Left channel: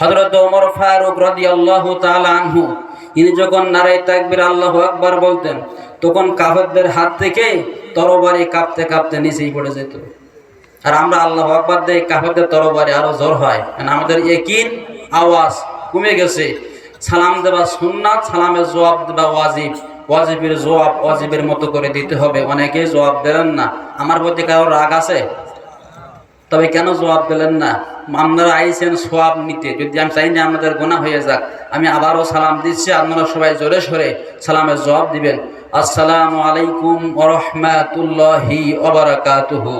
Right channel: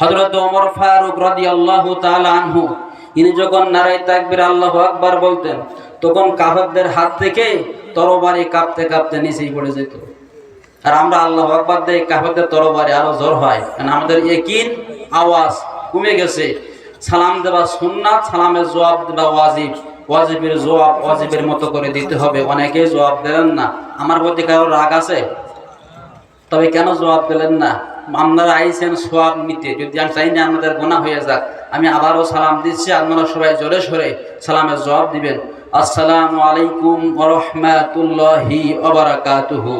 হযরত ওমর ফারুক রাদিয়াল্লাহু তাআলা আনহু ইনি যখন নারায়ে তাকবীর আল্লাহু আকবার বলতেন তখন কাফেরদের হাত থেকে তরবারি কাঁপতে কাঁপতে নিচেই পড়ে যেত। আর আমরা আল্লাহু আকবার দিয়ে কাফেরদের তরবারি আরো জোর হয়, কারণ আমাদের ইয়াকিন আওয়াজ কমে গেছে। সালাম দেওয়া সুন্নাত, সালামের জবাব দেওয়া ওয়াজিব, ওয়াজিবের জবাব ওয়াজিবের মতো করে দিতে হবে। অনেকেই জবাব দিলেন না। আমার প্রতি কারো রাগ আছে? তবে কেন জবাব দিলেন না? আপনারা আইছেন সওয়াব নিতে, যদি আমি চাই না আমাদের গুনাহ হয়ে যাক। আমি আবারও সালাম দিচ্ছি, আপনারা সবাই জোরে সোরে সালামের জবাব দিবেন। আসসালামু আলাইকুম ওয়া রাহমাতুল্লাহি ওয়া বারাকাতুহু।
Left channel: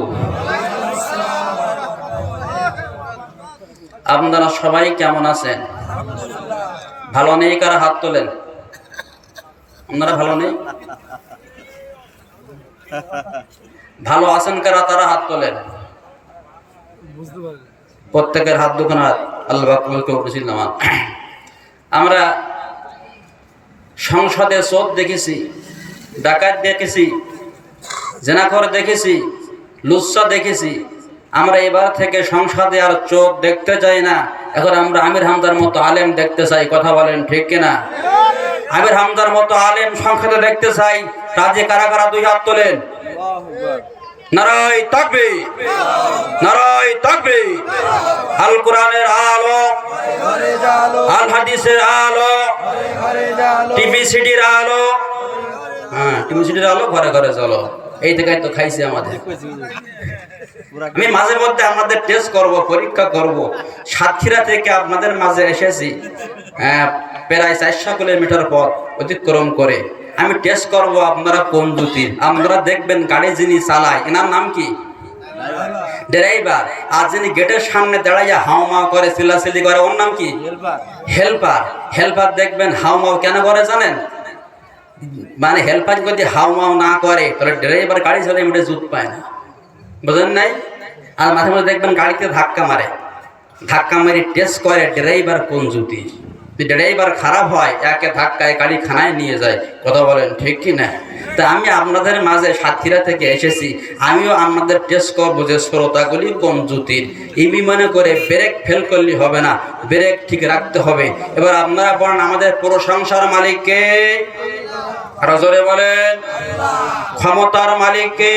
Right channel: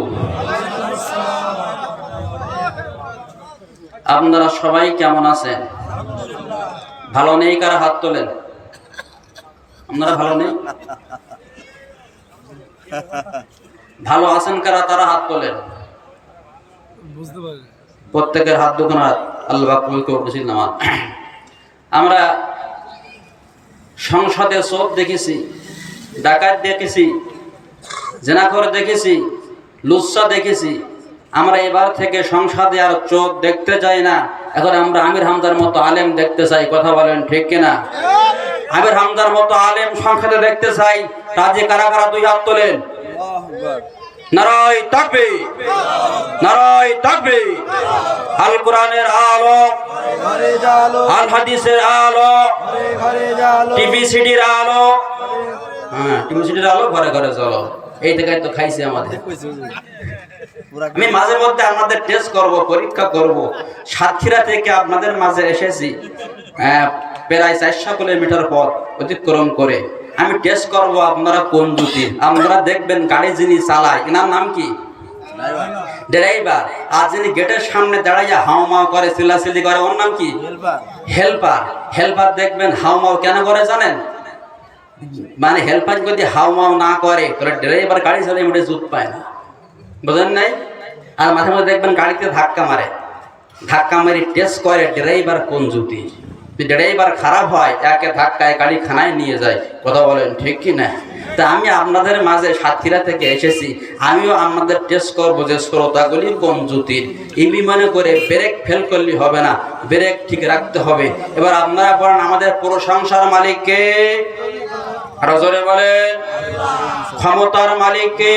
আপনারা সবাই কেমন আছেন? ভালো নেই কারা হাত তোলেন? আপনারা ভালো নেই? ভালো আছেন কারা তারা হাত তোলেন। প্রত্যেকের হাত দুখানা আল্লাহ পাককে উঠেছিলাম। আমরা সংসদে চোর দেখেছি, ডাকাত দেখেছি, জেনাখোর দেখেছি, লুচ্চা দেখেছি। আমরা এবার থেকে সংসদে আর চোর দেখতে চাই না। এখন আমরা আমির হামদার মতো আলেম দেখতে চাই। কথা বলেন ঠিক কিনা? আমির হামদার মতো আলেম সংসদে দেখতে চাই। রাজে কারা কারা দুই হাত তোলেন। নারায়ে তাকবীর, নারায়ে তাকবীর। আল কোরআনের আলো, আল হাদিসের আলো, টিভি সিডির আলো। হ্যাঁ, টিভি সিডির আলো ঘরে ঘরে চলো। এই থেকে তো খাইছে আমাদের। আমি মাঝে মধ্যে আমাদের টেস্ট করব, পরীক্ষা করব। সাতক্ষীরা থেকে আপনাদের মাঝে এসেছি, প্রায় 400 কিলোমিটার পথ অতিক্রম করে। আমি টেস্ট করব আপনারা কোন জুতি। আপনারা দেখবেন গাড়ি যিনি চালায় এনার নাম কি? ড্রাইভার। আর যিনি গেটের সামনে দাঁড়াইয়া হাউমাউ করে, চিল্লাচিল্লি করে, ওর নাম কি? হেল্পার। হেল্পার দেখবেন হাউমাউ কেন করে জানেন? মানে হেল্পার যদি হাউমাউ না করে তাহলে ড্রাইভার গাড়ি চালিয়ে মোটে জুত পায় না, বুঝেন নাই? আর মাঝে মাঝে দেখবেন গাড়িতে ধাক্কা মারে, ধাক্কা মারি টেস্ট করে ড্রাইভার কোন জুতি। ড্রাইভার খারাপ হয়, একে ধাক্কায় গাড়ি খানায় নিয়ে যায়। কথা বলেন ঠিক কি না? তা আমি আপনাদের মাঝে সাতক্ষীরা থেকে এসেছি, আমিও আপনাদের টেস্ট করবো যে শ্রোতাগুলি কোন জুতির। এই বিমানে করে ব্রেক ফেল করলে হবে না, ব্রেক ঠিক রাখতে হবে। এবার আপনারা বলেন আমাদের প্রশংসার মালিক কে? আরো জোরে বলেন। ক্ষমতার মালিক কে?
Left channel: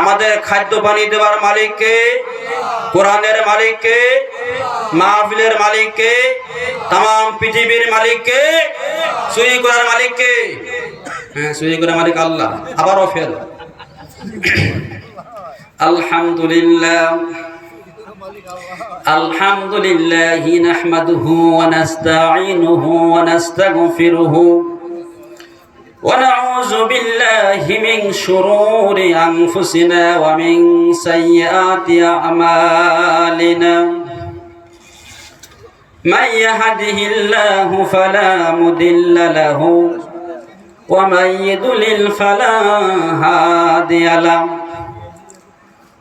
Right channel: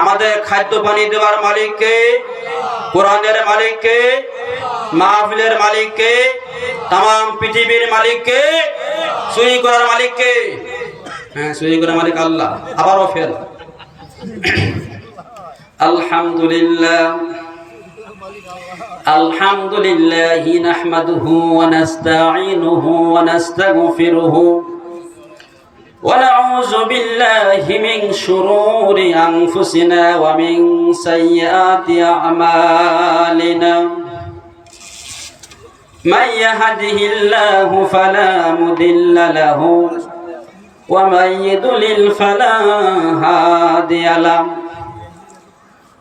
আমাদের খাদ্য পানি দেওয়ার মালিক কে? কোরআনের মালিক কে? মাহফিলের মালিক কে? তাম পৃথিবীর মালিক কে? চুরি করার মালিক কে? হ্যাঁ, চুরি করার মালিক আল্লাহ। আবারও ফেল। আলহামদুলিল্লাহ, আলহামদুলিল্লাহি নাহমাদুহু ওয়া নাস্তাঈনুহু ওয়া নাস্তাগফিরুহু ওয়া নাউযু বিল্লাহি মিন শুরুরি আনফুসিনা ওয়া মিন সাইয়্যাতি আ'মালিনা। মান ইয়াহদিহিল্লাহু ফালা মুদিল্লা লাহু ওয়া মান ইউদ্লিল ফালা হাদিয়া লাহু।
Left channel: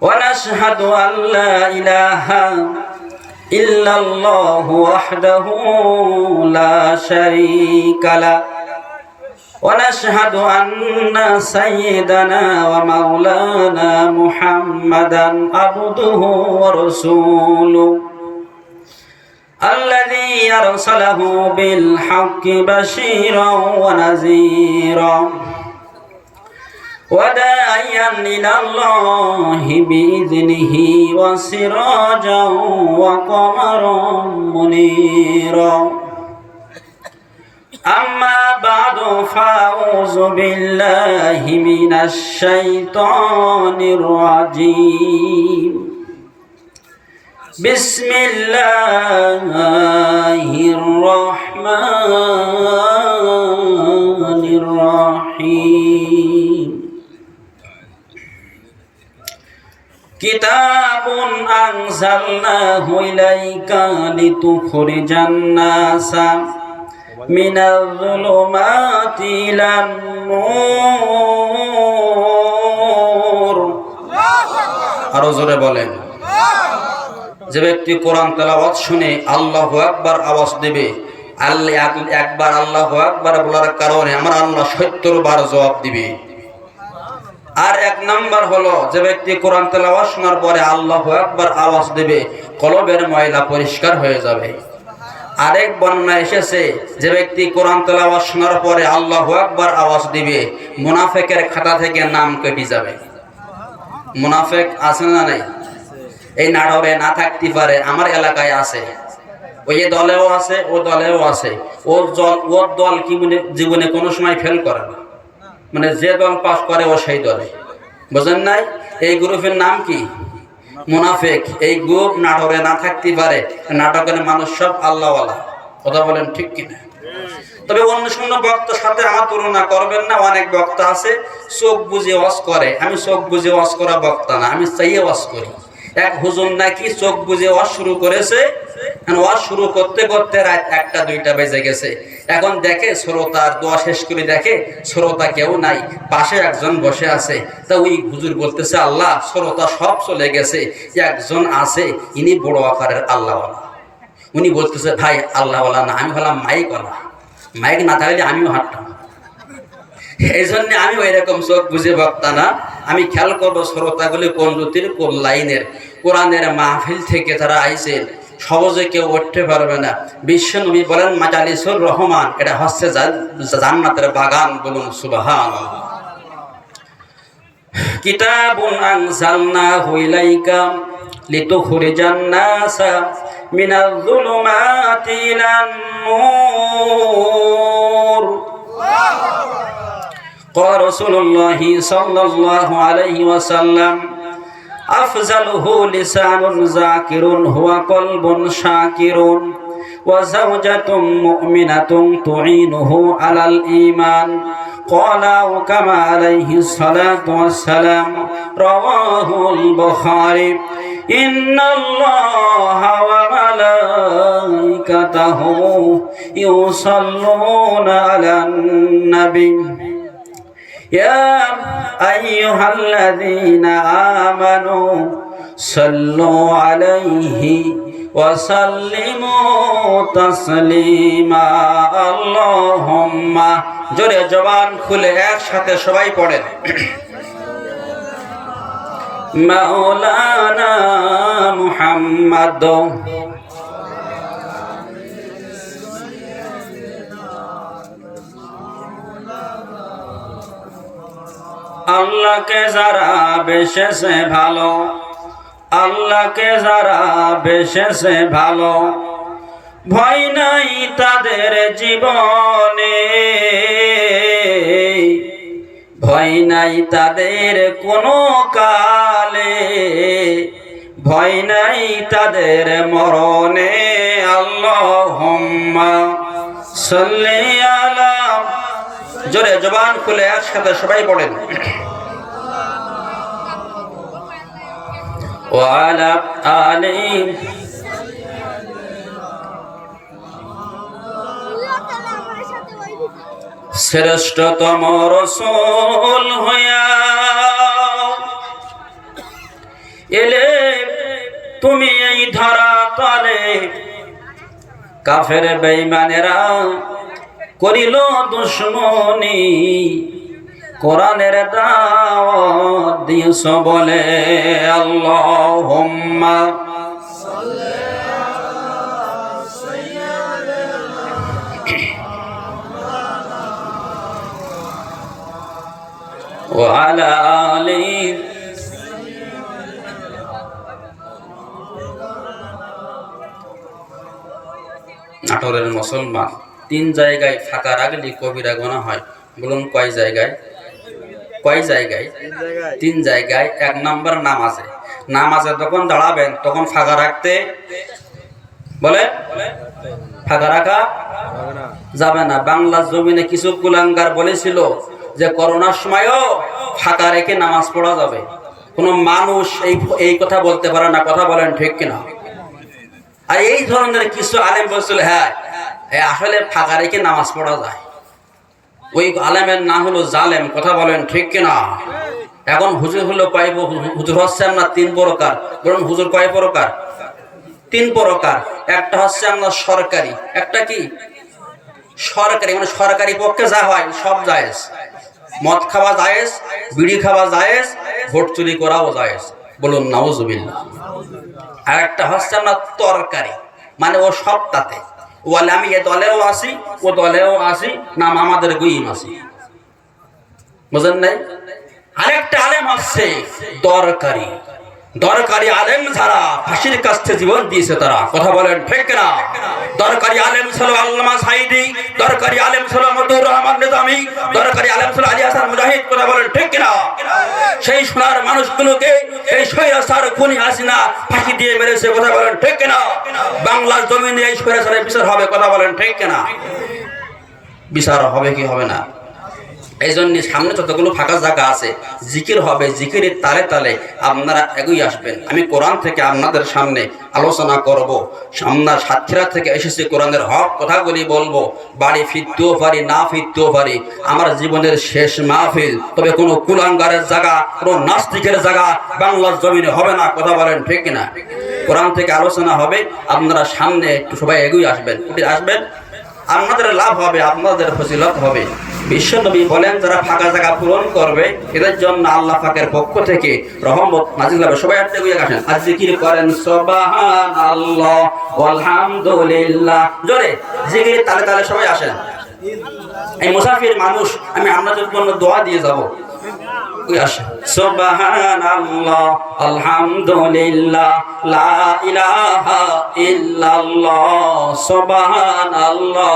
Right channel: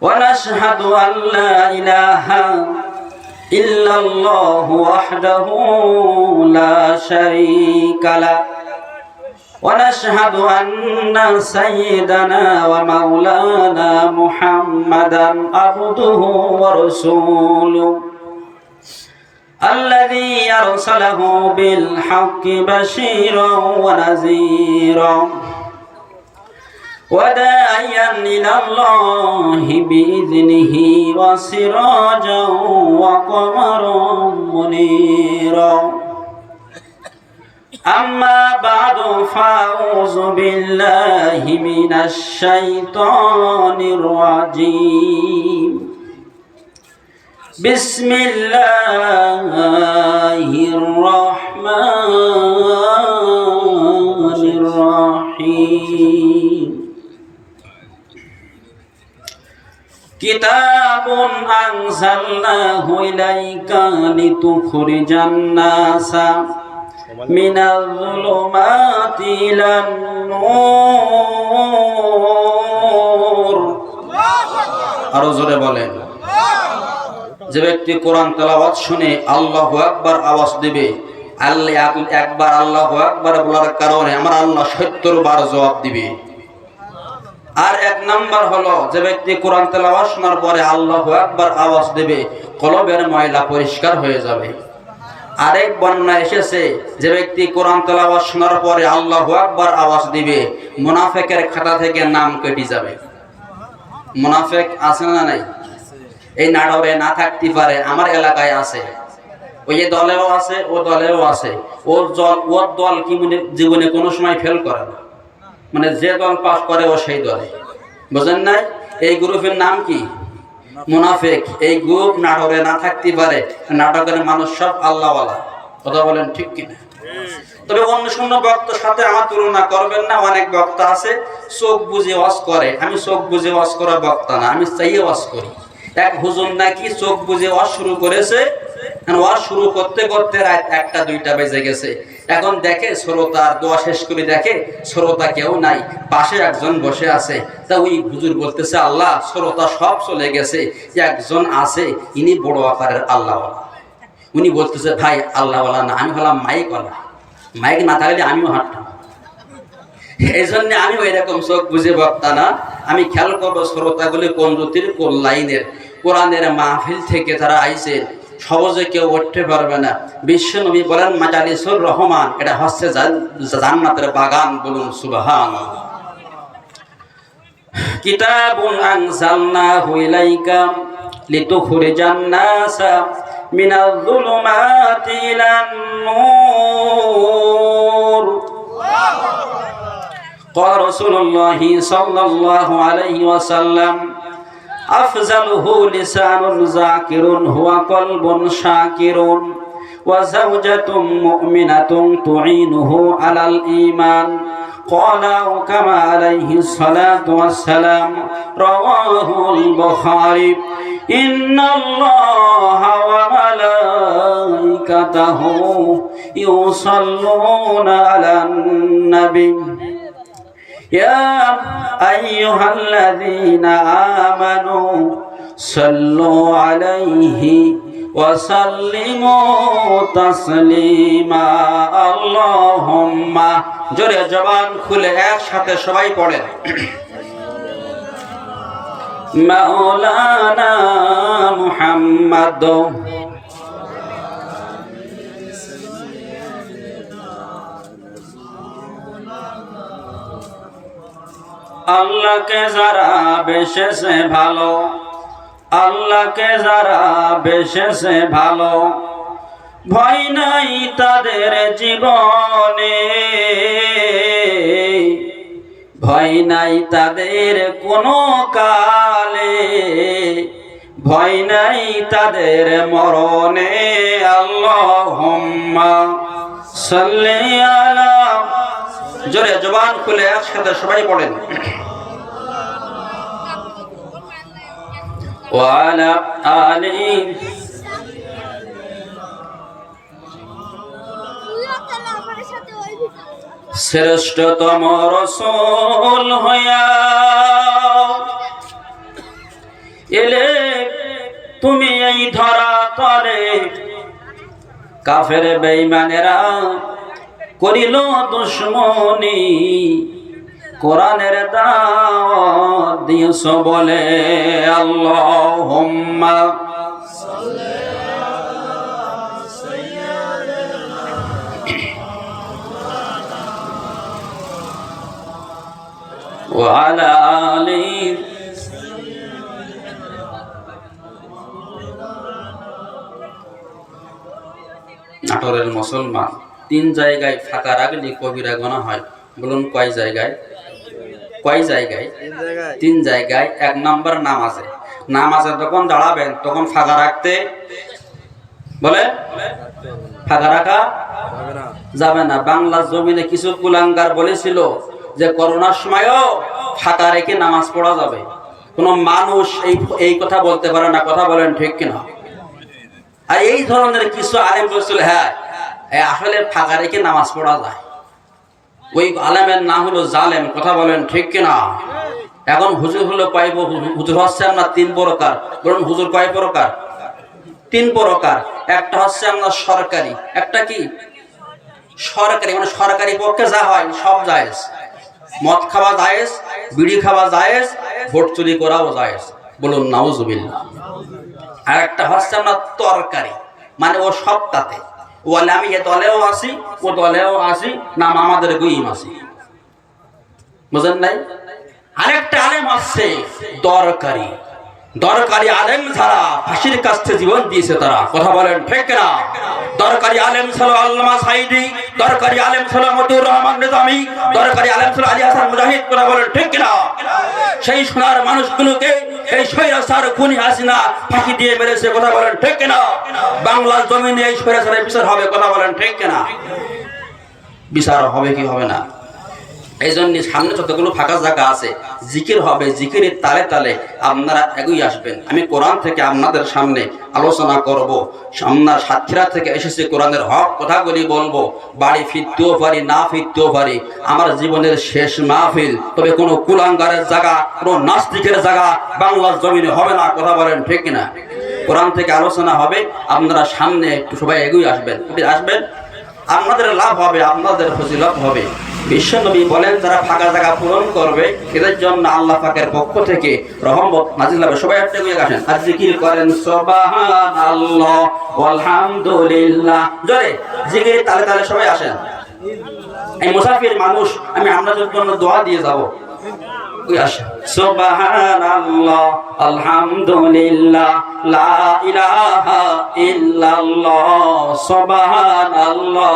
ওয়া নাশহাদু আল লা ইলাহা ইল্লাল্লাহু ওয়াহদাহু লা শারীকা লাহু ওয়া নাশহাদু আন্না সাইয়্যিদানা ওয়া মাওলানা মুহাম্মাদান আবদুহু ওয়া রাসূলুহু আল্লাযী আরসালাহু বিল হাক্কি বাশীরান ওয়া নাযীরান ওয়া দা'iyan ইলাল্লাহি বিইذনিহি ওয়া সিরাজান ওয়া কমারান মুনীরা। আম্মা বা'দু ফাউযু বিল্লাহি মিনাশ শাইতানির রাজীম। বিসমিল্লাহির রহমানির রহিম। কিতাবুন আনজালনাহু ইলাইকা লিতুখরিজান নাসা মিনাল যুলুমাতি ইলান নূর। আরো জোরে বলেন। যে ব্যক্তি কোরআন তেলাওয়াত শুনে আল্লাহু আকবার আওয়াজ দেবে, আল্লাহ একবার আল্লাহু আকবার বলার কারণে আমার আল্লাহ 70 বার জবাব দিবে। আর এক নাম্বার হলো যে ব্যক্তি কোরআন তেলাওয়াত শোনার পরে আল্লাহু আকবার আওয়াজ দেবে, কলবের ময়লা পরিষ্কার হয়ে যাবে। আরেক বর্ণনা এসেছে যে ব্যক্তি কোরআন তেলাওয়াত শোনার পরে আল্লাহু আকবার আওয়াজ দিবে, মুনাফিকের খাতা থেকে নাম কেটে যাবে। মুনাফিক আছে না নাই? এই নাটরে না থাকতে পারে, আমার এলাকায় আছে, ওই দলেও আছে, ও দলেও আছে। ওর দল কি জীবনে কোনো সময় ফেল করে না, মানে যে দল পাস করে ও সেই দলে, বুঝেন নাই? এই গ্রুপের নাম কি? মুনাফিক। এই গ্রুপ নাটরে না থাকতে পারে, নাটকের মানুষ সব আল্লাহওয়ালা। কথা বলেন ঠিক কিনা? তবে অন্য শূন্য বক্তার সাথে আমার তুলনা করবেন না। অনেক বক্তা আছে চোখ বুঝে ওয়াজ করে, আমি চোখ বুঝে ওয়াজ করা বক্তা না, আমি চাইয়ে ওয়াজ করি। এক হুজুর নাকি চোখ বুঝে ওয়াজ শুরু করেছে, ওয়াজ শুরু করতে করতে রাত 1টা 2টা বেজে গেছে। এখন দেখে শ্রোতার দোয়া শেষ করে দেখে শ্রোতা কেউ নাই, পাশে একজন বসে আছে। তা ওই হুজুর বলতেছে, আল্লাহ শ্রোতা সব চলে গেছে, একজন আছে, ইনি বড় আকারের আল্লাহওয়ালা। উনি বলতেছে, ভাই আল্লাহওয়ালা না, আমি হলাম মাইকওয়ালা, মাইক না থাকলে আমিও হাঁটতাম। এই জন্য আমি ওই রকম চোখ বুঝে বক্তা না। আমি খেয়াল করবো শ্রোতাগুলি কোন জ্যোতির কোন লাইনের। কোরআনের মাহফিল থেকে তারা আইছে, সহজে কেউ উঠতে পারবে না। বিশ্ব নবী বলেন, মাজালিসুর রহমান, এটা হচ্ছে জান্নাতের বাগান। বলুন সুবহানাল্লাহ। কিতাবুন আনজালনাহু ইলাইকা লিতুখরিজান নাসা মিনাল যুলুমাতি ইলান নূর। قال رسول الله صلى الله عليه وسلم أفضله لسان ذاكر هو قلب شاكر وزوجة مؤمنة تعينه على الإيمان قال كما عليه الصلاة والسلام رواه البخاري إن الله وملائكته يصلون على النبي يا أيها الذين آمنوا صلوا عليه وسلموا تسليما اللهم জোরে জবান খুলে একসাথে সবাই পড়েন, মাওলানা মুহাম্মদ আল্লাহকে যারা বেশেছে ভালো, আল্লাহকে যারা বেশেছে ভালো, ভয় নাই তাদের জীবনে, ভয় নাই তাদের কোনো কালে, ভয় নাই তাদের মরণে। আল্লাহুম্মা সাল্লি আলা, জোরে জবান খুলে একসাথে সবাই পড়েন, ওয়ালা আলি। শ্রেষ্ঠতম রাসূল হইয়া এলে তুমি এই ধরা তলে, কাফের বেঈমানেরা করিল দুশমনি, কোরআনের দাওয়াত দিয়েছ বলে। আল্লাহুম্মা ওয়া আলা আলি। নাটোরের মুসলমান 3 জায়গায় ফাঁকা রাখলে কবিরা গোনা হয়। বলুন কয় জায়গায়? কয় জায়গায়? 3 জায়গায়। 1 নম্বর নামাজে। নামাজে যখন দাঁড়াবেন তখন ফাঁকা রাখতে বলে, ফাঁকা রাখা যাবে না। বাংলার জমিনে কিছু কুলাঙ্গার বলেছিল যে করোনার সময়ও ফাঁকা রেখে নামাজ পড়া যাবে। কোনো মানুষ এই কথা বলতে পারে না। কথা বলেন ঠিক কিনা? আর এই ধরনের কিছু আলেম বলছিল, হ্যাঁ আসলে ফাঁকা রেখে নামাজ পড়া যায়। ওই আলেমের নাম হলো জালেম। কথা বলেন ঠিক কিনা? এখন হুজুর হলো কয়? হুজুর হচ্ছে আমরা 3 প্রকার। বলুন হুজুর কয় প্রকার? 3 প্রকার। একটা হচ্ছে আমরা সরকারি, একটা কি সরকারি, মানে সরকারি পক্ষে যা হয় সব জায়েজ। মদ খাওয়া জায়েজ, বিড়ি খাওয়া জায়েজ, ভোট চুরি করাও জায়েজ। বলুন নাউজুবিল্লাহ। আর একটা হচ্ছে না তরকারি, মানে ও সবটাতে, বলে আমি এ দলেও আসি, ও দলেও আসি, নাম আমাদের গুইম আসি, বুঝেন নাই? আরেকটা আলেম আসছে দরকারি, দরকারি আলেম যারা ফাঁসির কাছে জীবন দিয়েছে তারা, কথা বলেন ঠিক না? দরকারি আলেম ছিল আল্লামা সাইদি, দরকারি আলেম ছিল মতিউর রহমান নিজামী, দরকারি আলেম ছিল আলী হাসান মুজাহিদ, কথা বলেন ঠিক না? সেই সোনার মানুষগুলোকে এই স্বৈরাচার খুনি হাসিনা ফাঁসি দিয়ে মেরেছে, কথা বলেন ঠিক না? বাংলার জমিনে এই স্বৈরাচারের বিচার হবে, কথা বলেন ঠিক না? বিচার হবে কি হবে না? এই জন্য সামনে যতগুলো ফাঁকা জায়গা আছে জিকির হবে, জিকিরের তালে তালে আপনারা এগিয়ে আসবেন। আমি কোরআন থেকে আপনাদের সামনে আলোচনা করব, আপনার সাতক্ষীরা থেকে এসেছে কোরআনের হক কথাগুলি বলবো। বাড়ি ফিরতেও পারি, না ফিরতেও পারি, আমার জীবনের শেষ মাহফিল। তবে কোনো কুলাঙ্গারের জায়গা, কোনো নাস্তিকের জায়গা বাংলার জমিনে হবে না, কথা বলেন ঠিক না? কোরআন থেকে আলোচনা হবে, আপনারা সামনে একটু সবাই এগিয়ে আসবেন, উঠে আসবেন, আপনাদের লাভ হবে, আপনাদের ফজিলত হবে। বিশ্বনবী বলেন যারা ফাঁকা জায়গা পূরণ করবে এদের জন্য আল্লাহ পাকের পক্ষ থেকে রহমত নাজিল হবে। সবাই একটা করে আসেন, আর জিকির করেন সুবহানাল্লাহ আলহামদুলিল্লাহ, জোরে জিকির তালে তালে সবাই আসেন। এই মুসাফির মানুষ, আমি আপনাদের জন্য দোয়া দিয়ে যাব। সুবহানাল্লাহ আলহামদুলিল্লাহ লা ইলাহা ইল্লাল্লাহ, সুবহানাল্লাহ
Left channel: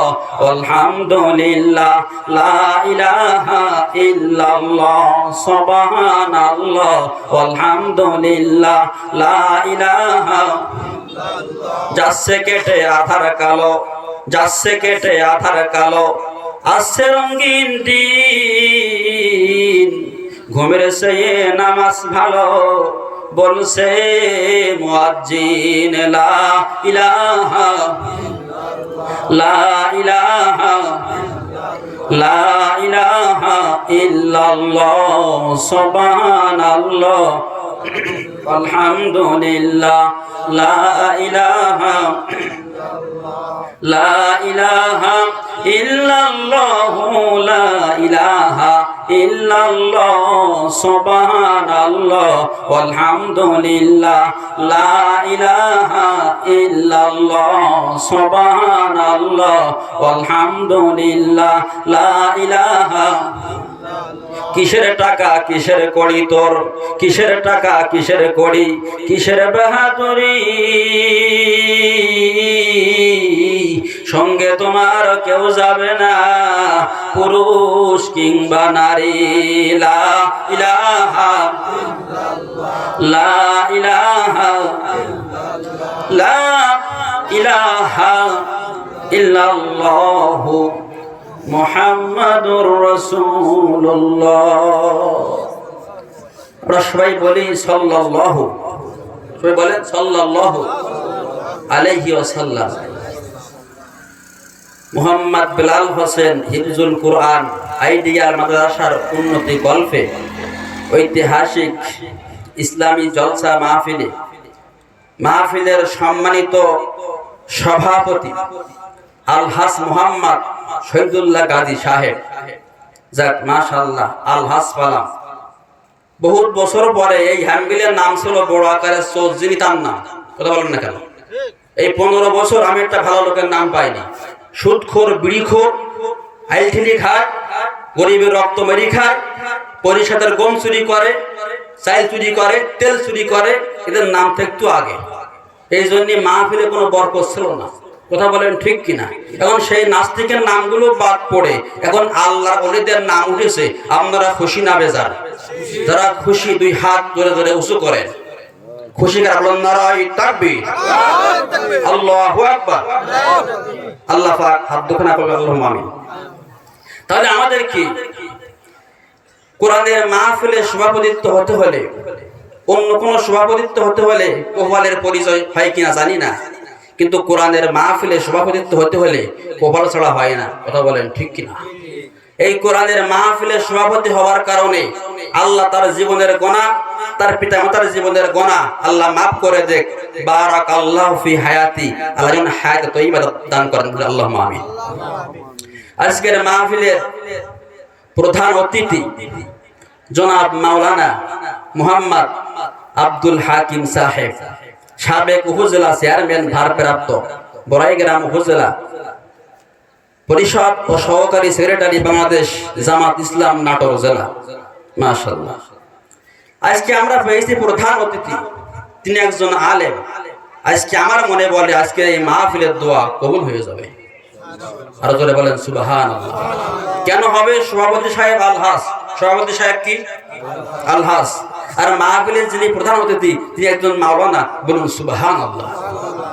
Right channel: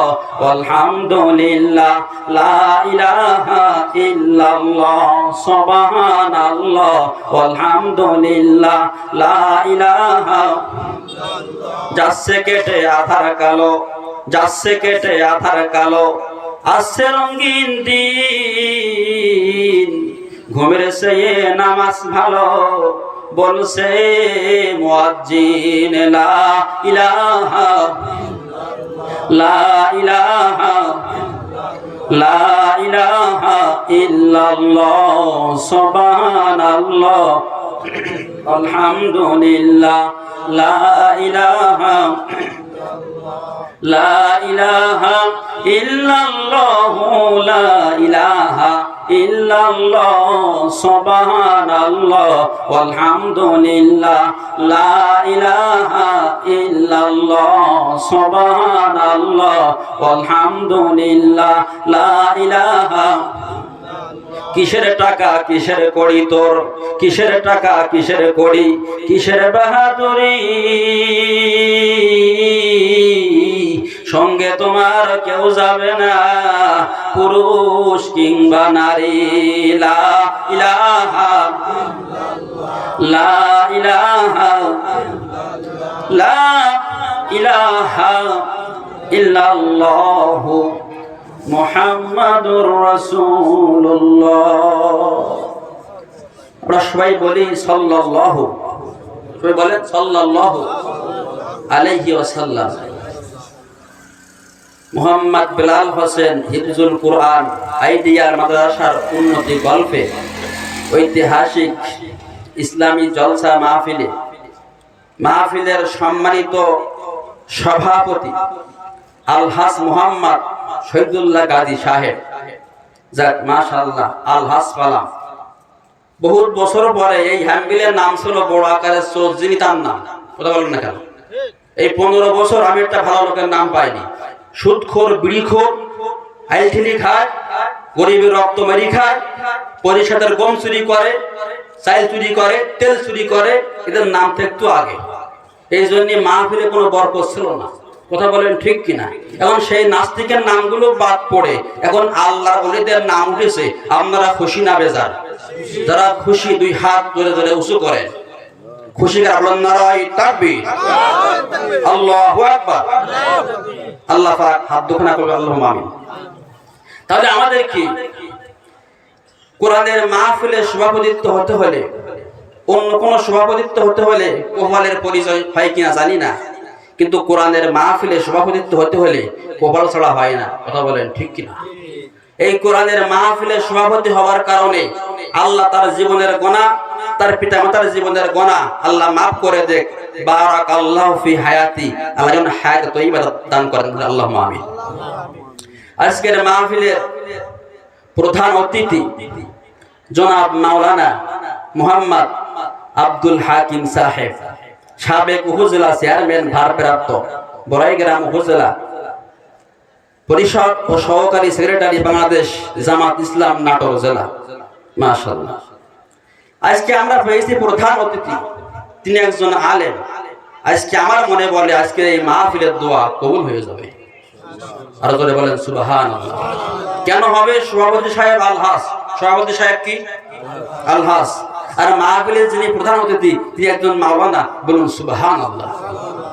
আলহামদুলিল্লাহ লা ইলাহা ইল্লাল্লাহ, সুবহানাল্লাহ আলহামদুলিল্লাহ লা ইলাহা। যাচ্ছে কেটে আধার কালো, যাচ্ছে কেটে আধার কালো, আসছে রঙিন দিন, ঘুমের সে নামাজ ভালো, বলছে মুয়াজ্জিন লা ইলাহা লা ইলাহা লা ইলাহা ইল্লাল্লাহ, সুবহানাল্লাহ আলহামদুলিল্লাহ লা ইলাহা লা ইলাহা ইল্লাল্লাহ লা ইলাহা ইল্লাল্লাহ, সুবহানাল্লাহ আলহামদুলিল্লাহ লা ইলাহা ইল্লাল্লাহ, সুবহানাল্লাহ আলহামদুলিল্লাহ লা ইলাহা। কিসের টাকা কিসের কড়ি তোর, কিসের টাকা কিসের কড়ি, কিসের বাহাদুরি, সঙ্গে তোমার কেউ যাবে না, পুরুষ কিংবা নারী। লা ইলাহা লা ইলাহা লা ইলাহা ইল্লাল্লাহ মুহাম্মাদুর রাসূলুল্লাহ। আমরা সবাই বলি সাল্লাল্লাহু, সবাই বলেন সাল্লাল্লাহু আলাইহি ওয়াসাল্লাম। মোহাম্মদ বেলাল হোসেন হিফজুল কুরআন আইডিয়াল মাদ্রাসার উন্নতি গল্পে ঐতিহাসিক ইসলামী জলসা মাহফিলে, মাহফিলের সম্মানিত সভাপতি আলহাজ মোহাম্মদ শহীদুল্লাহ গাজী সাহেব, যাক মাশাআল্লাহ আলহাজ পালাম। বহুত বছর পরে এই হ্যাম্বিলের নাম ছিল বড় আকারের চৌধুরী, তার নাম, কথা বলেন না কেন? এই 15 বছর আমি একটা ভালো লোকের নাম পাইনি। সুদখোর, বিড়িখোর, হাইলঠিলি খায়, গরিবের রক্ত মেরি খায়, পরিষদের গম চুরি করে, চাল চুরি করে, তেল চুরি করে, এদের নাম থাকতো আগে। এই জন্য মাহফিলে কোনো বরকত ছিল না, কথা বলেন ঠিক কিনা? এখন সেই নাস্তিকের নামগুলো বাদ পড়ে এখন আল্লাহর ওলিদের নাম উঠেছে। আপনারা খুশি না বেজার? যারা খুশি দুই হাত ধরে ধরে উঁচু করেন, খুশি কারণ নারায়ে তাকবীর, আল্লাহু আকবার। আল্লাহ পাক হাত দুখানা করবে, আল্লাহুম্মা আমিন। তাহলে আমাদের কি কোরআনের মাহফিলে সভাপতিত্ব হতে হলে, অন্য কোন সভাপতিত্ব হতে হলে কোপালের পরিচয় হয় কিনা জানি না, কিন্তু কোরআনের মাহফিলে সভাপতিত্ব হতে হলে কোপাল ছাড়া হয় না, কথা বলেন ঠিক কিনা? এই কোরআনের মাহফিলে সভাপতি হওয়ার কারণে আল্লাহ তার জীবনের গুনাহ, তার পিতামাতার জীবনের গুনাহ আল্লাহ মাফ করে দেখ। বারাকাল্লাহু ফি হায়াতি, আল্লাহ যেন হায়াত তয়্যিবা দান করেন, আল্লাহুম্মা আমিন। আজকের মাহফিলের প্রধান অতিথি জনাব মাওলানা মোহাম্মদ আব্দুল হাকিম সাহেব, সাবেক উপজেলা চেয়ারম্যান ভারপ্রাপ্ত, বড়াইগ্রাম উপজেলা পরিষদ ও সহকারী সেক্রেটারি, বাংলাদেশ জামাত ইসলাম নাটোর জেলা। মাশাআল্লাহ। আজকে আমরা পেয়েছি প্রধান অতিথি, তিনি একজন আলেম। আজকে আমার মনে বলে আজকে এই মাহফিলের দোয়া কবুল হয়ে যাবে। আরো জোরে বলেন সুবহানাল্লাহ। কেন হবে? সভাপতি সাহেব আলহাস, সভাপতি সাহেব কি আলহাস, আর মাহফিলের যিনি প্রধান অতিথি তিনি একজন মাওলানা। বলুন সুবহানাল্লাহ।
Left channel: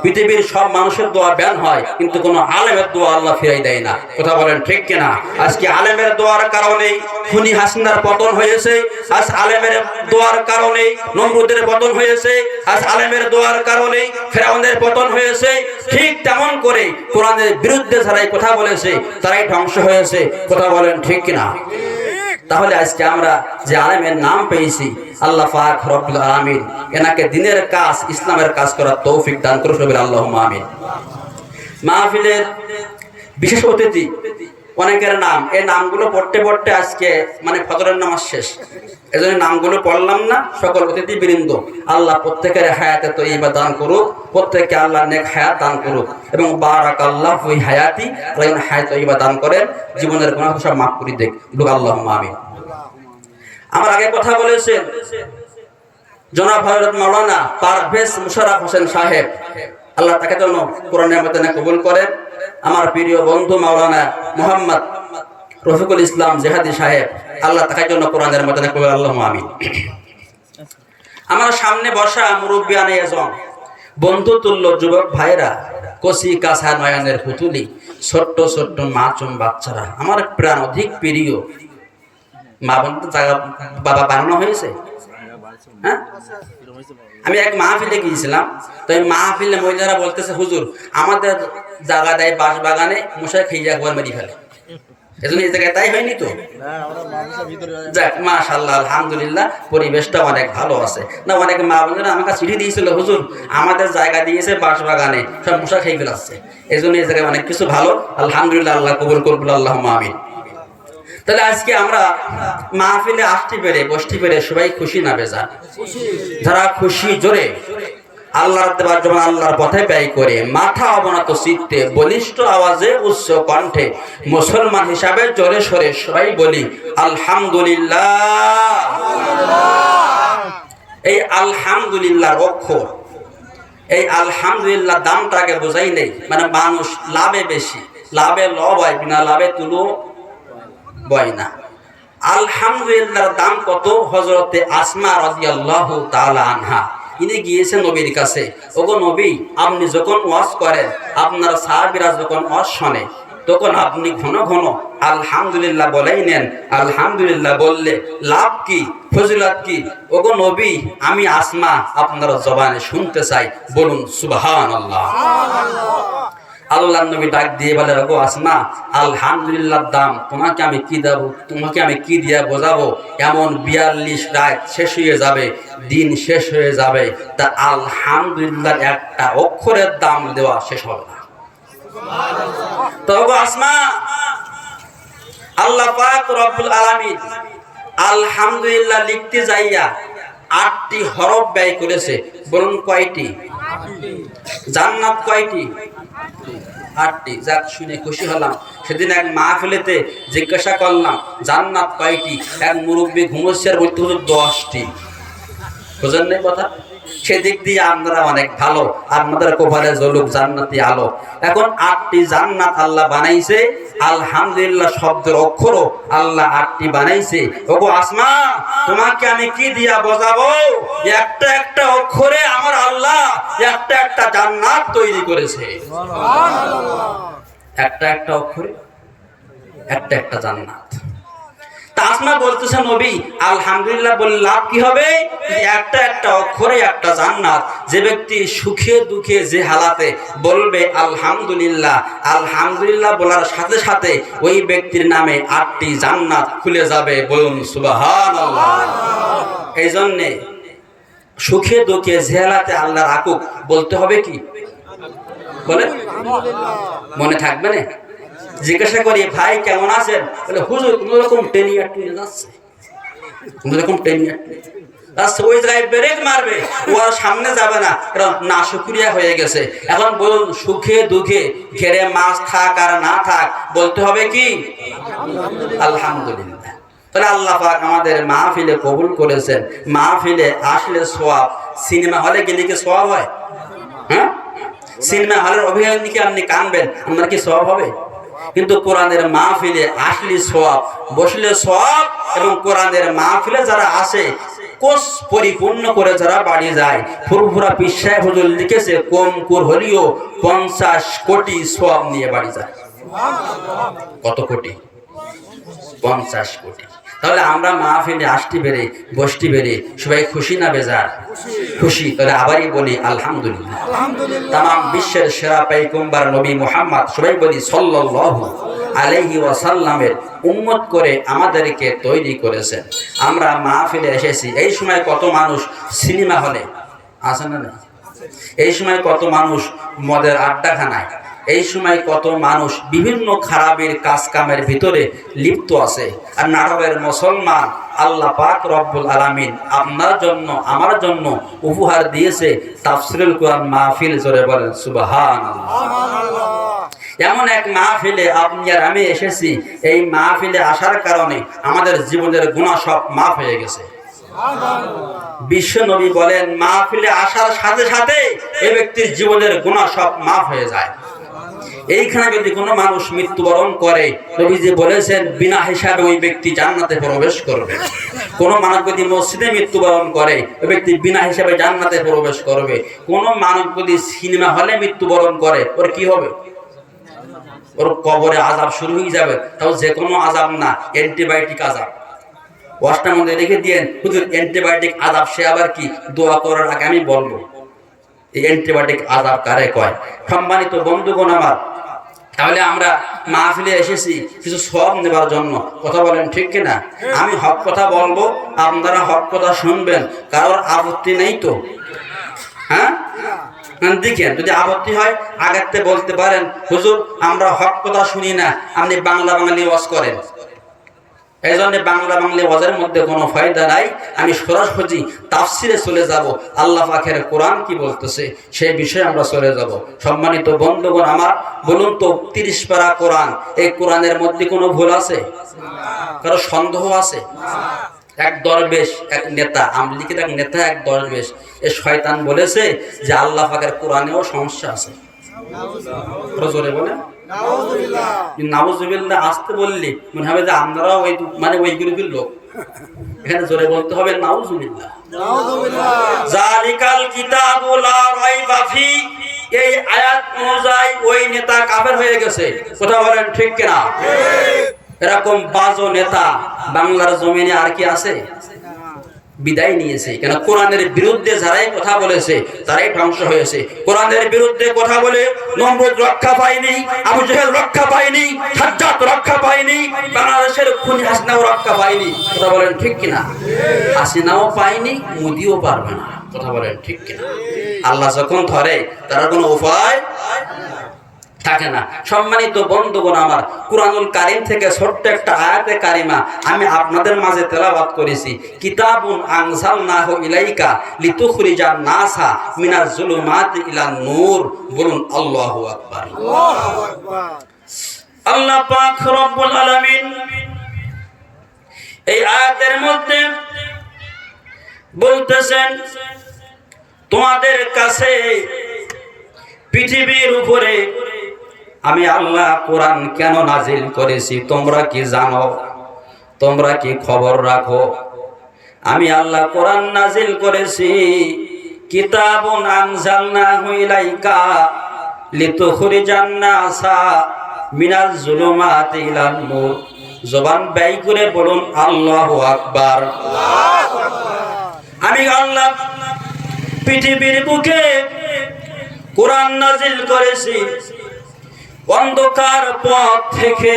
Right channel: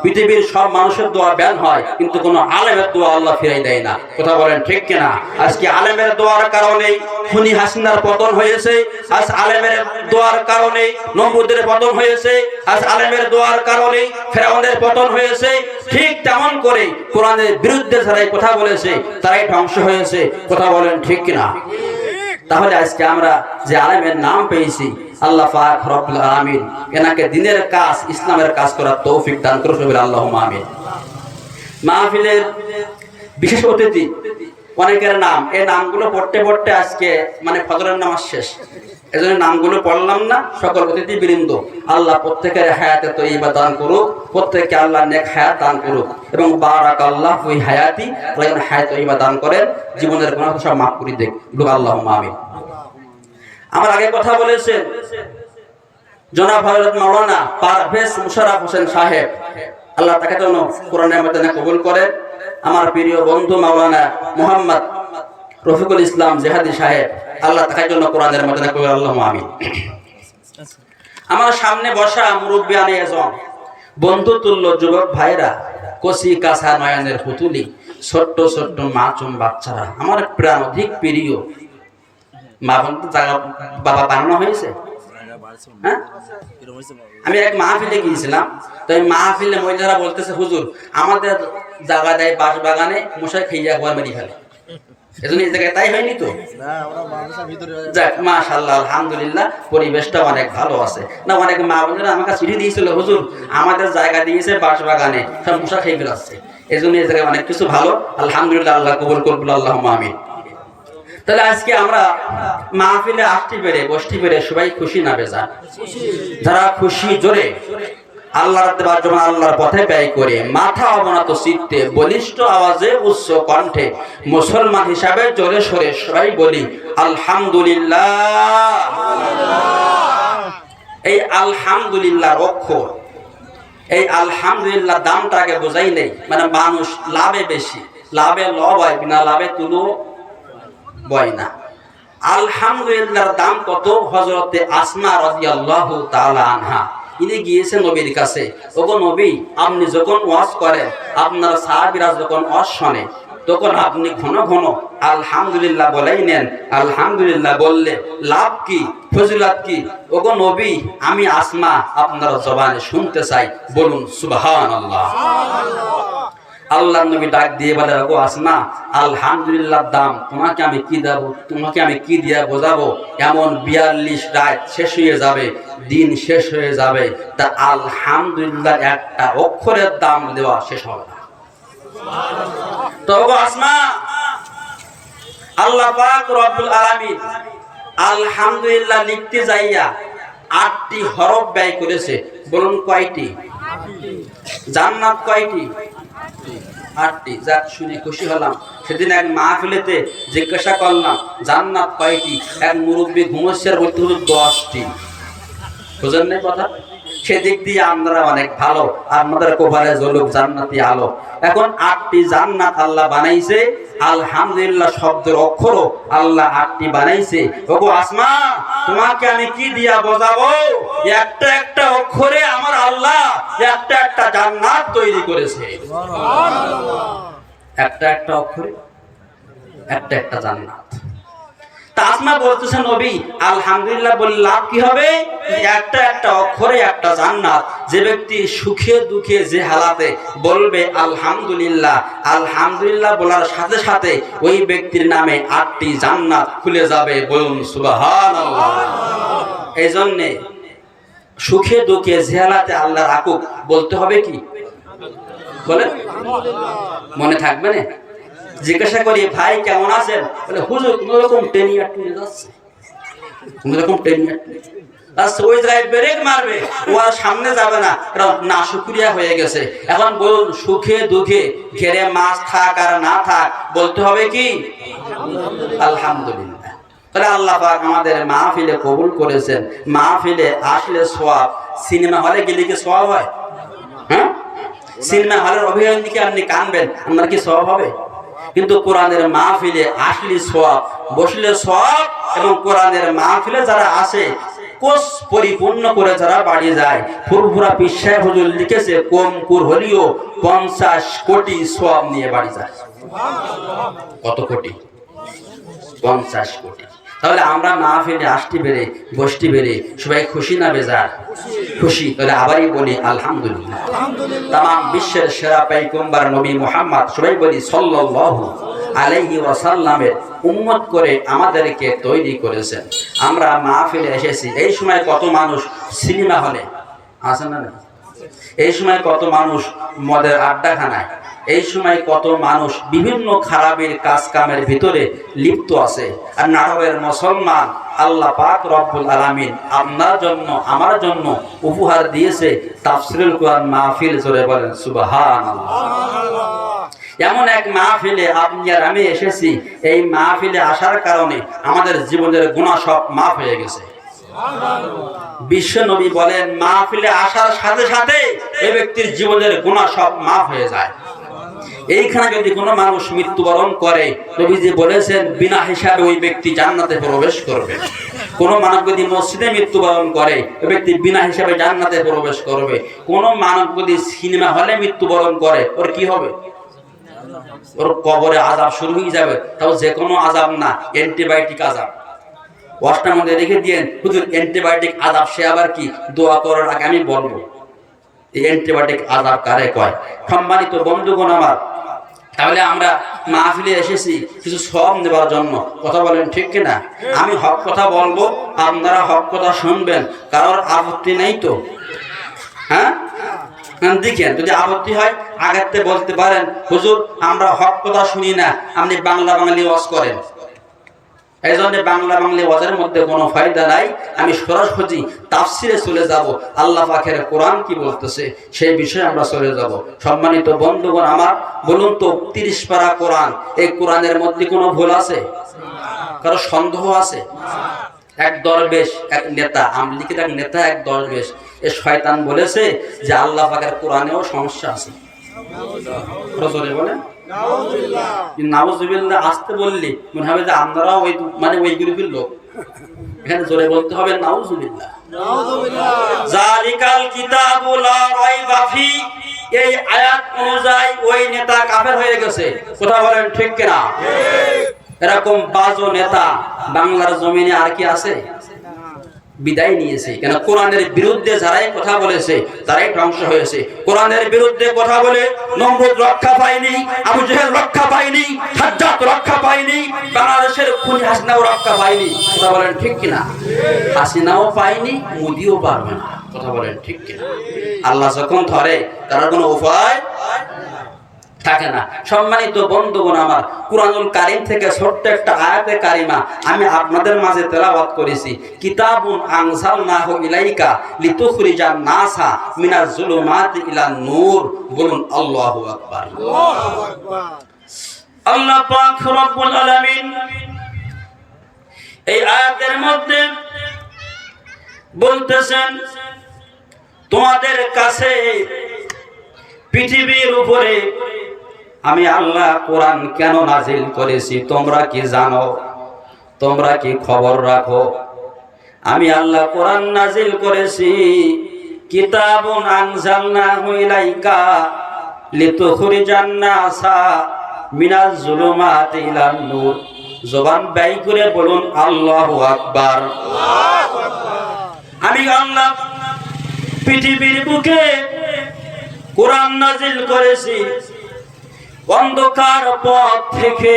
পৃথিবীর সব মানুষের দোয়া ব্যান হয়, কিন্তু কোন আলেমের দোয়া আল্লাহ ফিরাই দেয় না। কথা বলেন ঠিক কিনা? আজকে আলেমের দোয়ার কারণে খুনি হাসিনার পতন হয়েছে, আজ আলেমের দোয়ার কারণে নমরুদের পতন হয়েছে, আজ আলেমের দোয়ার কারণে ফেরাউনের পতন হয়েছে। ঠিক তেমন করে কোরআনের বিরুদ্ধে যারাই কথা বলেছে তারাই ধ্বংস হয়েছে। কথা বলেন ঠিক কিনা? তাহলে আজকে আমরা যে আলেমের নাম পেয়েছি, আল্লাহ পাক রব্বুল আলামিন এনাকে দ্বীনের কাজ, ইসলামের কাজ করার তৌফিক দান করুন, আল্লাহুম্মা আমিন। মাহফিলের বিশেষ অতিথি অনেকের নাম, এই নামগুলো পড়তে পড়তে আজকে মানে ফজরের নামাজ শেষ, এজন্য নামগুলো পড়লাম না। সকল অতিথি বৃন্দ আল্লাহ প্রত্যেকের হায়াতে তয়্যিবা দান করুক, প্রত্যেককে আল্লাহ নেক হায়াত দান করুক এবং বারাকাল্লাহু ফি হায়াতি, যেন হায়াত তয়্যিবা দান করেন, জীবনের গুনাহ সব মাফ করে দেন। আল্লাহুম্মা আমিন। আমার আগে কথা বলেছেন জনাব হযরত মাওলানা পারভেজ মুশাররফ হোসেন সাহেব, আল্লাহ তাকে যেন কোরআনের মধ্যে কবুল করেন। আমার প্রিয় বন্ধু মাওলানা মোহাম্মদ রফিকুল ইসলাম জেহাদি সাহেব, আল্লাহ তাকে যেন কোরআনের মধ্যে কবুল করেন। আল্লাহুম্মা আমিন। আমার সামনে বসা মুরব্বিয়ানে আজম, বন্ধু তুল্য যুবক ভাইরা, কচি কাঁচা নয়নের পুতুলি, ছোট্ট ছোট্ট মাসুম বাচ্চারা, আমার প্রাণ অধিক প্রিয় মা বোন তো জায়গা বাবা বানানো হয়েছে। হ্যাঁ, আমি এক মাহফিলে গিয়েছিলাম, তো এই মাহফিলে মহিলারা বলতেছে হুজুর আমাদের জায়গা দেয় বাঁশ বাগানে, মশাই খেয়ে একবার মেরে ফেলে, এজন্য এই জায়গায় তাই হয়নি তো। যাক মাশাআল্লাহ, আলহামদুলিল্লাহ, পরিবেশটা অনেক ভালো আছে। না অনেক মা বোনেরা আমাকে চিঠি দিয়েছিল, হুজুর আমাদের জায়গা দিয়েছে বাঁশ বাগানে, সব মশা খেয়ে ফেলাচ্ছে, এই জন্য এই জায়গায় অনেক কিছু ভালো। আলহামদুলিল্লাহ, আল্লাহ কবুল করুন, আল্লাহুম্মা আমিন। তাহলে আজকে আমরা মাহফিলে আসতে পেরে, বসতে পেরে সবাই খুশি না বেজার? যারা খুশি জোরে আল্লাহর দেওয়ার জন্য আল্লাহর পথে ব্যয় করে, মাথা অবনত চিত্তে, বলিষ্ঠ আওয়াজে, উচ্চ কণ্ঠে, মুসলমান হিসাবে জোরে সরে সবাই বলি আলহামদুলিল্লাহ। এই আলহামদুলিল্লাহ অক্ষর, এই আলহামদুলিল্লাহ দামটাকে বোঝাই নেই। মানে মানুষ লাভে বেশি, লাভে লব হয় না, লাভে তুলো বয় না। আলহামদুলিল্লাহর দাম কত? হযরতে আসমা রাদিয়াল্লাহু তাআলা আনহা, ইনি গিয়েছে নবীর কাছে, ওগো নবী, আপনি যখন ওয়াজ করেন, আপনার সাহাবীরা যখন ওয়াজ শোনে, তখন আপনি ঘন ঘন আলহামদুলিল্লাহ বলেই নেন। আলহামদুলিল্লাহ বললে লাভ কি, ফজিলত কি? ওগো নবী, আমি আসমা আপনার জবানে শুনতে চাই, বলুন সুবহানাল্লাহ। আল্লাহর নবী ডাক দিয়ে বলে, ওগো আসমা, আলহামদুলিল্লাহর দাম তোমাকে আমি কি দেব, তোমাকে আমি কি দিয়ে বোঝাবো? এমন 42 রাত শেষ হয়ে যাবে, দিন শেষ হয়ে যাবে, তা আলহামদুলিল্লাহ একটা অক্ষরের দাম দেওয়া শেষ হবে না। তো ওগো আসমা, আল্লাহ পাক রব্বুল আলামিন আলহামদুলিল্লাহ লিখতে যাইয়া 8টি হরফ ব্যয় করেছে। বলুন কয়টি? জান্নাত কয়টি? 8টি। যাক, শুনে খুশি হলাম। সেদিন এক মাহফিলেতে জিজ্ঞাসা করলাম জান্নাত কয়টি, এক মুরব্বী ঘুমোচ্ছের মধ্যে 10টি। বুঝেন না কথা? সেদিক দিয়ে আমরা অনেক ভালো, আপনাদের কপালে জ্বলুক জান্নাতি আলো। এখন 8টি জান্নাত আল্লাহ বানাইছে, আলহামদুলিল্লাহ শব্দের অক্ষরও আল্লাহ 8টি বানাইছে। ওগো আসমা, তোমাকে আমি কি দিয়া বোঝাবো? একটা একটা অক্ষরে আমার আল্লাহ একটা একটা জান্নাত তৈরি করেছে। একটা একটা অক্ষরে একটা একটা জান্নাত। আসমা বলতেছে নবী, আলহামদুলিল্লাহ বললে লাভ কি হবে? একটা একটা অক্ষরে একটা জান্নাত। যে ব্যক্তি সুখে দুঃখে যে হালাতে বলবে আলহামদুলিল্লাহ, আলহামদুলিল্লাহ বলার সাথে সাথে ওই ব্যক্তির নামে 8টি জান্নাত খুলে যাবে। বলুন সুবহানাল্লাহ। এই জন্যে সুখে দুঃখে যে হালাতে আল্লাহ রাখুক বলতে হবে কি? বলে মনে থাকবে না? জিজ্ঞাসা করি ভাই কেমন আছেন? বলে হুজুর কোন রকম টেনে যাচ্ছে। এরকম টেনে ওই জায়গায় ব্রেক মারবে, ও আর সামনে যাবে না, কারণ না শুকরিয়া হয়ে গেছে। এখন বলুন, সুখে দুঃখে ঘেরে মাছ থাক আর না থাক বলতে হবে কি আলহামদুলিল্লাহ। তাহলে আল্লাহ পাক আমাদের মাহফিলে কবুল করেছেন। মাহফিলে আসলে সওয়াব, সিনেমা হলে গেলে কি সওয়াব হয়? হ্যাঁ, সিনেমা হলের অভিনয় দিকে আপনি কানবেন, আপনার কি সওয়াব হবে? কিন্তু কোরআনের মাহফিলে আসলে সওয়াব, বসলে সওয়াব। এবং কোরআনের মাহফিলে যারা আসে কোষ পরিপূর্ণ করে যারা বাড়ি যায়, ফুরফুরা পীর সাহেব হুজুর লিখেছে কম কুর হলিও 50 কোটি সওয়াব নিয়ে বাড়ি যায়। কত কোটি? 50 কোটি। তাহলে আমরা মাহফিলে আসতে পেরে বসতে পেরে সবাই খুশি না বেজার? খুশি। তাহলে আবারই বলি আলহামদুলিল্লাহ। তাম বিশ্বের সেরা পয়গম্বর নবী মুহাম্মদ, সবাই বলি সাল্লাল্লাহু আলাইহি ওয়াসাল্লামের উম্মত করে আমাদেরকে তৈরি করেছেন। আমরা মাহফিলে এসেছি। এই সময় কত মানুষ সিনেমা হলে আছে না? এই সময় কত মানুষ মদের আড্ডাখানায়, এই সময় কত মানুষ বিভিন্ন খারাপের কাজ কামের ভিতরে লিপ্ত আছে। আর নারবের মুসলমান আল্লাহ পাক রব্বুল আলামিন আপনার জন্য আমার জন্য উপহার দিয়েছে তাফসীরুল কোরআন মাহফিল। জোরে বলেন সুবহানাল্লাহ। এমন এক মাহফিলে আপনি আর আমি এসেছি। এই মাহফিলে আসার কারণে আমাদের জীবনের গুনাহ সব মাফ হয়ে গেছে। বিশ্ব নবী বলেন, মাহফিলে আসার সাথে সাথে এই ব্যক্তির জীবনের গুনাহ সব মাফ হয়ে যায়। এইখানে যদি কোনো মানুষ মৃত্যুবরণ করে, নবীজি বলেছেন বিনা হিসাবে ওই ব্যক্তি জান্নাতে প্রবেশ করবে। কোনো মানুষ যদি মসজিদে মৃত্যুবরণ করে, ওই ব্যক্তি বিনা হিসাবে জান্নাতে প্রবেশ করবে। কোনো মানুষ যদি সিনেমা হলে মৃত্যুবরণ করে, ওর কি হবে? ওর কবরে আযাব শুরু হয়ে যাবে। তাও যে কোনো আযাব না, অ্যান্টিবায়োটিক আযাব। ওয়াজটার মধ্যে রেখে দিয়েন, হুজুর অ্যান্টিবায়োটিক আযাব, সে আবার কি? দোয়া করার আগে আমি বলবো এই অ্যান্টিবায়োটিক আযাব কারে কয়। সম্মানিত বন্ধুগণ আমার, তাহলে আমরা মাহফিলে এসেছি কিছু সওয়াব নেবার জন্য। কথা বলেন ঠিক কিনা? আমি হক কথা বলবো, আপনারা হক কথা শুনবেন। কারোর আপত্তি নেই তো? হ্যাঁ, দেখেন, যদি আপত্তি হয় আগেতে বলতে পারেন, হুজুর আমরা হক কথা শুনি না, আপনি বাংলা বাঙালি ওয়াজ করেন। এই জন্য বাংলা বাংলা ওয়াজের মধ্যে কোনো ফায়দা নাই। আমি সরাসরি তাফসিরে চলে যাব। আল্লাহ পাকের কোরআন কি বলতেছে সেই বিষয়ে আমরা চলে যাব। সম্মানিত বন্ধুগণ আমার, বলুন তো 30 পারা কোরআন, এই কোরআনের মধ্যে কোনো ভুল আছে? কারো সন্দেহ আছে? এক দরবেশ, এক নেতা, আমলিকের এক নেতা, এক দরবেশ, এই শয়তান বলেছে যে আল্লাহ পাকের কোরআনেও সমস্যা আছে। জোরে বলেন নাউজুবিল্লাহ। আসতে বললি মনে হবে যে আপনারাও ওই মানে ওই গ্রুপের লোক। এখানে জোরে বলতে হবে নাউজুবিল্লাহ। জালিকাল কিতাবু লা রাইবা ফি, এই আয়াত অনুযায়ী ওই নেতা কাফের হয়ে গেছে। কথা বলেন ঠিক কিনা? এরকম বাজো নেতা বাংলার জমিনে আর কি আছে? বিদায় নিয়েছে। কেন? কোরআনের বিরুদ্ধে যারাই কথা বলেছে তারাই ধ্বংস হয়েছে। কোরআনের বিরুদ্ধে কথা বলে নমরুদ রক্ষা পায়নি, আবু জাহেল রক্ষা পায়নি, সাজ্জাদ রক্ষা পায়নি, বাংলাদেশের খুনি হাসিনাও রক্ষা পায়নি। কথা বলেন ঠিক কিনা? হাসিনাও পায়নি, মোদিও পারবে না। কথা বলেন ঠিক কিনা? আল্লাহ যখন ধরে তার কোনো উপায় থাকে না। সম্মানিত বন্ধুগণ আমার, কুরআনুল কারীম থেকে ছোট্ট একটা আয়াতে কারিমা আমি আপনাদের মাঝে তেলাওয়াত করেছি। কিতাবুন আনজালনাহু ইলাইকা লিতুখরিজান নাসা মিনাজ জুলুমাতি ইলান নূর। বলুন আল্লাহু আকবার। আল্লাহু আকবার। আল্লাহ পাক রব্বুল আলামিন এই আয়াতের মধ্যে বলতেছেন, তোমাদের কাছে পৃথিবীর উপরে আমি আল্লাহ কোরআন কেন নাজিল করেছি তোমরা কি জানো? তোমরা কি খবর রাখো? আমি আল্লাহ কোরআন নাজিল করেছি কিতাবুন আনজালনাহু ইলাইকা লিতুখরিজান নাসা মিনাজ জুলুমাতি ইলান নূর। জবান ব্যয় করে বলুন আল্লাহু আকবার। আল্লাহু আকবার। আমি আল্লাহ পৃথিবীর বুকে কোরআন নাজিল করেছি অন্ধকার পথ থেকে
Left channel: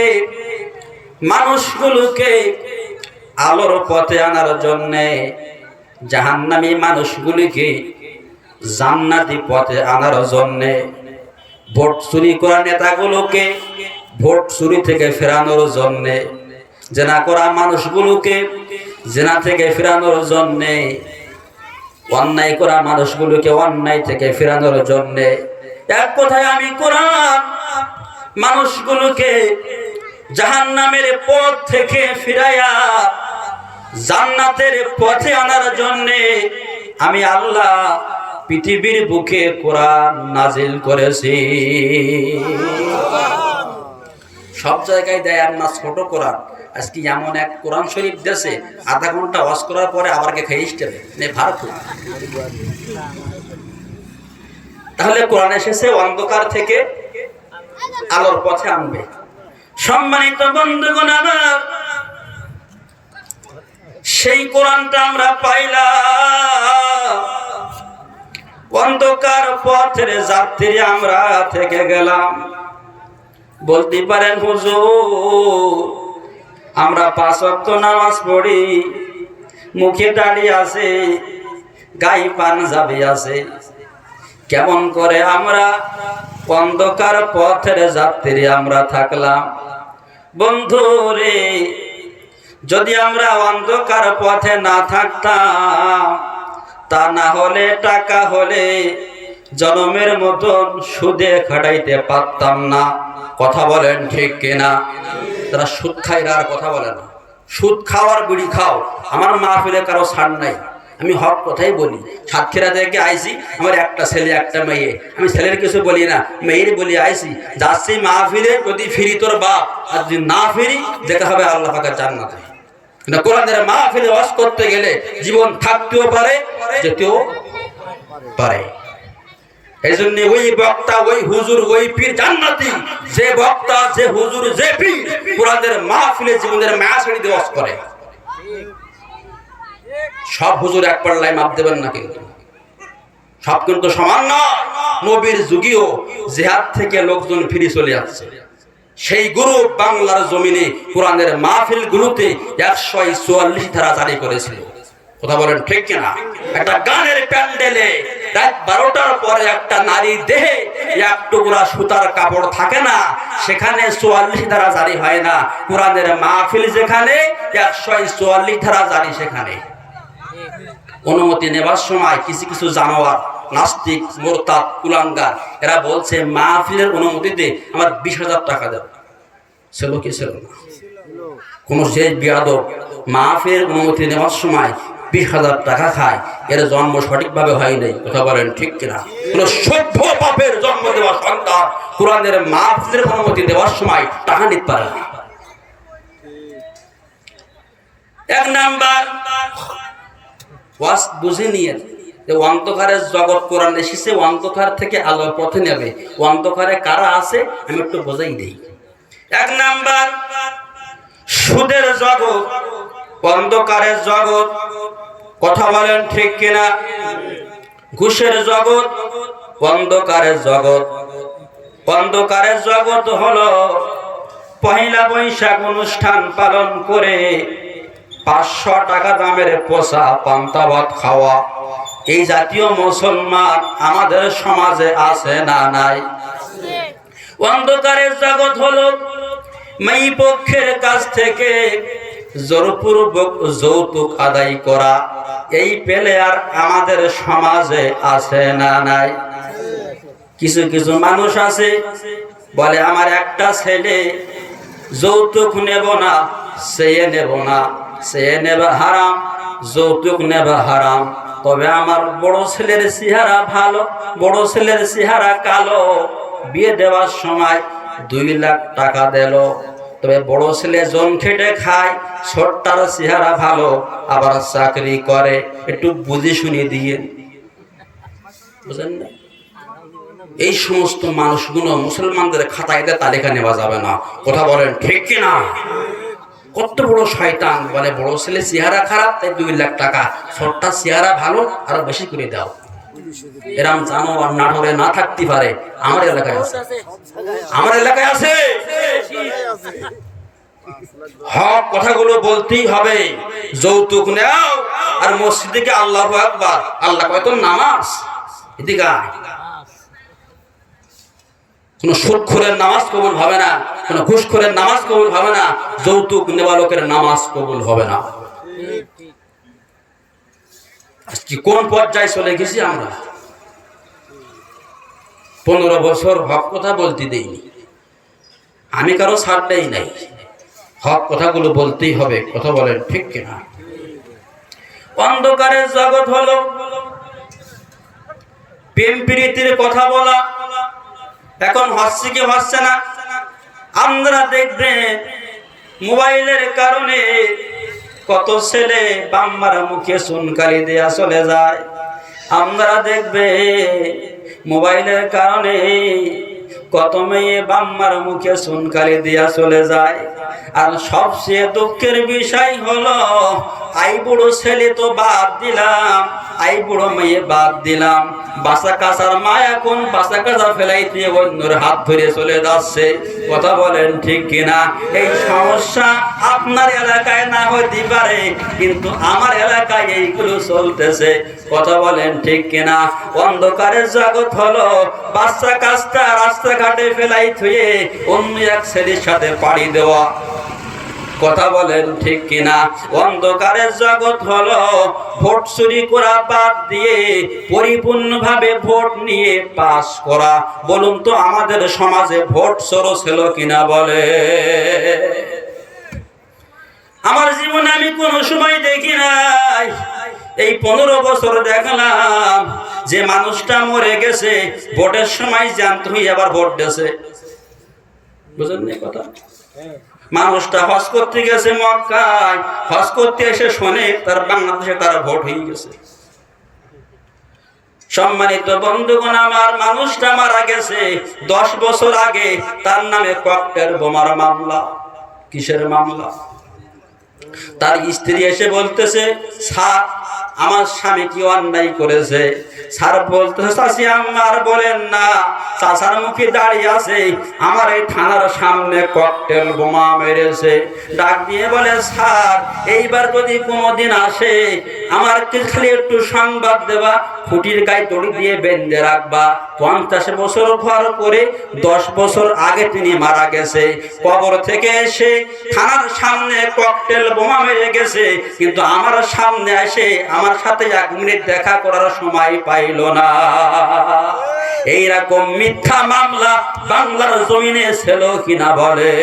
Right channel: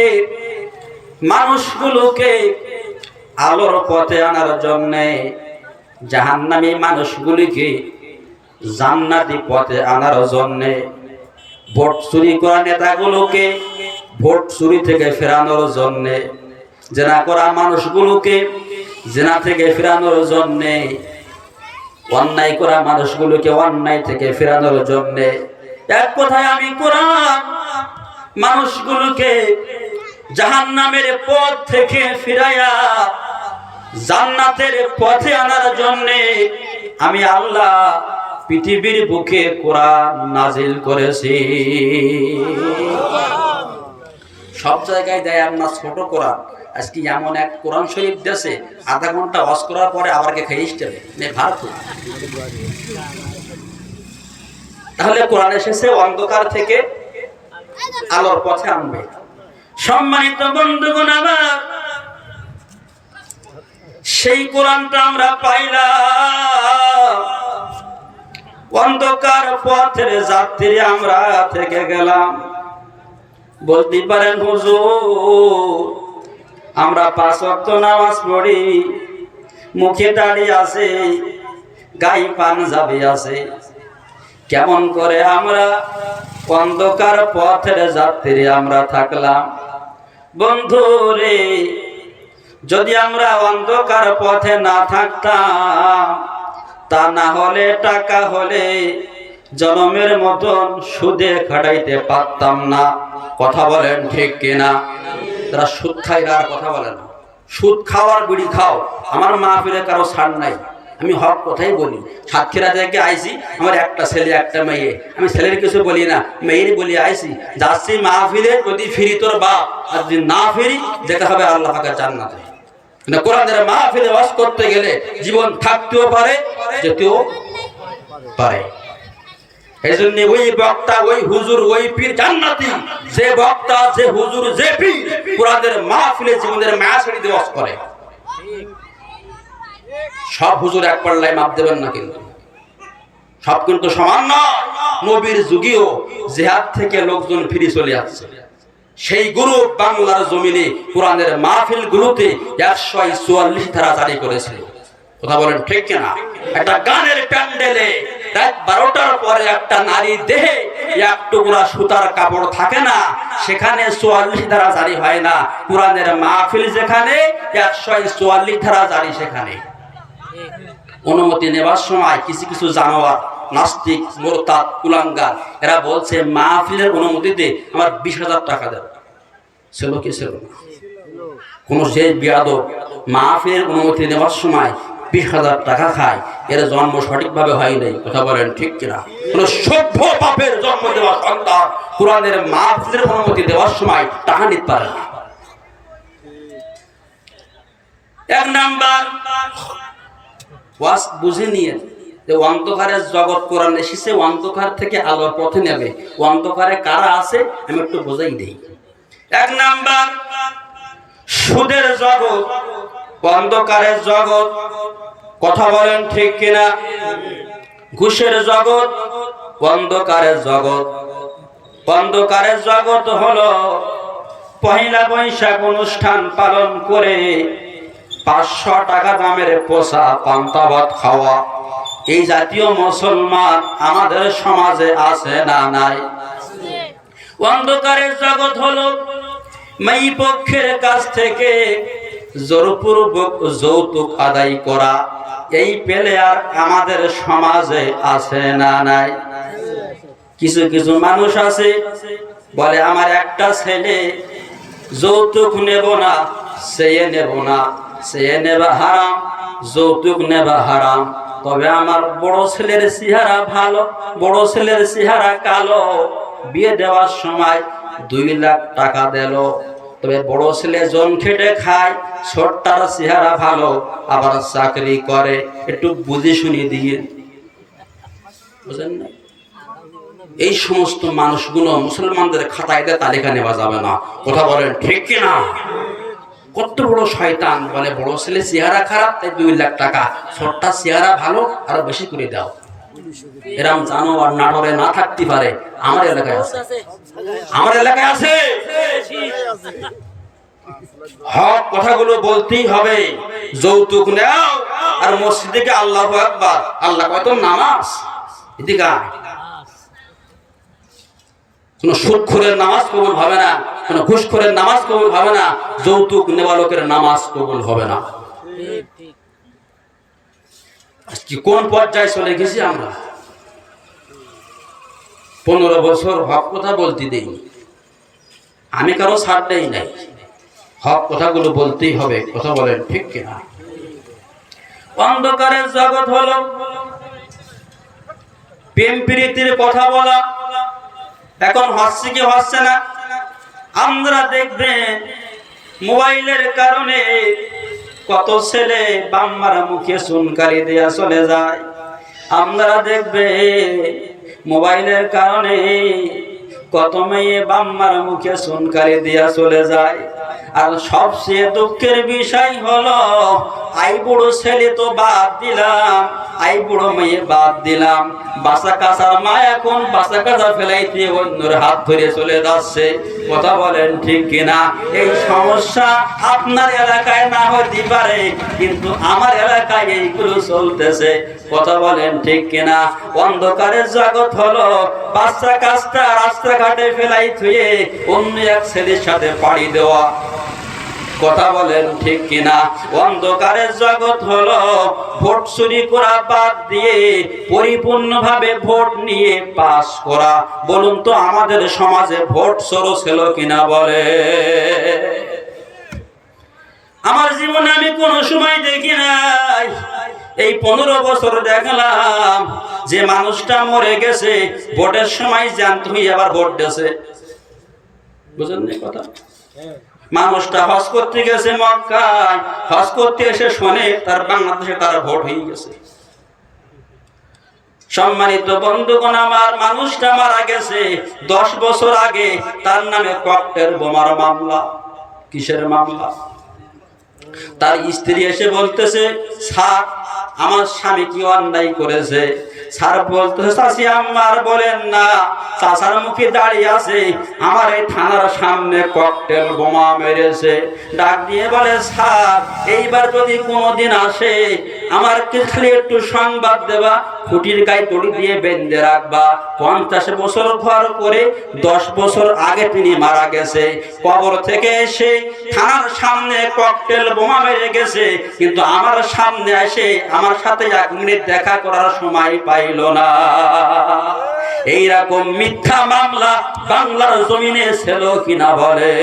মানুষগুলোকে আলোর পথে আনার জন্য, জাহান্নামী মানুষগুলিকে জান্নাতি পথে আনার জন্য, ভোট চুরি করা নেতাগুলোকে ভোট চুরি থেকে ফেরানোর জন্য, জেনা করা মানুষগুলোকে জিনা থেকে ফিরানোর জন্যে, অন্যায় করা মানুষগুলোকে অন্যায় থেকে ফিরানোর জন্যে, এক কথায় আমি কোরআন মানুষগুলোকে জাহান্নামের পথ থেকে ফিরাইয়া জান্নাতের পথে আনার জন্যে আমি আল্লাহ পৃথিবীর বুকে কোরআন নাজিল করেছি। সব জায়গায় দেয় আপনার ছোট কোরআন, আজকে এমন এক কোরআন শরীফ দেশে আধা ঘন্টা ওয়াজ করার পরে আবার খেয়ে ভারত। তাহলে কোরআন এসেছে অন্ধকার থেকে আলোর পথে আনবে। সম্মানিত বন্ধুগণ আমার, সেই কোরআনটা আমরা পাইলাম, অন্ধকার পথের যাত্রী আমরা থেকে গেলাম। বলতে পারেন হুজুর আমরা 5 ওয়াক্ত নামাজ পড়ি, মুখে দাড়ি আছে, গায়ে পাঞ্জাবি আছে, কেমন করে আমরা অন্ধকার পথের যাত্রী আমরা থাকলাম? বন্ধুরে, যদি আমরা অন্ধকার পথে না থাকতাম, তা না হলে টাকা হলে জনমের মতন সুদে খাটাইতে পারতাম না। কথা বলেন ঠিক কিনা? তারা সুদ খায় আর কথা বলে না। সুদ খাও আর বিড়ি খাও, আমার মাহফিলে কারো ছাড় নাই। আমি হক কথাই বলি। সাতক্ষীরা থেকে আইছি, আমার একটা ছেলে একটা মেয়ে, আমি ছেলের কিছু বলি না, মেয়ের বলি আইছি। যাচ্ছি মাহফিলে, যদি ফিরি তোর বাপ, আর যদি না ফিরি যেতে হবে আল্লাহ পাকের জান্নাতে। কোরআনের মাহফিলে ওয়াজ করতে গেলে জীবন থাকতেও পারে, যেতেও পারে। এই জন্য ওই বক্তা, ওই হুজুর, ওই পীর জান্নাতি। যে বক্তা, যে হুজুর, যে পীর কোরআনের মাহফিলে জীবনের মায়া ছেড়ে দিয়ে ওয়াজ করে। সব হুজুর এক পাল্লায় মাপ দেবেন না, কিন্তু সব কিন্তু সমান নয়। নবীর যুগেও জিহাদ থেকে লোকজন ফিরে চলে আসছে। সেই গুরু বাংলার জমিনে কোরআনের মাহফিল গুলোতে 144 ধারা জারি করেছিল। কথা বলেন ঠিক কিনা? একটা গানের প্যান্ডেলে রাত 12টার পরে একটা নারী দেহে এক টুকরা সুতার কাপড় থাকে না, সেখানে 44 ধারা জারি হয় না। কোরআনের মাহফিল যেখানে 144 ধারা জারি সেখানে। অনুমতি নেবার সময় কিছু কিছু জানোয়ার, নাস্তিক, মোরতাদ, কুলাঙ্গার, এরা বলছে মাহফিলের অনুমতিতে আমার 20,000 টাকা দেব। ছিল কি ছিল না? কোন সেই বিয়াদব মাহফিলের অনুমতি নেওয়ার সময় 20,000 টাকা খায়, এর জন্ম সঠিকভাবে হয় নাই। কথা বলেন ঠিক কিনা? কোন সভ্য পাপের জন্ম দেওয়া সন্তান কোরআনের মাহফিলের অনুমতি দেওয়ার সময় টাকা নিতে পারে না। এক নাম্বার ওয়াজ বুঝে নিয়ে, অন্ধকারের জগৎ কোরআন এসেছে অন্ধকার থেকে আলোর পথে নেবে। অন্ধকারে কারা আছে আমি একটু বোঝাই দিই। এক নাম্বার সুদের জগৎ, অন্ধকারের জগৎ। কথা বলেন ঠিক কিনা? ঘুষের জগৎ, অন্ধকারের জগৎ। অন্ধকারের জগৎ হলো পহেলা বৈশাখ অনুষ্ঠান পালন করে 500 টাকা দামের পোষা পান্তা ভাত খাওয়া। এই জাতীয় মুসলমান আমাদের সমাজে আছে না নাই? অন্ধকারের জগৎ হলো মেয়ে পক্ষের কাছ থেকে জোরপূর্বক যৌতুক আদায় করা। এই পেলে আর আমাদের সমাজে আছে না নাই? কিছু কিছু মানুষ আছে বলে আমার একটা ছেলে, যৌতুক নেব না, চেয়ে নেব না, চেয়ে নেবা হারাম, যৌতুক নেবা হারাম। তবে আমার বড় ছেলের চেহারা ভালো, বড় ছেলের চেহারা কালো, বিয়ে দেওয়ার সময় 2 লাখ টাকা দিল। তবে বড় ছেলে জন খেটে খায়, ছোটটার চেহারা ভালো, আবার চাকরি করে। একটু বুঝে শুনিয়ে দিয়ে, বুঝেন না? এই সমস্ত মানুষগুলো মুসলমানদের খাতায় তালিকা নেওয়া যাবে না। কথা বলেন ঠিক কিনা? কত বড় শয়তান! বলে বড় ছেলে চেহারা খারাপ তাই 2 লাখ টাকা, ছোটটা চেহারা ভালো আরো বেশি করে দাও। এরম জানো আর নাটরে না থাকতে পারে। আমার এলাকায় আছে, আমার এলাকায় আছে। হক কথাগুলো বলতেই হবে। যৌতুক নাও আর মসজিদে গিয়ে আল্লাহু আকবার, আল্লাহ কয় তো নামাজ। এদিকে কোন সুদখোরের নামাজ কবুল হবে না, কোন ঘুষখোরের নামাজ কবুল হবে না, যৌতুক নেওয়া লোকের নামাজ কবুল হবে না। কোন পর্যায়ে চলে গেছি আমরা? 15 বছর হক কথা বলতে দেইনি, আমি কারো ছাড় দেই নাই, হক কথাগুলো বলতেই হবে। কথা বলেন ঠিক কিনা? অন্ধকারের জগৎ হলো প্রেম প্রীতির কথা বলা, এখন হচ্ছে কি হচ্ছে না? আমরা দেখবেন মোবাইলের কারণে কত ছেলে বাম্মার মুখে চুনকালি দেয়া চলে যায়। আমরা দেখবে মোবাইলের কারণে কত মেয়ে বাম্মার মুখে চুনকালি দেয়া চলে যায়। আর সবচেয়ে দুঃখের বিষয় হলো আই বুড়ো ছেলে তো বাদ দিলাম, আই বুড়ো মেয়ে বাদ দিলাম, বাসা কাছার মা এখন বাসা কাছা ফেলাই দিয়ে অন্যের হাত ধরে চলে যাচ্ছে। কথা বলেন ঠিক কিনা? এই সমস্যা আপনার এলাকায় না হতে পারে, কিন্তু আমার এলাকায় এইগুলো চলতেছে। কথা বলেন ঠিক কিনা? অন্ধকারের জগৎ হলো বাচ্চা কাছটা রাস্তাঘাটে ফেলাই থুয়ে অন্য এক ছেলের সাথে পাড়ি দেওয়া। কথা বলেন ঠিক কিনা? অন্ধকারের জগৎ হলো ভোট চুরি করা বাদ দিয়ে পরিপূর্ণভাবে ভোট নিয়ে পাস করা। বলুন তো আমাদের সমাজে ভোট চোর ছিল কিনা? বলে আমার জীবনে আমি কোনো সময় দেখি নাই। এই 15 বছর দেখলাম যে মানুষটা মরে গেছে, ভোটের সময় জানতে হই আবার ভোট দিয়েছে। বুঝলেন না কথা? মানুষটা হজ করতে গেছে মক্কায়, হজ করতে এসে শোনে তার বাংলাদেশে তার ভোট হয়ে গেছে। সম্মানিত বন্ধুগণ আমার, মানুষটা মারা গেছে 10 বছর আগে, তার নামে ককটেল বোমার মামলা। কিসের মামলা? তার স্ত্রী এসে বলতেছে, স্যার আমার স্বামী কি অন্যায় করেছে? স্যার বলতেছে, চাচি আমার বলেন না, চাচার মুখে দাঁড়িয়ে আছে আমার এই থানার সামনে ককটেল বোমা মেরেছে। ডাক দিয়ে বলে, স্যার এইবার যদি কোনোদিন আসে আমার কিছু একটু সংবাদ দেবা, খুঁটির গায়ে দড়ি দিয়ে বেঁধে রাখবা। 50 বছর ঘর করে 10 বছর আগে তিনি মারা গেছে, কবর থেকে এসে থানার সামনে ককটেল বোমা মেরে গেছে, কিন্তু আমার সামনে এসে আমার সাথে 1 মিনিট দেখা করার সময় পাইল না। এইরকম মিথ্যা মামলা বাংলার জমিনে ছিল কিনা? বলে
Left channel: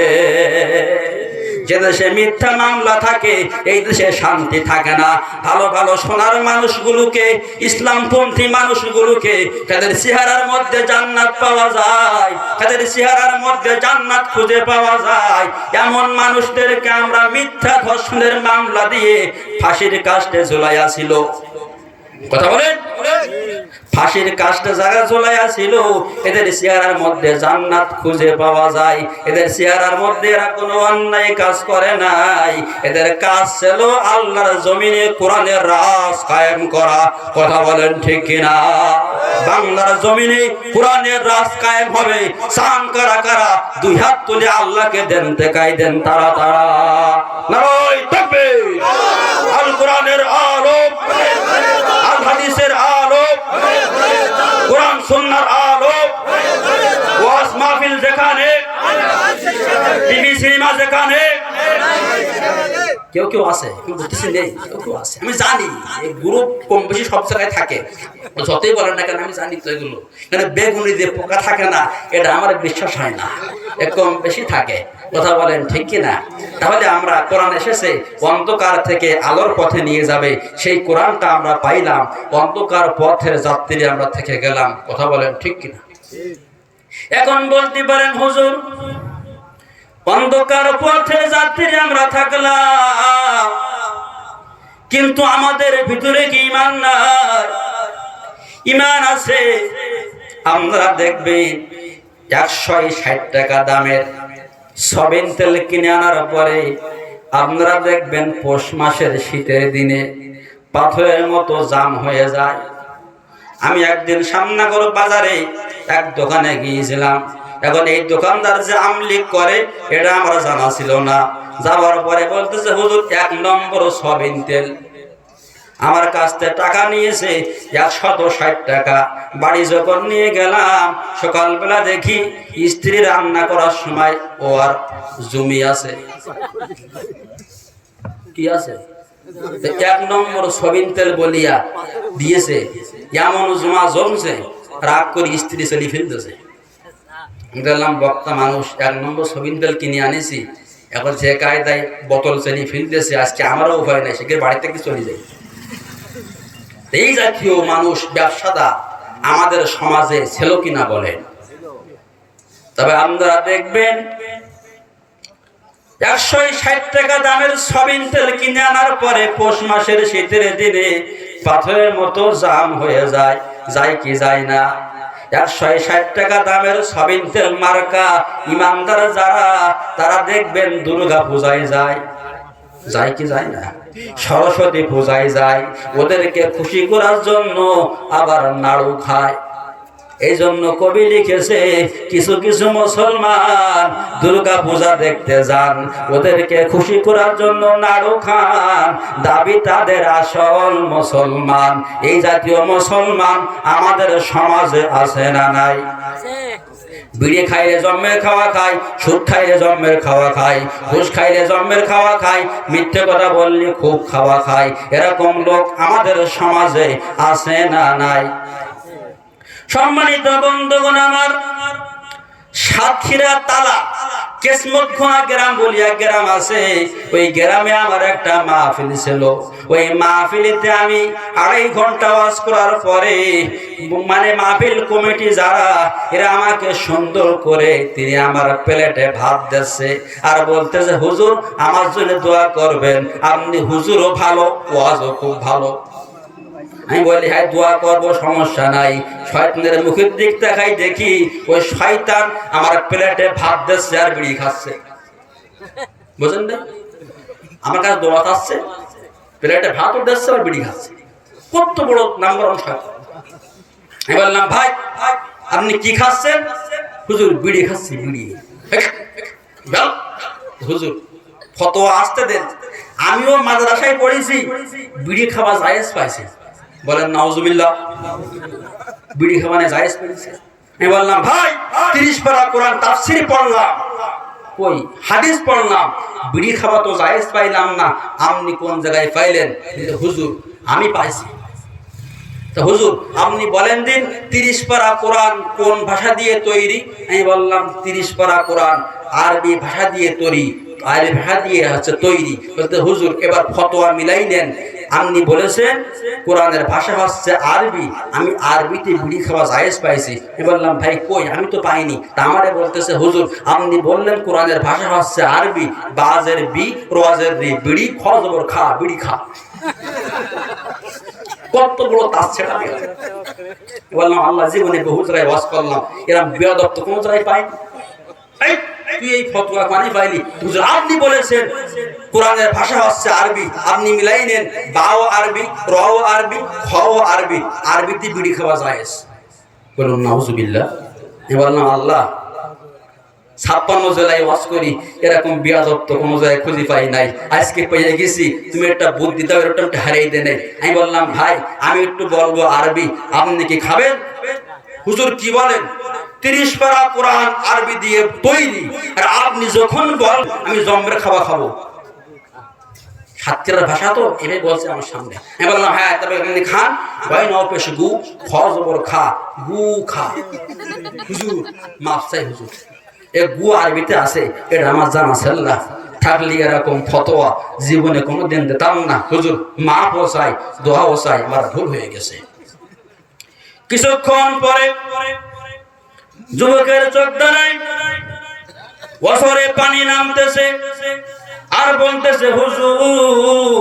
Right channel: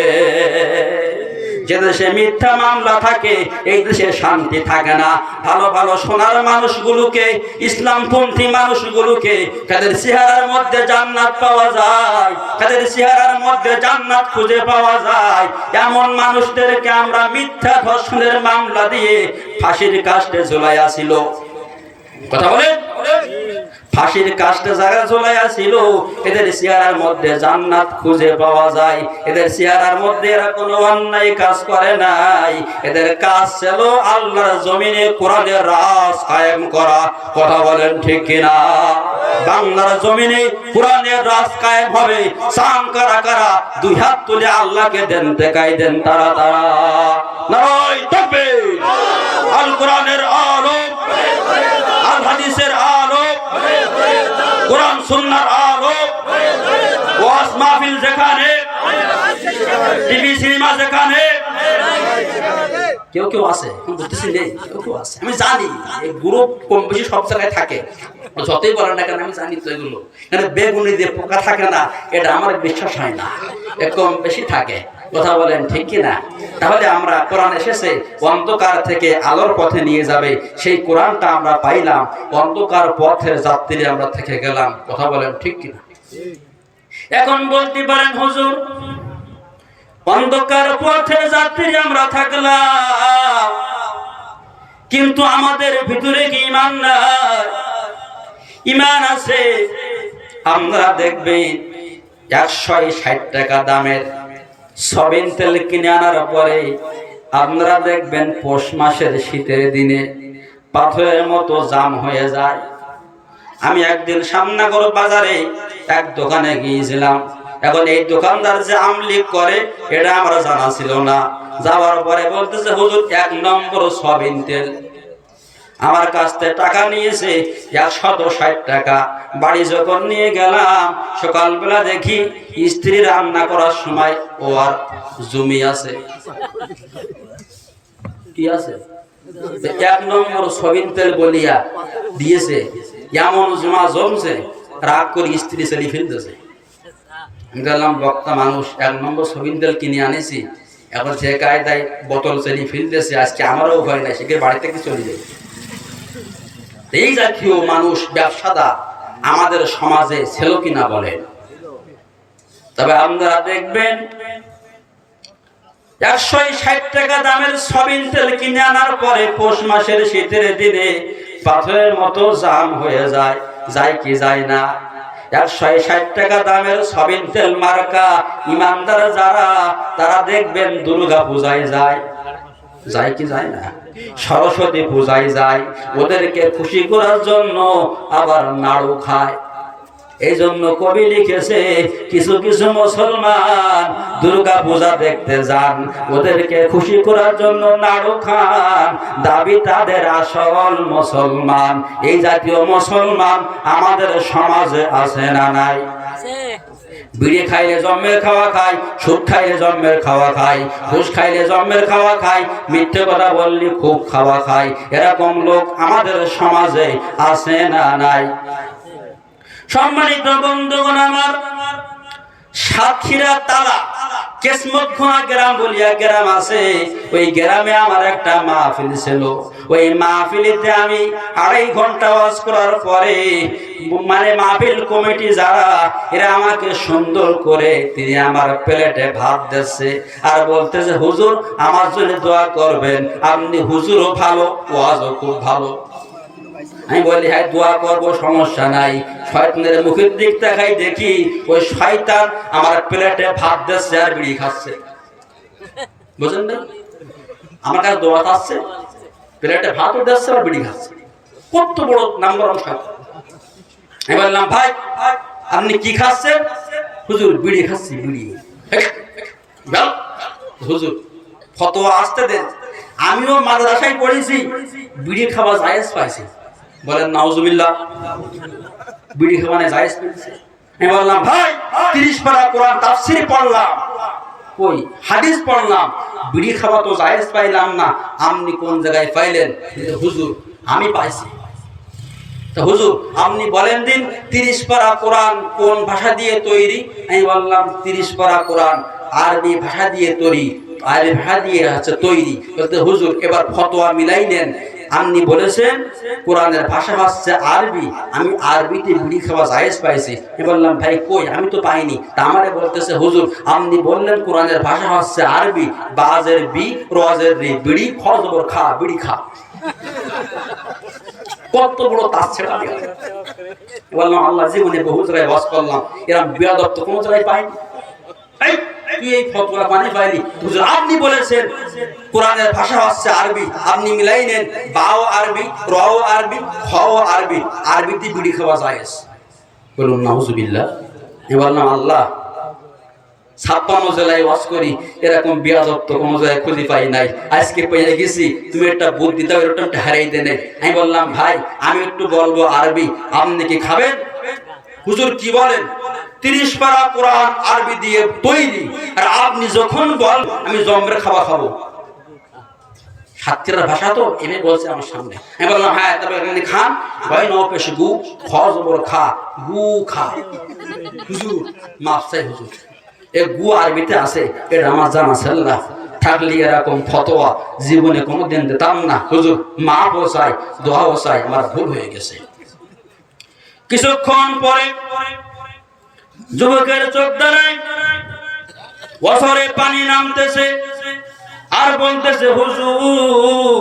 যে দেশে মিথ্যা মামলা থাকে এই দেশে শান্তি থাকে না। ভালো ভালো সোনার মানুষগুলোকে, ইসলামপন্থী মানুষগুলোকে তাদের চেহারার মধ্যে জান্নাত পাওয়া যায়, তাদের চেহারার মধ্যে জান্নাত খুঁজে পাওয়া যায়, এমন মানুষদেরকে আমরা মিথ্যা ধর্ষণের মামলা দিয়ে ফাঁসির কাস্টে ঝুলাইয়া ছিল। কথা বলেন, ফাঁসির কাস্টে যারা ঝুলাইয়া ছিল এদের চেহারার মধ্যে জান্নাত খুঁজে পাওয়া যায়। এদের চেহারার মধ্যে এরা কোনো অন্যায় কাজ করে নাই, এদের কাজ ছিল আল্লাহর জমিনে কোরআনের রাজ কায়েম করা। কথা বলেন ঠিক কিনা? বাংলার জমিনে কোরআনের রাজ কায়েম হবে। সাম কারা কারা 2 হাত তুলে আল্লাহকে দেন, দেখাই দেন তারা তারা। নারায়ে তাকবীর! আল কোরআনের আলো, আল হাদিসের আলো, কোরআন সুন্নাহর আলো, ওয়াজ মাহফিল যেখানে, টিভি সিনেমা যেখানে, কেউ কেউ আছে বুঝতেছি নেই, কেউ আছে আমি জানি, এই গ্রুপ কম বেশি সব জায়গায় থাকে, যতই বলেন না কেন আমি জানি তো এগুলো। মানে বেগুনি দিয়ে পোকা থাকে না, এটা আমার বিশ্বাস হয় না, কম বেশি থাকে। কথা বলেন ঠিক কিনা? তাহলে আমরা কোরআন এসেছে অন্ধকার থেকে আলোর পথে নিয়ে যাবে, সেই কোরআনটা আমরা পাইলাম, অন্ধকার পথের যাত্রী আমরা থেকে গেলাম। কথা বলেন ঠিক কিনা? এখন বলতে পারেন হুজুর অন্ধকার পথে যাত্রী আমরা থাকলাম, কিন্তু আমাদের ভিতরে কি ঈমান নাই? ঈমান আছে। আমরা দেখবেন 160 টাকা দামের সয়াবিন তেল কিনে আনার পরে আপনারা দেখবেন পৌষ মাসের শীতের দিনে পাথরের মতো জাম হয়ে যায়। আমি একদিন সামনাগর বাজারে এক দোকানে গিয়েছিলাম। এখন এই দোকানদার যে আমলিক করে এটা আমরা জানা ছিল না। যাওয়ার পরে বলতেছে হুজুর 1 নম্বর সয়াবিন তেল। আমার কাছ থেকে টাকা নিয়েছে 160 টাকা। বাড়ি যখন নিয়ে গেলাম সকালবেলা দেখি স্ত্রী রান্না করার সময় ও আর জমি আছে, কি আছে এক নম্বর সবিন তেল বলিয়া দিয়েছে, এমন জমা জমছে, রাগ করে স্ত্রী চলি ফেলতেছে। দেখলাম বক্তা মানুষ, এক নম্বর সবিন তেল কিনে আনেছি, এখন যে কায়দায় বোতল চলি ফেলতেছে, আজকে আমারও ভয় নাই, সেকে বাড়ি থেকে চলে যায়। এই জাতীয় মানুষ ব্যবসাদা আমাদের সমাজে ছিল কিনা বলেন। তবে আপনারা দেখবেন 160 টাকা দামের সবিন তেল কিনে আনার পরে পৌষ মাসের শীতের দিনে পাথরের মতো জাম হয়ে যায়, যায় কি যায় না? 160 টাকা দামের সবিন তেল মার্কা ইমানদার যারা, তারা দেখবেন দুর্গা পূজায় যায়, যায় কি যায় না? সরস্বতী পূজায় যায়, ওদেরকে খুশি করার জন্য আবার নাড়ু খায়। এই জন্য কবি লিখেছে, কিছু কিছু মুসলমান দুর্গা পূজা দেখতে যান, ওদেরকে খুশি করার জন্য নাড়ু খান, দাবি তাদের আসল মুসলমান। এই জাতীয় মুসলমান আমাদের সমাজে আছে না নাই? বিড়ি খাইলে জন্মের খাওয়া খায়, সুদ খাইলে জন্মের খাওয়া খায়, ঘুষ খাইলে জন্মের খাওয়া খায়, মিথ্যে কথা বললে খুব খাওয়া খায়। এরকম লোক আমাদের সমাজে আছে না নাই? সম্মানিত বন্ধুগণ আমার, সাতক্ষীরা তালা কেসমতখোনা গ্রাম বলিয়া গ্রাম আছে, ওই গ্রামে আমার একটা মাহফিল ছিল। ওই মাহফিলিতে আমি 2.5 ঘন্টা ওয়াজ করার পরে, মানে মাহফিল কমিটি যারা, এরা আমাকে সুন্দর করে তিনি আমার প্লেটে ভাত দিচ্ছে আর বলতেছে, হুজুর আমার জন্য দোয়া করবেন, আপনি হুজুরও ভালো, ওয়াজও খুব ভালো। আমি বলি, হ্যাঁ দোয়া করবো, সমস্যা নাই। শয়তানের মুখের দিক দেখাই, দেখি ওই শয়তান আমার প্লেটে ভাত দিচ্ছে আর বিড়ি খাচ্ছে। বুঝলেন না? আমার কাছে দোয়া আসছে, প্লেটে ভাতও দিচ্ছে আর বিড়ি খাচ্ছে। কত বড় নাম্বার শয়তান! আমি বললাম, ভাই আপনি কি খাচ্ছেন? হুজুর বিড়ি খাচ্ছি, বিড়ি। হুজুর ফতোয়া আসতে দেন, আমিও মাদ্রাসায় পড়েছি, বিড়ি খাওয়া জায়েজ পাইছে। বলেন নাউজুবিল্লাহ, বিড়ি খাওয়ানে জায়েজ পেয়েছে। আমি বললাম, ভাই 30 পারা কোরআন তাফসীর পড়লাম, কই হাদিস পড়লাম, বিড়ি খাওয়া তো জায়েজ পাইলাম না, আপনি কোন জায়গায় পাইলেন? হুজুর আমি পাইছি। তো হুজুর আপনি বলেন দিন, 30 পারা কোরআন কোন ভাষা দিয়ে তৈরি? আমি বললাম 30 পারা কোরআন আরবি ভাষা দিয়ে তৈরি, আরবি ভাষা দিয়ে হচ্ছে তৈরি। বলতে হুজুর এবার ফতোয়া মিলাই নেন, আপনি বলেছেন কোরআনের ভাষা হচ্ছে আরবি, আমি আরবিতে বিড়ি খাওয়া জায়েজ পাইছি। আমি বললাম, ভাই কই, আমি তো পাইনি। তা আমারে বলতেছে, হুজুর আপনি বললেন কোরআনের ভাষা হচ্ছে আরবি, বাজের বি রোয়াজের রি, বিড়ি খজবর খা, বিড়ি খা। কত বড় তাস ছেড়া! বললাম, আল্লাহ জীবনে বহু জায়গায় ওয়াজ করলাম, এরকম বেয়াদব তো কোনো জায়গায় পাইনি। তুই এই ফতোয়া মানে পাইনি? হুজুর আপনি বলেছেন কোরআনের ভাষা হচ্ছে আরবি, আপনি মিলাই নেন, বাও আরবি, রাও আরবি, খাও আরবি, আরবিতে বিড়ি খাওয়া জায়েজ। বলুন নাউজুবিল্লাহ। আমি বললাম, আল্লাহ 56 জেলায় ওয়াজ করি, এরকম বেয়াদব তো কোনো জায়গায় খুঁজে পাই নাই, আজকে পেয়ে গেছি, তুমি একটা বুদ্ধি দাও, এরকম হারিয়ে দেয় নাই। আমি বললাম, ভাই আমি একটু বলবো আরবি, আপনি কি খাবেন? হুজুর কি বলেন? 30 পারা কোরআন আরবি দিয়ে তৈরি, আর আপনি যখন বল আমি জম্বের খাওয়া খাবো। সাতক্ষীরার ভাষা তো এটাই বলছে আমার সামনে। আমি বললাম, হ্যাঁ তবে আপনি খান। ভয় ন পেশ গু খ জবর খা, গু খা। হুজুর মাফ চাই হুজুর, এ গু আরবিতে আছে, এটা আমার জানা ছিল না, থাকলে এরকম ফতোয়া জীবনে কোনোদিন দিতাম না। হুজুর মাফও চাই, দোয়াও চাই, আমার ভুল হয়ে গেছে। কিছুক্ষণ পরে যুবকের চোখ দাঁড়ায়, বছরে পানি নামতেছে আর বলতেছে, হুজুর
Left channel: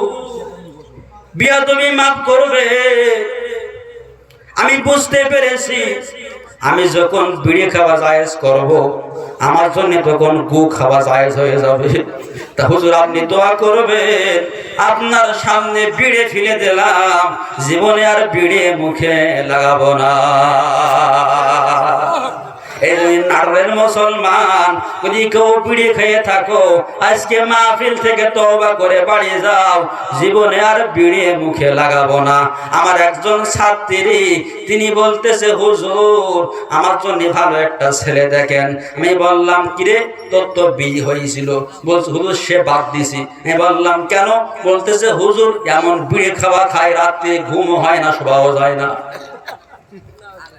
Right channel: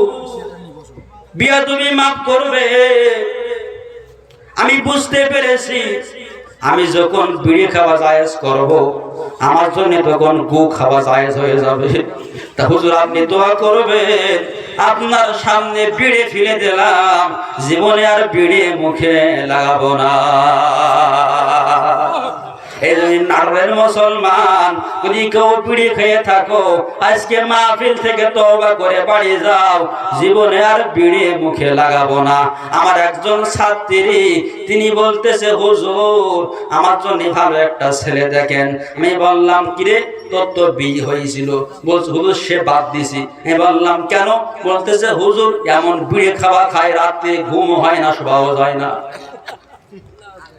বিয়া তুমি মাফ করবে, আমি বুঝতে পেরেছি আমি যখন বিড়ি খাওয়া জায়েজ করব, আমার জন্য তখন গু খাওয়া জায়েজ হয়ে যাবে। তা হুজুর আপনি দোয়া করবেন, আপনার সামনে বিড়ি ফেলে দিলাম, জীবনে আর বিড়ি মুখে লাগাবো না। এই জন্য নাটোরের মুসলমান যদি কেউ বিড়ি খেয়ে থাকো আজকে মাহফিল থেকে তওবা করে বাড়ি যাও, জীবনে আর বিড়ি মুখে লাগাবো না। আমার একজন ছাত্রী তিনি বলতেছে হুজুর আমার জন্য ভালো একটা ছেলে দেখেন। আমি বললাম কিরে তোর তো বিয়ে হয়েছিল? বলছে হুজুর সে বাদ দিছি। আমি বললাম কেন? বলতেছে হুজুর এমন বিড়ি খাওয়া খায় রাতে ঘুম হয় না, শোয়াও যায় না।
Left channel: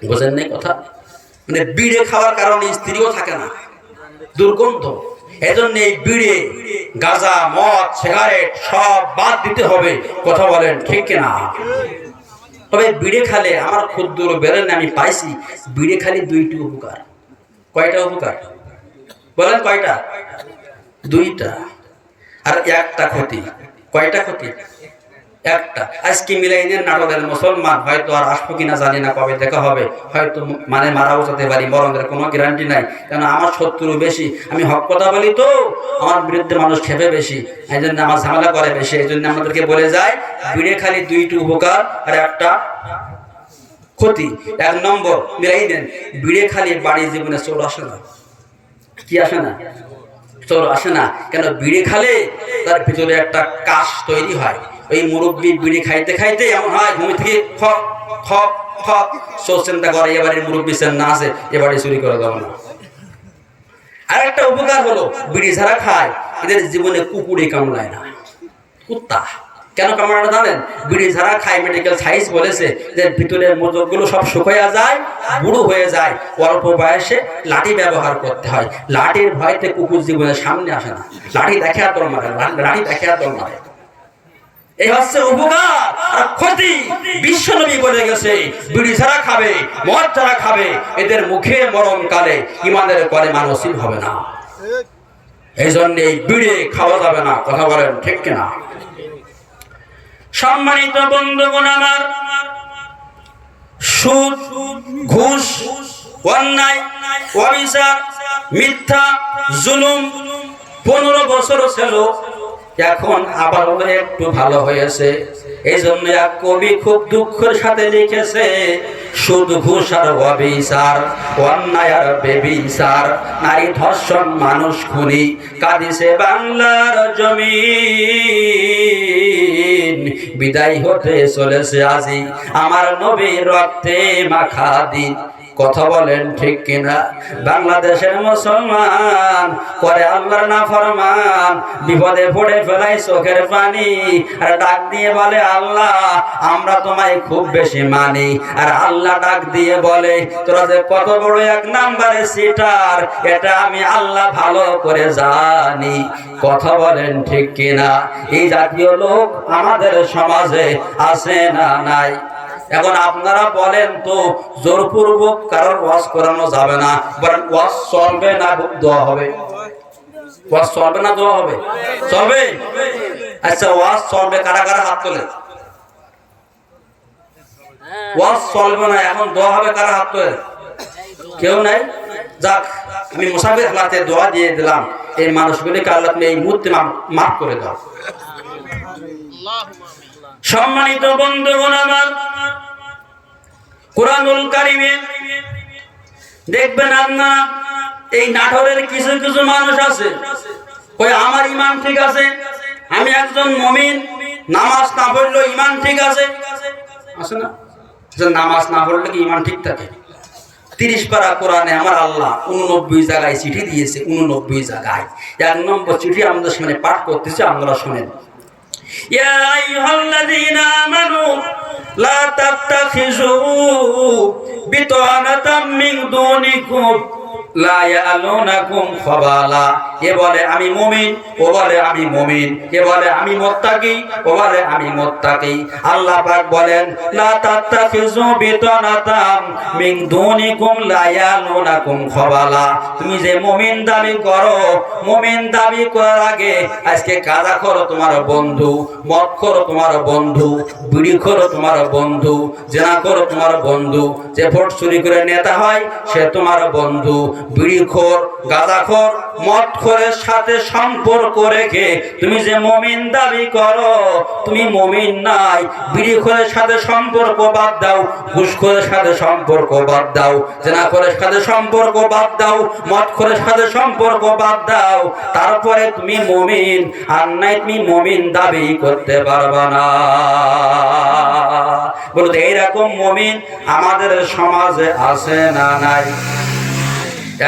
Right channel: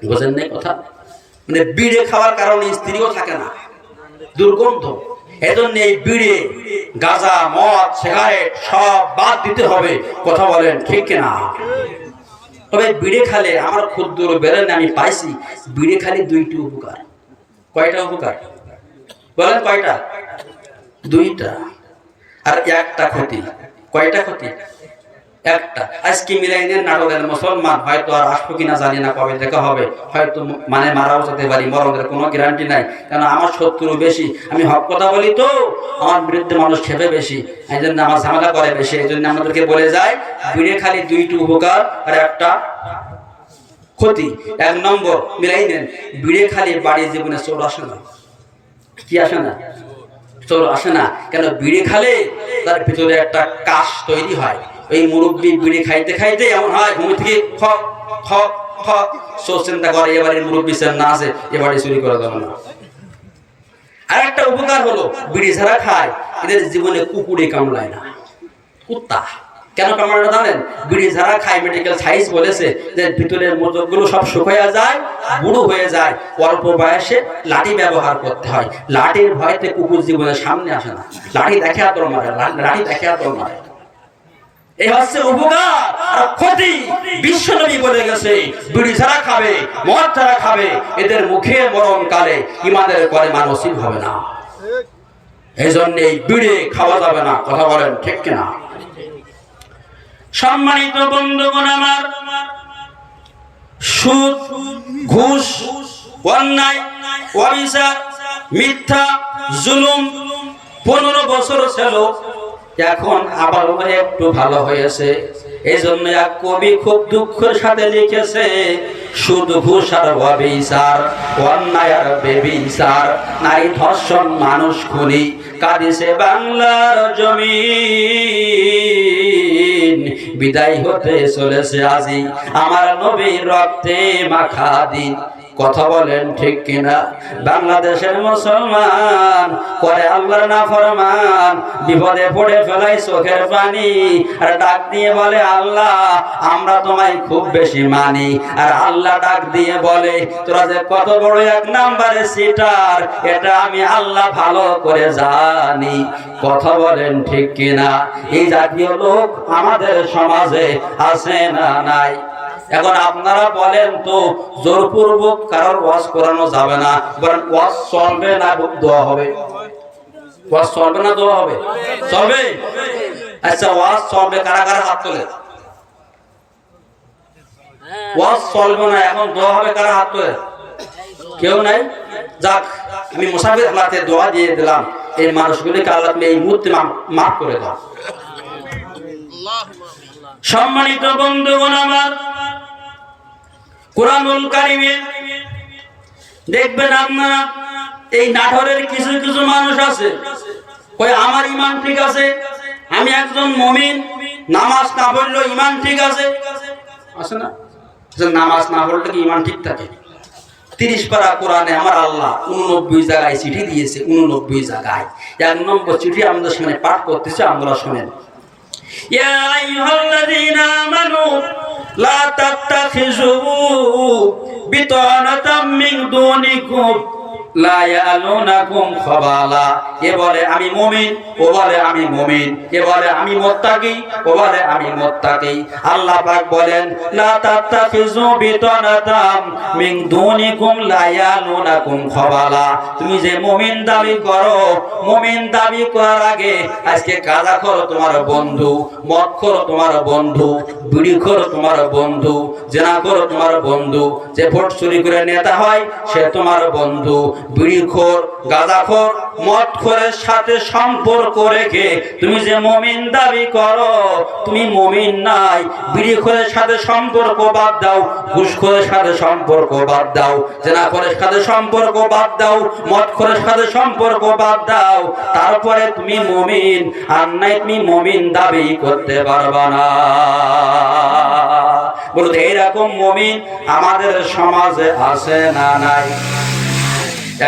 বুঝেন না কথা? মানে বিড়ি খাওয়ার কারণে স্ত্রীও থাকে না, দুর্গন্ধ। এজন্য এই বিড়ি গাঁজা মদ সিগারেট সব বাদ দিতে হবে। কথা বলেন ঠিক কিনা? তবে বিড়ি খালে আমার ক্ষুদ্র বেরেন আমি পাইছি বিড়ি খালি দুইটি উপকার। কয়টা উপকার বলেন? কয়টা? দুইটা, আর একটা ক্ষতি। কয়টা ক্ষতি? একটা। আজকে মিলাইনের নাটোরের মুসলমান হয়তো আর আসবো কিনা জানি না, কবে দেখা হবে, হয়তো মানে মারাও যেতে পারি, মরণের কোনো গ্যারান্টি নাই। কারণ আমার শত্রু বেশি, আমি হক কথা বলি তো আমার বিরুদ্ধে মানুষ খেপে বেশি, এই জন্য আমার ঝামেলা করে বেশি। এই জন্য আমাদেরকে বলে যায় বিড়ি খালি দুইটি উপকার আর একটা ক্ষতি। এক নম্বর মিলাই নেন, বিড়ি খালি বাড়ির জীবনে চোর আসে না। কি আসে না? চোর আসে না। কেন? বিড়ি খালে তার ভিতরে একটা কাশ তৈরি হয়। ওই মুরব্বী বিড়ি খাইতে খাইতে এমন হয় ঘুম থেকে ফক ফক ফক চোর চিন্তা করে এবারে মুরব্বী সেন না আছে, এবারে চুরি করে দেবো না। আর একটা উপকার হলো বিড়ি যারা খায় এদের জীবনে কুকুরে কামড়ায় না। কুত্তা কেন কামড়ায় না জানেন? বিড়ি যারা খায় মেডিকেল সায়েন্স বলেছে যে ভিতরের মজগুলো সব শুকিয়ে যায়, বুড়ো হয়ে যায়, অল্প বয়সে লাঠি ব্যবহার করতে হয়। লাঠির ভয়তে কুকুর জীবনের সামনে আসে না। লাঠি দেখে তোর মারে, লাঠি দেখে তোর মারে। এই হচ্ছে উপকার আর ক্ষতি। বিশ্বনবী বলে গেছে বিড়ি যারা খাবে মদ যারা খাবে এদের মুখে মরণকালে ইমানের পরে মানসিক হবে না। এই জন্য এই বিড়ি খাওয়া যাবে না। কথা বলেন ঠিক কিনা? সম্মানিত বন্ধুগণ আমার, সুদ ঘুষ অন্যায় অবিচার মিথ্যা জুলুম 15 বছর ছিল, এখন আবার একটু ভালো হয়েছে। এই জন্য এক কবি খুব দুঃখের সাথে লিখেছে সুদ ঘুষ আর অবিচার অন্যায় আর বেবিচার নারী ধর্ষণ মানুষ খুনি কাঁদিছে বাংলার জমিন। বিদায় হতে চলেছে আজি আমার নবীর রক্তে মাখা দিন। কথা বলেন ঠিক কিনা? বাংলাদেশের মুসলমান করে আল্লাহর নাফরমান, বিপদে পড়ে ফেলাই চোখের পানি আর ডাক দিয়ে বলে আল্লাহ আমরা তোমায় খুব বেশি মানি। আর আল্লাহ ডাক দিয়ে বলে তোরা যে কত বড় এক নাম্বারে সিটার এটা আমি আল্লাহ ভালো করে জানি। কথা বলেন ঠিক কিনা? এই জাতীয় লোক আমাদের সমাজে আছে না নাই? এখন আপনারা বলেন তো জোরপূর্বক কারোর ওয়াজ করানো যাবে না, বলেন ওয়াজ চলবে না দোয়া হবে? ওয়াজ চলবে না দোয়া হবে? চলবে। আচ্ছা ওয়াজ চলবে, কারা কারা হাত তোলে? ওয়াজ চলবে না এখন দোয়া হবে, কারা হাত তোলে? কেউ নাই। যাক আমি মুসাফির হালাতে দোয়া দিয়ে দিলাম এই মানুষগুলিকে আল্লাহ তুমি এই মুহূর্তে মাফ করে দাও। সম্মানিত বন্ধুগণ আমার, কুরআনুল কারীমে দেখবেন আপনারা এই নাটোরের কিছু কিছু মানুষ আছে কই আমার ঈমান ঠিক আছে, আমি একজন মুমিন, নামাজ না পড়লেও ঈমান ঠিক আছে। আছে না যে নামাজ না পড়লে কি ঈমান ঠিক থাকে? 30 পারা কোরআনে আমার আল্লাহ 89 জায়গায় চিঠি দিয়েছে। 89 জায়গায় 1 নম্বর চিঠি আমাদের সামনে পাঠ করতেছে, আমরা শুনেন। ইয়া আইয়ুহাল্লাযীনা আমানু লা তাত্তাখিযু বিতানাতাম মিন দুনিকুম লা ইয়ালুনাকুম খাবালা। এ বলে আমি মুমিন, ও বলে আমি মুমিন, এ বলে আমি মুত্তাকি, ও বলে আমি মুত্তাকি। আল্লাহ পাক বলেন লা তাত্তাখিযু বিতানাতাম মিন দুনিকুম লা ইয়ালুনাকুম খাবালা। তুমি যে মুমিন দাবি করো, মুমিন দাবি করার আগে আজকে গাঁজা করো তোমার বন্ধু, মদ করো তোমার বন্ধু, বিড়ি করো তোমার বন্ধু, জেনা করো তোমার বন্ধু, যে ভোট চুরি করে নেতা হয় সে তোমার বন্ধু, বিড়িখোর, গাঁজাখোর, মদখোরের সাথে সম্পর্ক রেখে তুমি যে মুমিন দাবি করো, তুমি মুমিন নাই। বিড়িখোরের সাথে সম্পর্ক বাদ দাও, ঘুষখোরের সাথে সম্পর্ক বাদ দাও, জেনাখোরের সাথে সম্পর্ক বাদ দাও, মদখোরের সাথে সম্পর্ক বাদ দাও, তারপরে তুমি মুমিন। আর নাই তুমি মুমিন দাবি করতে পারবা না। বলুন এইরকম মুমিন আমাদের সমাজে আছে না নাই?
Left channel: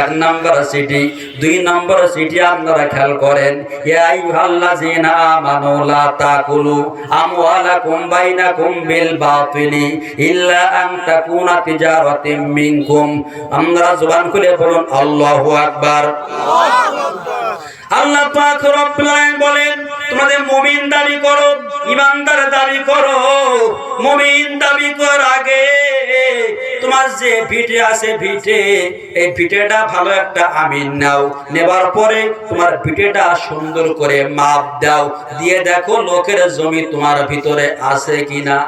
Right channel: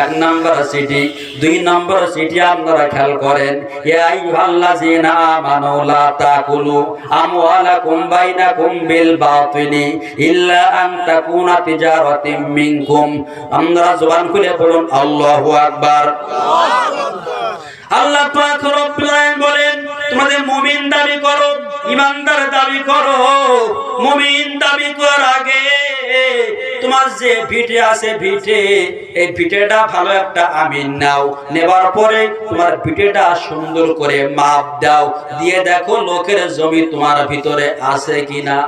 এক নম্বর সিটি। দুই নম্বর সিটি আপনারা খেয়াল করেন, ইয়া আইয়ুহাল্লাযীনা আমানু লা তাকুলু আমওয়ালাকুম বাইনাকুম বিল বাতিলি ইল্লা আন তাকুনা তিজারাতিম মিনকুম। আমরা জবান খুলে বলুন আল্লাহু আকবার। আল্লাহ পাক রব্বুল আলামিন বলেন, তোমাদের মুমিন দাবি করো, ইমানদার দাবি করো। মুমিন দাবি করার আগে তোমার যে ভিটে আছে, ভিটে, এই ভিটেটা ভালো একটা আমিন নাও। নেবার পরে তোমার ভিটেটা সুন্দর করে মাপ দাও, দিয়ে দেখো লোকের জমি তোমার ভিতরে আছে কিনা।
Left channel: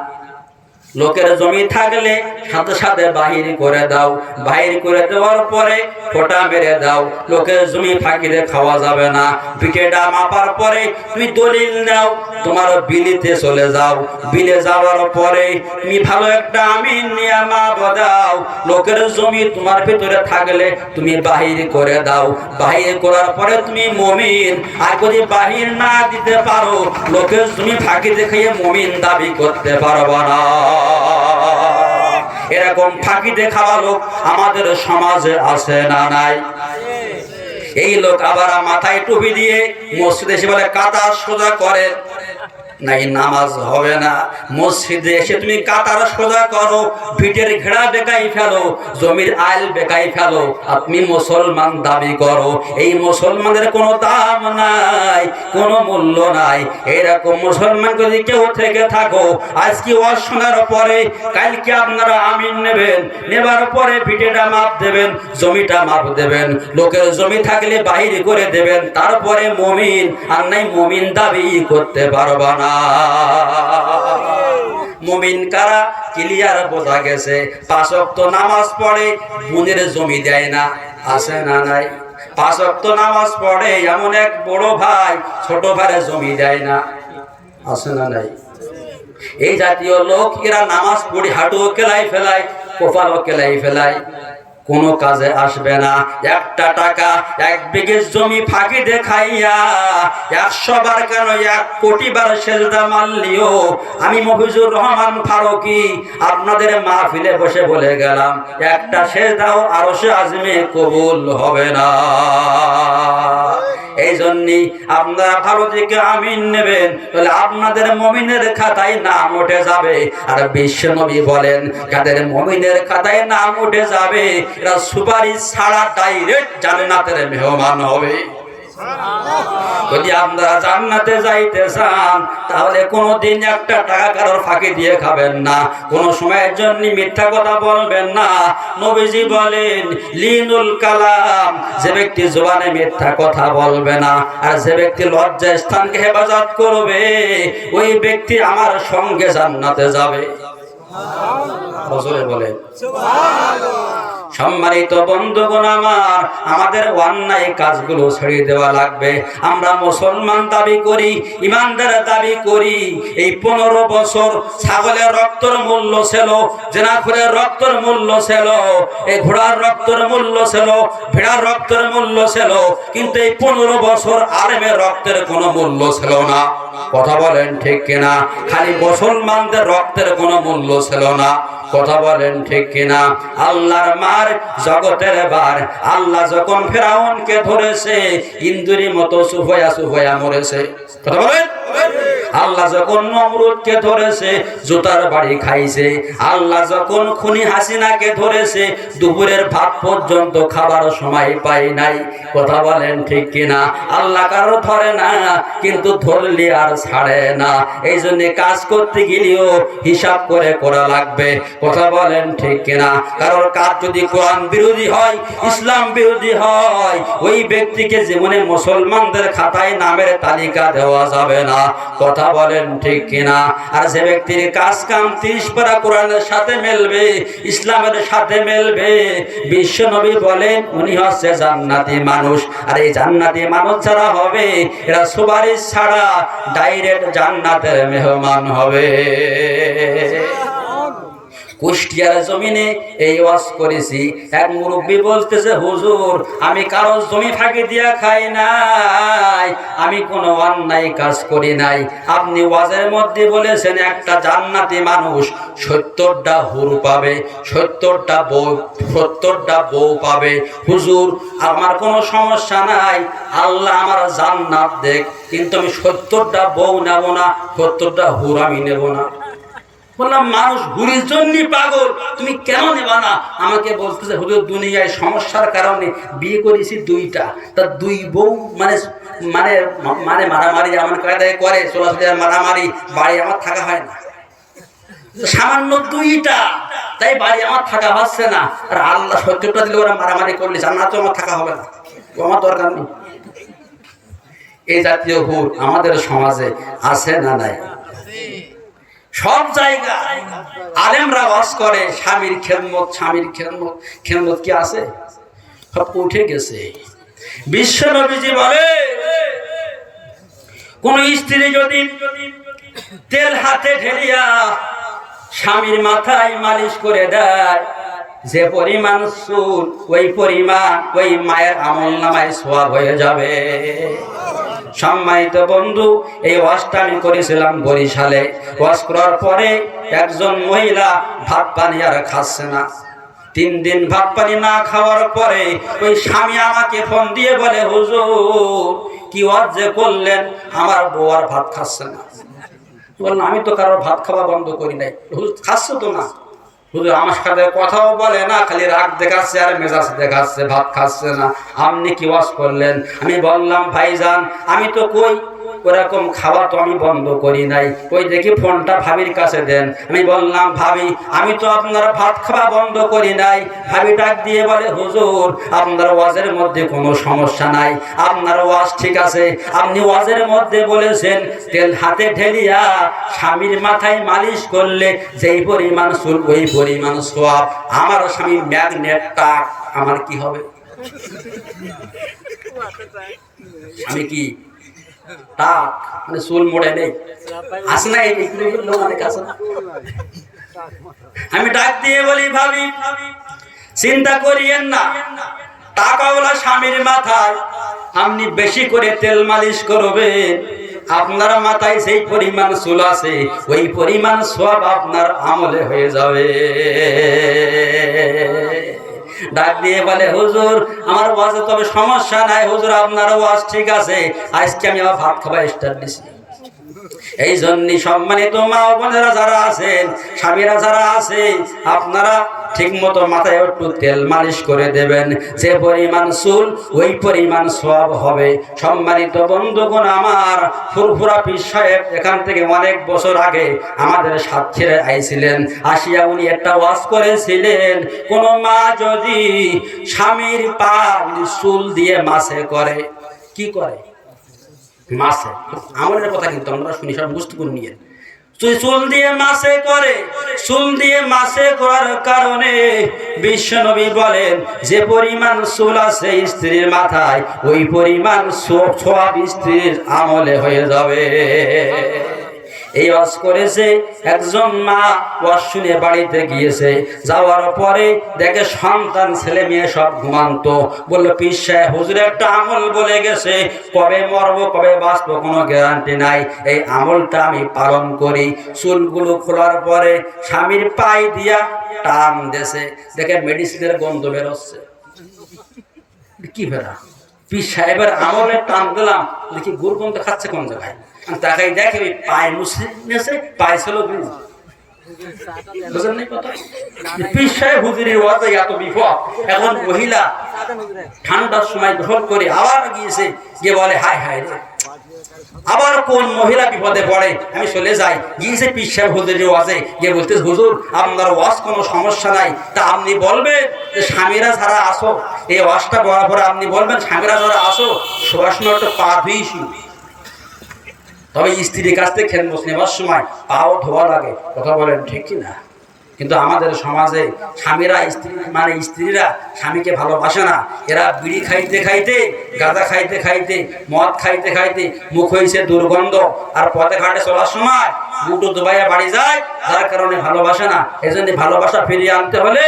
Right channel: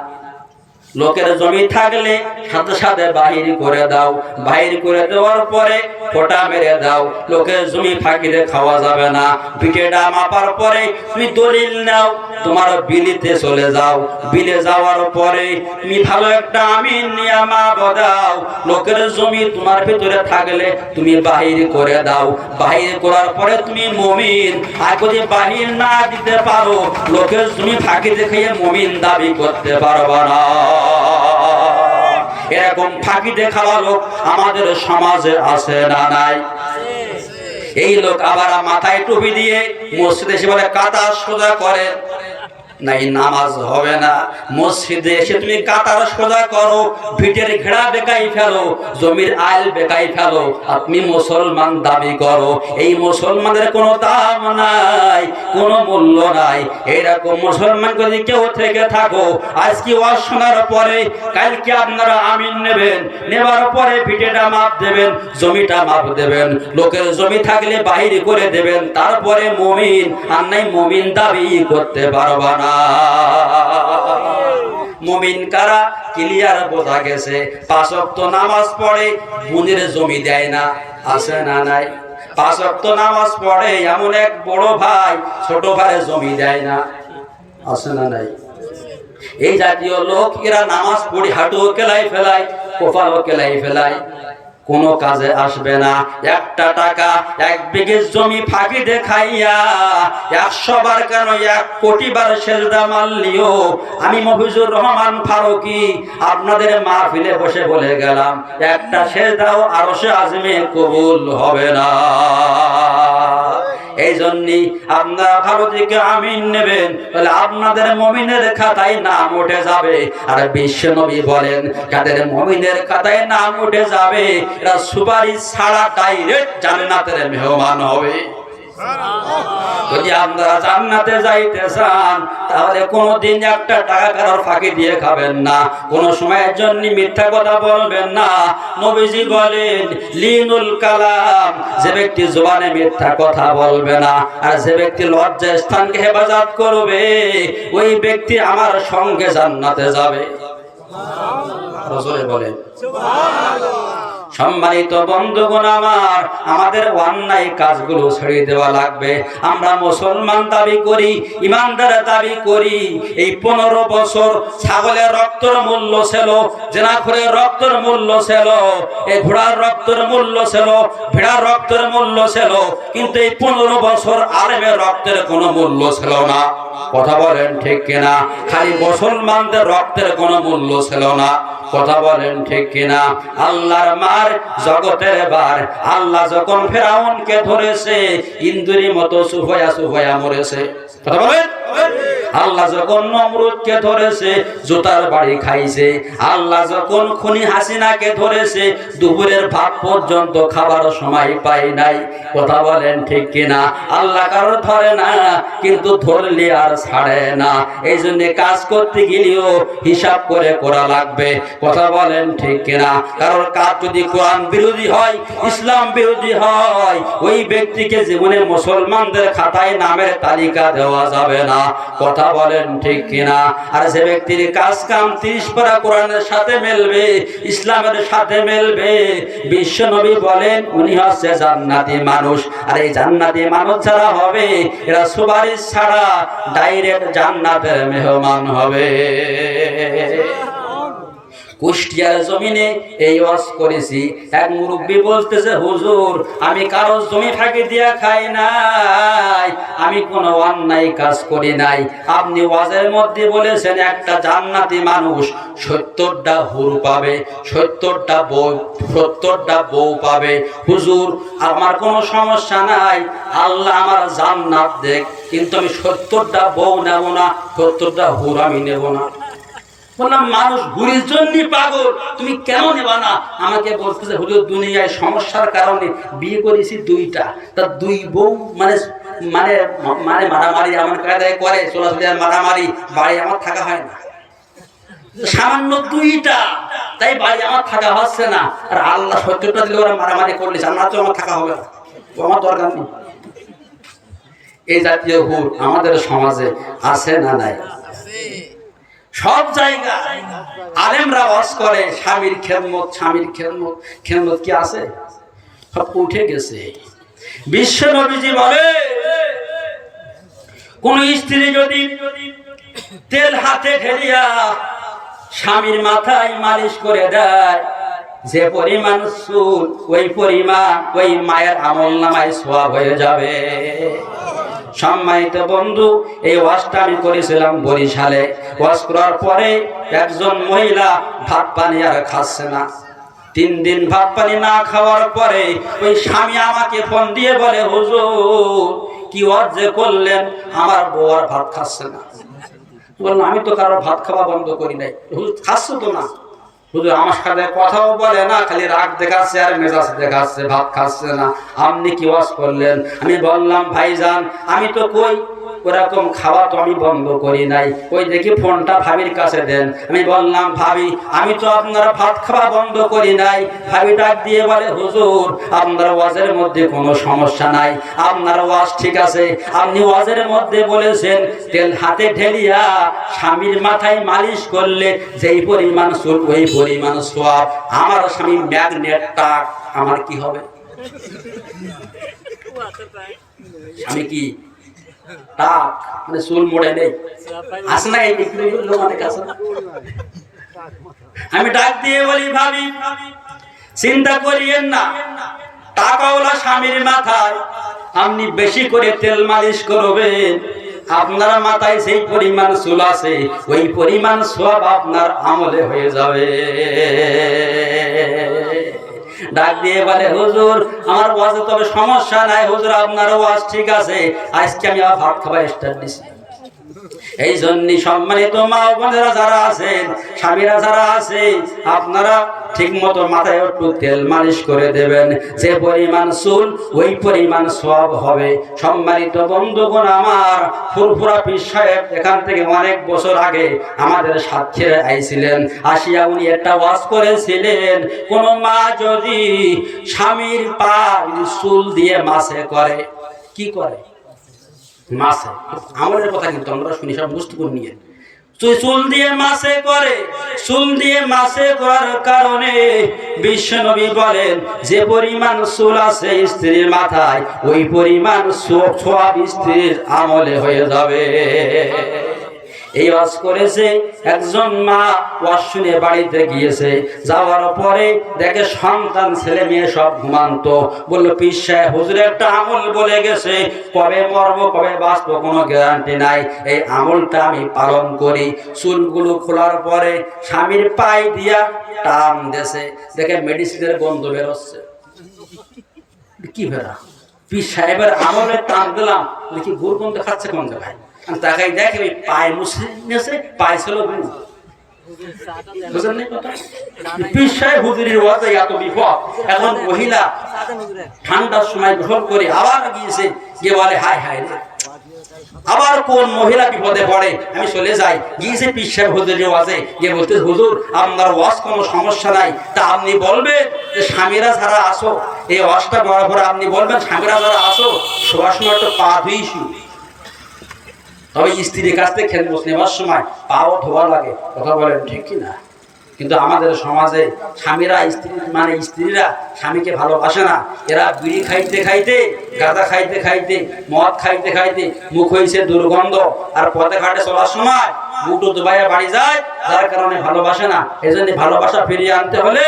লোকের জমি থাকলে সাথে সাথে বাহির করে দাও। বাহির করে দেওয়ার পরে ফোঁটা মেরে দাও। লোকের জমি ফাঁকিতে খাওয়া যাবে না। ভিটেটা মাপার পরে তুমি দলিল নাও, তোমার বিলিতে চলে যাও। বিলে যাওয়ার পরে তুমি ভালো একটা আমিন নিয়ে মাপ দাও। লোকের জমি তোমার ভিতরে থাকলে তুমি বাহির করে দাও। বাহির করার পরে তুমি মুমিন। আর যদি বাহির না দিতে পারো, লোকের জমি ফাঁকিতে খেয়ে মুমিন দাবি করতে পারবা না। এরকম ফাঁকিতে খাওয়া লোক আমাদের সমাজে আছে না নাই? এই লোক আবার মাথায় টুপি দিয়ে মসজিদে এসে বলে কাতার সোজা করে, নাই নামাজ হবে না। মসজিদে এসে তুমি কাতার সোজা করো, ভিটের ঘেরা বেকাই ফেলো, জমির আইল বেকাই ফেলো, আপনি মুসলমান দাবি করো। এই মুসলমানের কোনো দাম নাই, কোনো মূল্য নাই। এরকম মুসলমান যদি কেউ থেকে থাকো, আজকে ওয়াজ শোনার পরে কালকে আপনারা আমিন নেবেন, নেবার পরে ভিটেটা মাপ দেবেন, জমিটা মাপ দেবেন, লোকের জমি থাকলে বাহির করে দেবেন, তারপরে মুমিন। আর নাই মুমিন দাবি করতে পারবা না। মুমিন কারা ক্লিয়ার বোঝা গেছে। 5 ওয়াক্ত নামাজ পড়ে, বোনের জমি দেয় না, আছে না নাই? 5 ওয়াক্ত নামাজ পড়ে, এমন এক বড় ভাই ছোট ভাইয়ের জমি দেয় না, আছে না নাই? এই জাতীয় লোক এরা নামাজ পড়ে হাঁটুও কেলাই ফেলায়, কপালও কেলাই ফেলায়, কোনো কাজে আসবে না। একটা টাকা 1 বিঘে জমি ফাঁকি দেখাইয়া 100 বার কেন 1 কোটি বার সেজদা মারলিও আমি মফিজুর রহমান ফারুকী আপনাদের মাহফিলে বসে বলে গেলাম, একটা সেজদাও আরশে আজমে কবুল হবে না। এই জন্যই আপনারা ভালো থেকে আমিন নেবেন, তাহলে আপনাদের মুমিনের খাতায় নাম উঠে যাবে। আর বিশ্বনবী বলেন, যাদের মুমিনের খাতায় নাম উঠে যাবে এরা সুপারিশ ছাড়া ডাইরেক্ট জান্নাতের মেহমান হবে। যদি আপনারা জান্নাতে যাইতে চান, তাহলে কোনোদিন একটা টাকা কারোর ফাঁকি দিয়ে খাবেন না, কোনো সময়ের জন্য মিথ্যা কথা বলবেন না। নবীজি বলেন, লিনুল কালাম, যে ব্যক্তি জবানে মিথ্যা কথা বলবে না, আর যে ব্যক্তি লজ্জা স্থানকে হেফাজত করবে, ওই ব্যক্তি আমার সঙ্গে জান্নাতে যাবে। রাসূল বলে সম্মানিত বন্ধুগণ আমার, আমাদের অন্যায় কাজগুলো ছেড়ে দেওয়া লাগবে। আমরা মুসলমান দাবি করি, ইমানদার দাবি করি। এই 15 বছর ছাগলের রক্তের মূল্য ছিল, জেনাখোরের রক্তের মূল্য ছিল, এই ঘোড়ার রক্তের মূল্য ছিল, ভেড়ার রক্তের মূল্য ছিল, কিন্তু এই 15 বছর আলেমের রক্তের কোনো মূল্য ছিল না। কথা বলেন ঠিক কিনা? খালি মুসলমানদের রক্তের কোনো মূল্য ছিল না। কথা বলেন ঠিক কিনা? আল্লাহর মার জগতের বার, আল্লাহ যখন ফেরাউনকে ধরেছে ইন্দুরের মতো সুফয়া সুফয়া মরেছে। কথা বলেন। আল্লাহ যখন নমরুদকে ধরেছে জুতার বাড়ি খাইছে। আল্লাহ যখন খুনি হাসিনাকে ধরেছে দুপুরের ভাত পর্যন্ত খাবার সময় পাই নাই। কথা বলেন ঠিক কিনা? আল্লাহ কারো ধরে না, কিন্তু ধরলে আর ছাড়ে না। এই জন্য কাজ করতে গেলেও হিসাব করে করা লাগবে। কথা বলেন ঠিক কিনা? কারোর কাজ যদি কোরআন বিরোধী হয়, ইসলাম বিরোধী হয়, ওই ব্যক্তিকে জীবনে মুসলমানদের খাতায় নামের তালিকা দেওয়া যাবে না। কথা কথা বলেন ঠিক কিনা? আর যে ব্যক্তির কাজ কাম 30 পারা কোরআনের সাথে মিলবে, ইসলামের সাথে মিলবে, বিশ্ব নবী বলেন উনি হচ্ছে জান্নাতি মানুষ। আর এই জান্নাতি মানুষ যারা হবে এরা সুপারিশ ছাড়া ডাইরেক্ট জান্নাতের মেহমান হবে। কুষ্টিয়ার জমিনে এই ওয়াজ করেছি। এক মুরব্বী বলতেছে, হুজুর আমি কারো জমি ফাঁকি দিয়া খাই নাই, আমি কোনো অন্যায় কাজ করি নাই। আপনি ওয়াজের মধ্যে বলেছেন একটা জান্নাতি মানুষ 70টা হুর পাবে, 70টা বউ পাবে। হুজুর আমার কোনো সমস্যা নাই, আল্লাহ আমার জান্নাত দেখ, কিন্তু আমি 70টা বউ নেব না, 70টা হুর আমি নেব না। বললাম মানুষ হুরির জন্য পাগল, তুমি কেন নেবা না? আমাকে বলতেছে, হুজুর দুনিয়ায় সমস্যার কারণে বিয়ে করেছি 2টা, তা 2 বউ মানে মানে মানে মারামারি এমন করে চলাচলি মারামারি, বাড়ি আমার থাকা হয় না, সামান্য 2টা, তাই বাড়ি আমার থাকা হচ্ছে না। আর আল্লাহ 70টা দিলে ওরা মারামারি করলে জান্নাত তো আমার থাকা হবে না, আমার দরকার নেই। এই জাতীয় হুর আমাদের সমাজে আছে না নাই? সব জায়গায় আলেমরা ওয়াজ করে স্বামীর খেদমত, স্বামীর খেদমত। খেদমত কি আছে? সব উঠে গেছে। বিশ্ব নবীজি বলে কোন স্ত্রী যদি তেল হাতে ঢেলিয়া স্বামীর মাথায় মালিশ করে দেয়, যে পরিমাণ চুল ওই পরিমাণ ওই মায়ের আমলনামায় সওয়াব হয়ে যাবে। সম্মানিত বন্ধু, এই ওয়াজটা আমি করেছিলাম বরিশালে। ওয়াজ করার পরে একজন মহিলা ভাত পানি আর খাচ্ছে না। 3 দিন ভাত পানি না খাওয়ার পরে ওই স্বামী আমাকে ফোন দিয়ে বলে, হুজুর কি ওয়াজ যে করলেন, আমার বউ আর ভাত খাচ্ছে না। বললাম আমি তো কারো ভাত খাওয়া বন্ধ করি নাই। হুজুর খাচ্ছ তো না? হুজুর আমার সাথে কথাও বলে না, খালি রাগ দেখাচ্ছে আর মেজাজ দেখাচ্ছে, ভাত খাচ্ছে না। আপনি কি ওয়াজ করলেন? আমি বললাম ভাইজান আমি তো কই ওরকম খাওয়া তো আমি বন্ধ করি নাই। ওই দেখি ফোনটা ভাবির কাছে দেন। আমি বললাম ভাবি আমি তো আপনার ভাত খাওয়া বন্ধ করি নাই। ভাবি ডাক দিয়ে বলে, হুজুর আপনার ওয়াজের মধ্যে কোনো সমস্যা নাই, আপনার ওয়াজ ঠিক আছে। আপনি ওয়াজের মধ্যে বলেছেন তেল হাতে ঢেলিয়া স্বামীর মাথায় মালিশ করলে যেই পরিমাণ চুল ওই পরিমাণ সওয়াব। আমার স্বামী ম্যাগনেটটা আমার কি হবে? আমি কি টাক মানে চুল মোড়ে নেই, আসে না? আমি ডাক দিয়ে বলি, ভাবি চিন্তা করিয়েন না, টাকাওয়ালা স্বামীর মাথায় আপনি বেশি করে তেল মালিশ করবেন, আপনার মাথায় সেই পরিমাণ চুল আছে ওই পরিমাণ সওয়াব আপনার আমলে হয়ে যাবে। ডাক দিয়ে বলে, হুজুর আমার ওয়াজে তবে সমস্যা নাই, হুজুর আপনার ওয়াজ ঠিক আছে, আজকে আমি আবার ভাত খাবার স্টার্ট দিছি। এই জন্যই সম্মানিত মা বোনেরা যারা আছেন, স্বামীরা যারা আছে, আপনারা ঠিক মতো মাথায় একটু তেল মালিশ করে দেবেন, যে পরিমাণ চুল ওই পরিমাণ সওয়াব হবে। সম্মানিত বন্ধুগণ আমার, ফুরফুরা পীর সাহেব এখান থেকে অনেক বছর আগে আমাদের সাথে আইছিলেন। আসিয়া উনি একটা ওয়াজ করেছিলেন, কোন মা যদি স্বামীর পা চুল দিয়ে মাসে করে, কি করে? মাসে আমাদের কথা কিন্তু আমরা শুনি, সব বুঝতে করে নিয়ে চুল দিয়ে মাসে করে। চুল দিয়ে মাসে করার কারণে বিশ্ব নবী বলেন যে পরিমাণ চুল আছে স্ত্রীর মাথায় ওই পরিমাণ সওয়াব স্ত্রীর আমলে হয়ে যাবে। এই ওয়াজ করেছে একজন মা, ওয়াজ শুনে বাড়িতে গিয়েছে, যাওয়ার পরে দেখে সন্তান ছেলে মেয়ে সব ঘুমান্ত। বলল, পীর সাহেব হুজুর একটা আমল বলে গেছে, কবে মরবো কবে বাঁচবো কোনো গ্যারান্টি নাই, এই আমলটা আমি পালন করি। চুলগুলো খোলার পরে স্বামীর পায়ে দিয়া টান দেছে, দেখে মেডিসিনের গন্ধ বেরোচ্ছে। কি বেরা? পীর সাহেবের আমলে টান দিলাম, দেখি গুড় গন্ধ খাচ্ছে কোন জায়গায়। তাকাই দেখে ওই পায়ে মুসলিম নেছে, পায়ে ছিল গুড়। পীর সাহেব হুজুরের ওয়াজে এত বিপদ। এখন মহিলা ঠান্ডার সময় গোসল করে আবার গিয়েছে, গিয়ে বলে হায় হায় রে, আবার কোন মহিলা বিপদে পড়ে, আমি চলে যাই। গিয়েছে পীর সাহেব হুজুরের ওয়াজে, গিয়ে বলতে, হুজুর আপনার ওয়াজ কোনো সমস্যা নাই, তা আপনি বলবেন যে স্বামীরা যারা আসো, এই ওয়াজটা বলার পরে আপনি বলবেন স্বামীরা যারা আসো সবার সময় একটা পা ধুইছি। তবে স্ত্রীর কাছ থেকে খেদমত নেওয়ার সময় পাও ধোয়া লাগে, কথা বলেন ঠিক কিনা? কিন্তু আমাদের সমাজে স্বামীরা স্ত্রীরা স্বামীকে ভালোবাসে না। এরা বিড়ি খাইতে খাইতে, গাঁজা খাইতে খাইতে, মদ খাইতে খাইতে মুখ হয়েছে দুর্গন্ধ, আর পথে ঘাটে চলার সময় বুটো দুবাইয়া বাড়ি যায়, যার কারণে ভালোবাসে না। এই জন্য ভালোবাসা ফিরিয়ে আনতে হলে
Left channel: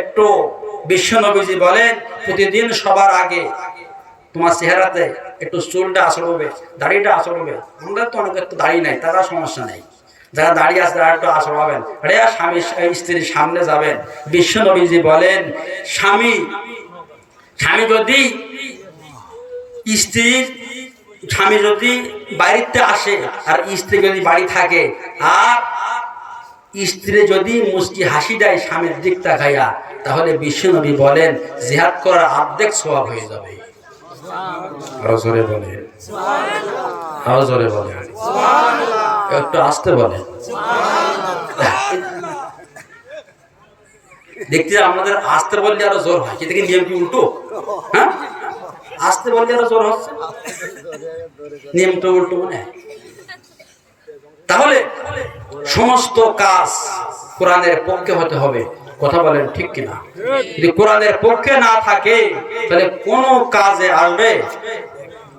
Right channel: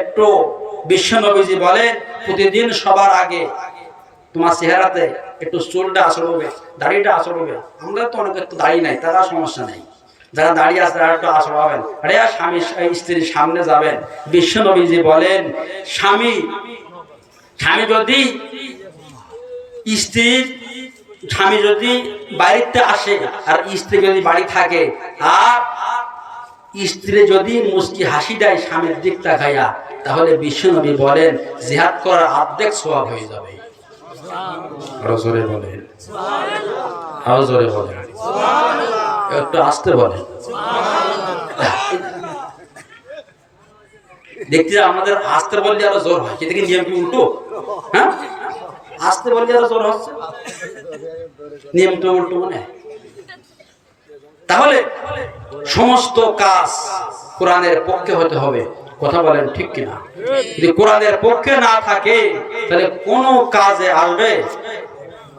একটু বিশ্বনবীজি বলেন, প্রতিদিন সবার আগে তোমার চেহারাতে একটু চুলটা আসড়বে, দাড়িটা আসড়বে। আমাদের তো অনেকের তো দাড়ি নাই, তারা সমস্যা নেই, যারা দাঁড়িয়ে আছে তারা একটু আসড়াবেন, আরে স্বামী স্ত্রীর সামনে যাবেন। বিশ্বনবীজি বলেন, স্বামী যদি স্বামী যদি বাড়িতে আসে আর স্ত্রী যদি বাড়ি থাকে, আর স্ত্রী যদি মুচকি হাসি দেয় স্বামীর দিক তাকাইয়া, তাহলে বিশ্বনবী বলেন জিহাদ করার অর্ধেক সওয়াব হয়ে যাবে। আরো জোরে বলেন, আরো জোরে বলেন, একটু আস্তে বলেন। দেখতে আমাদের আস্তে বললে আরো জোর হয়, কিন্তু নিয়ম কি উল্টো? হ্যাঁ, আস্তে বললে আরো জোর হচ্ছে, নিয়ম তো উল্টো মনে হয়। তাহলে সমস্ত কাজ কোরআনের পক্ষে হতে হবে, কথা বলেন ঠিক কিনা? যদি কোরআনের পক্ষে না থাকে তাহলে কোন কাজে আসবে?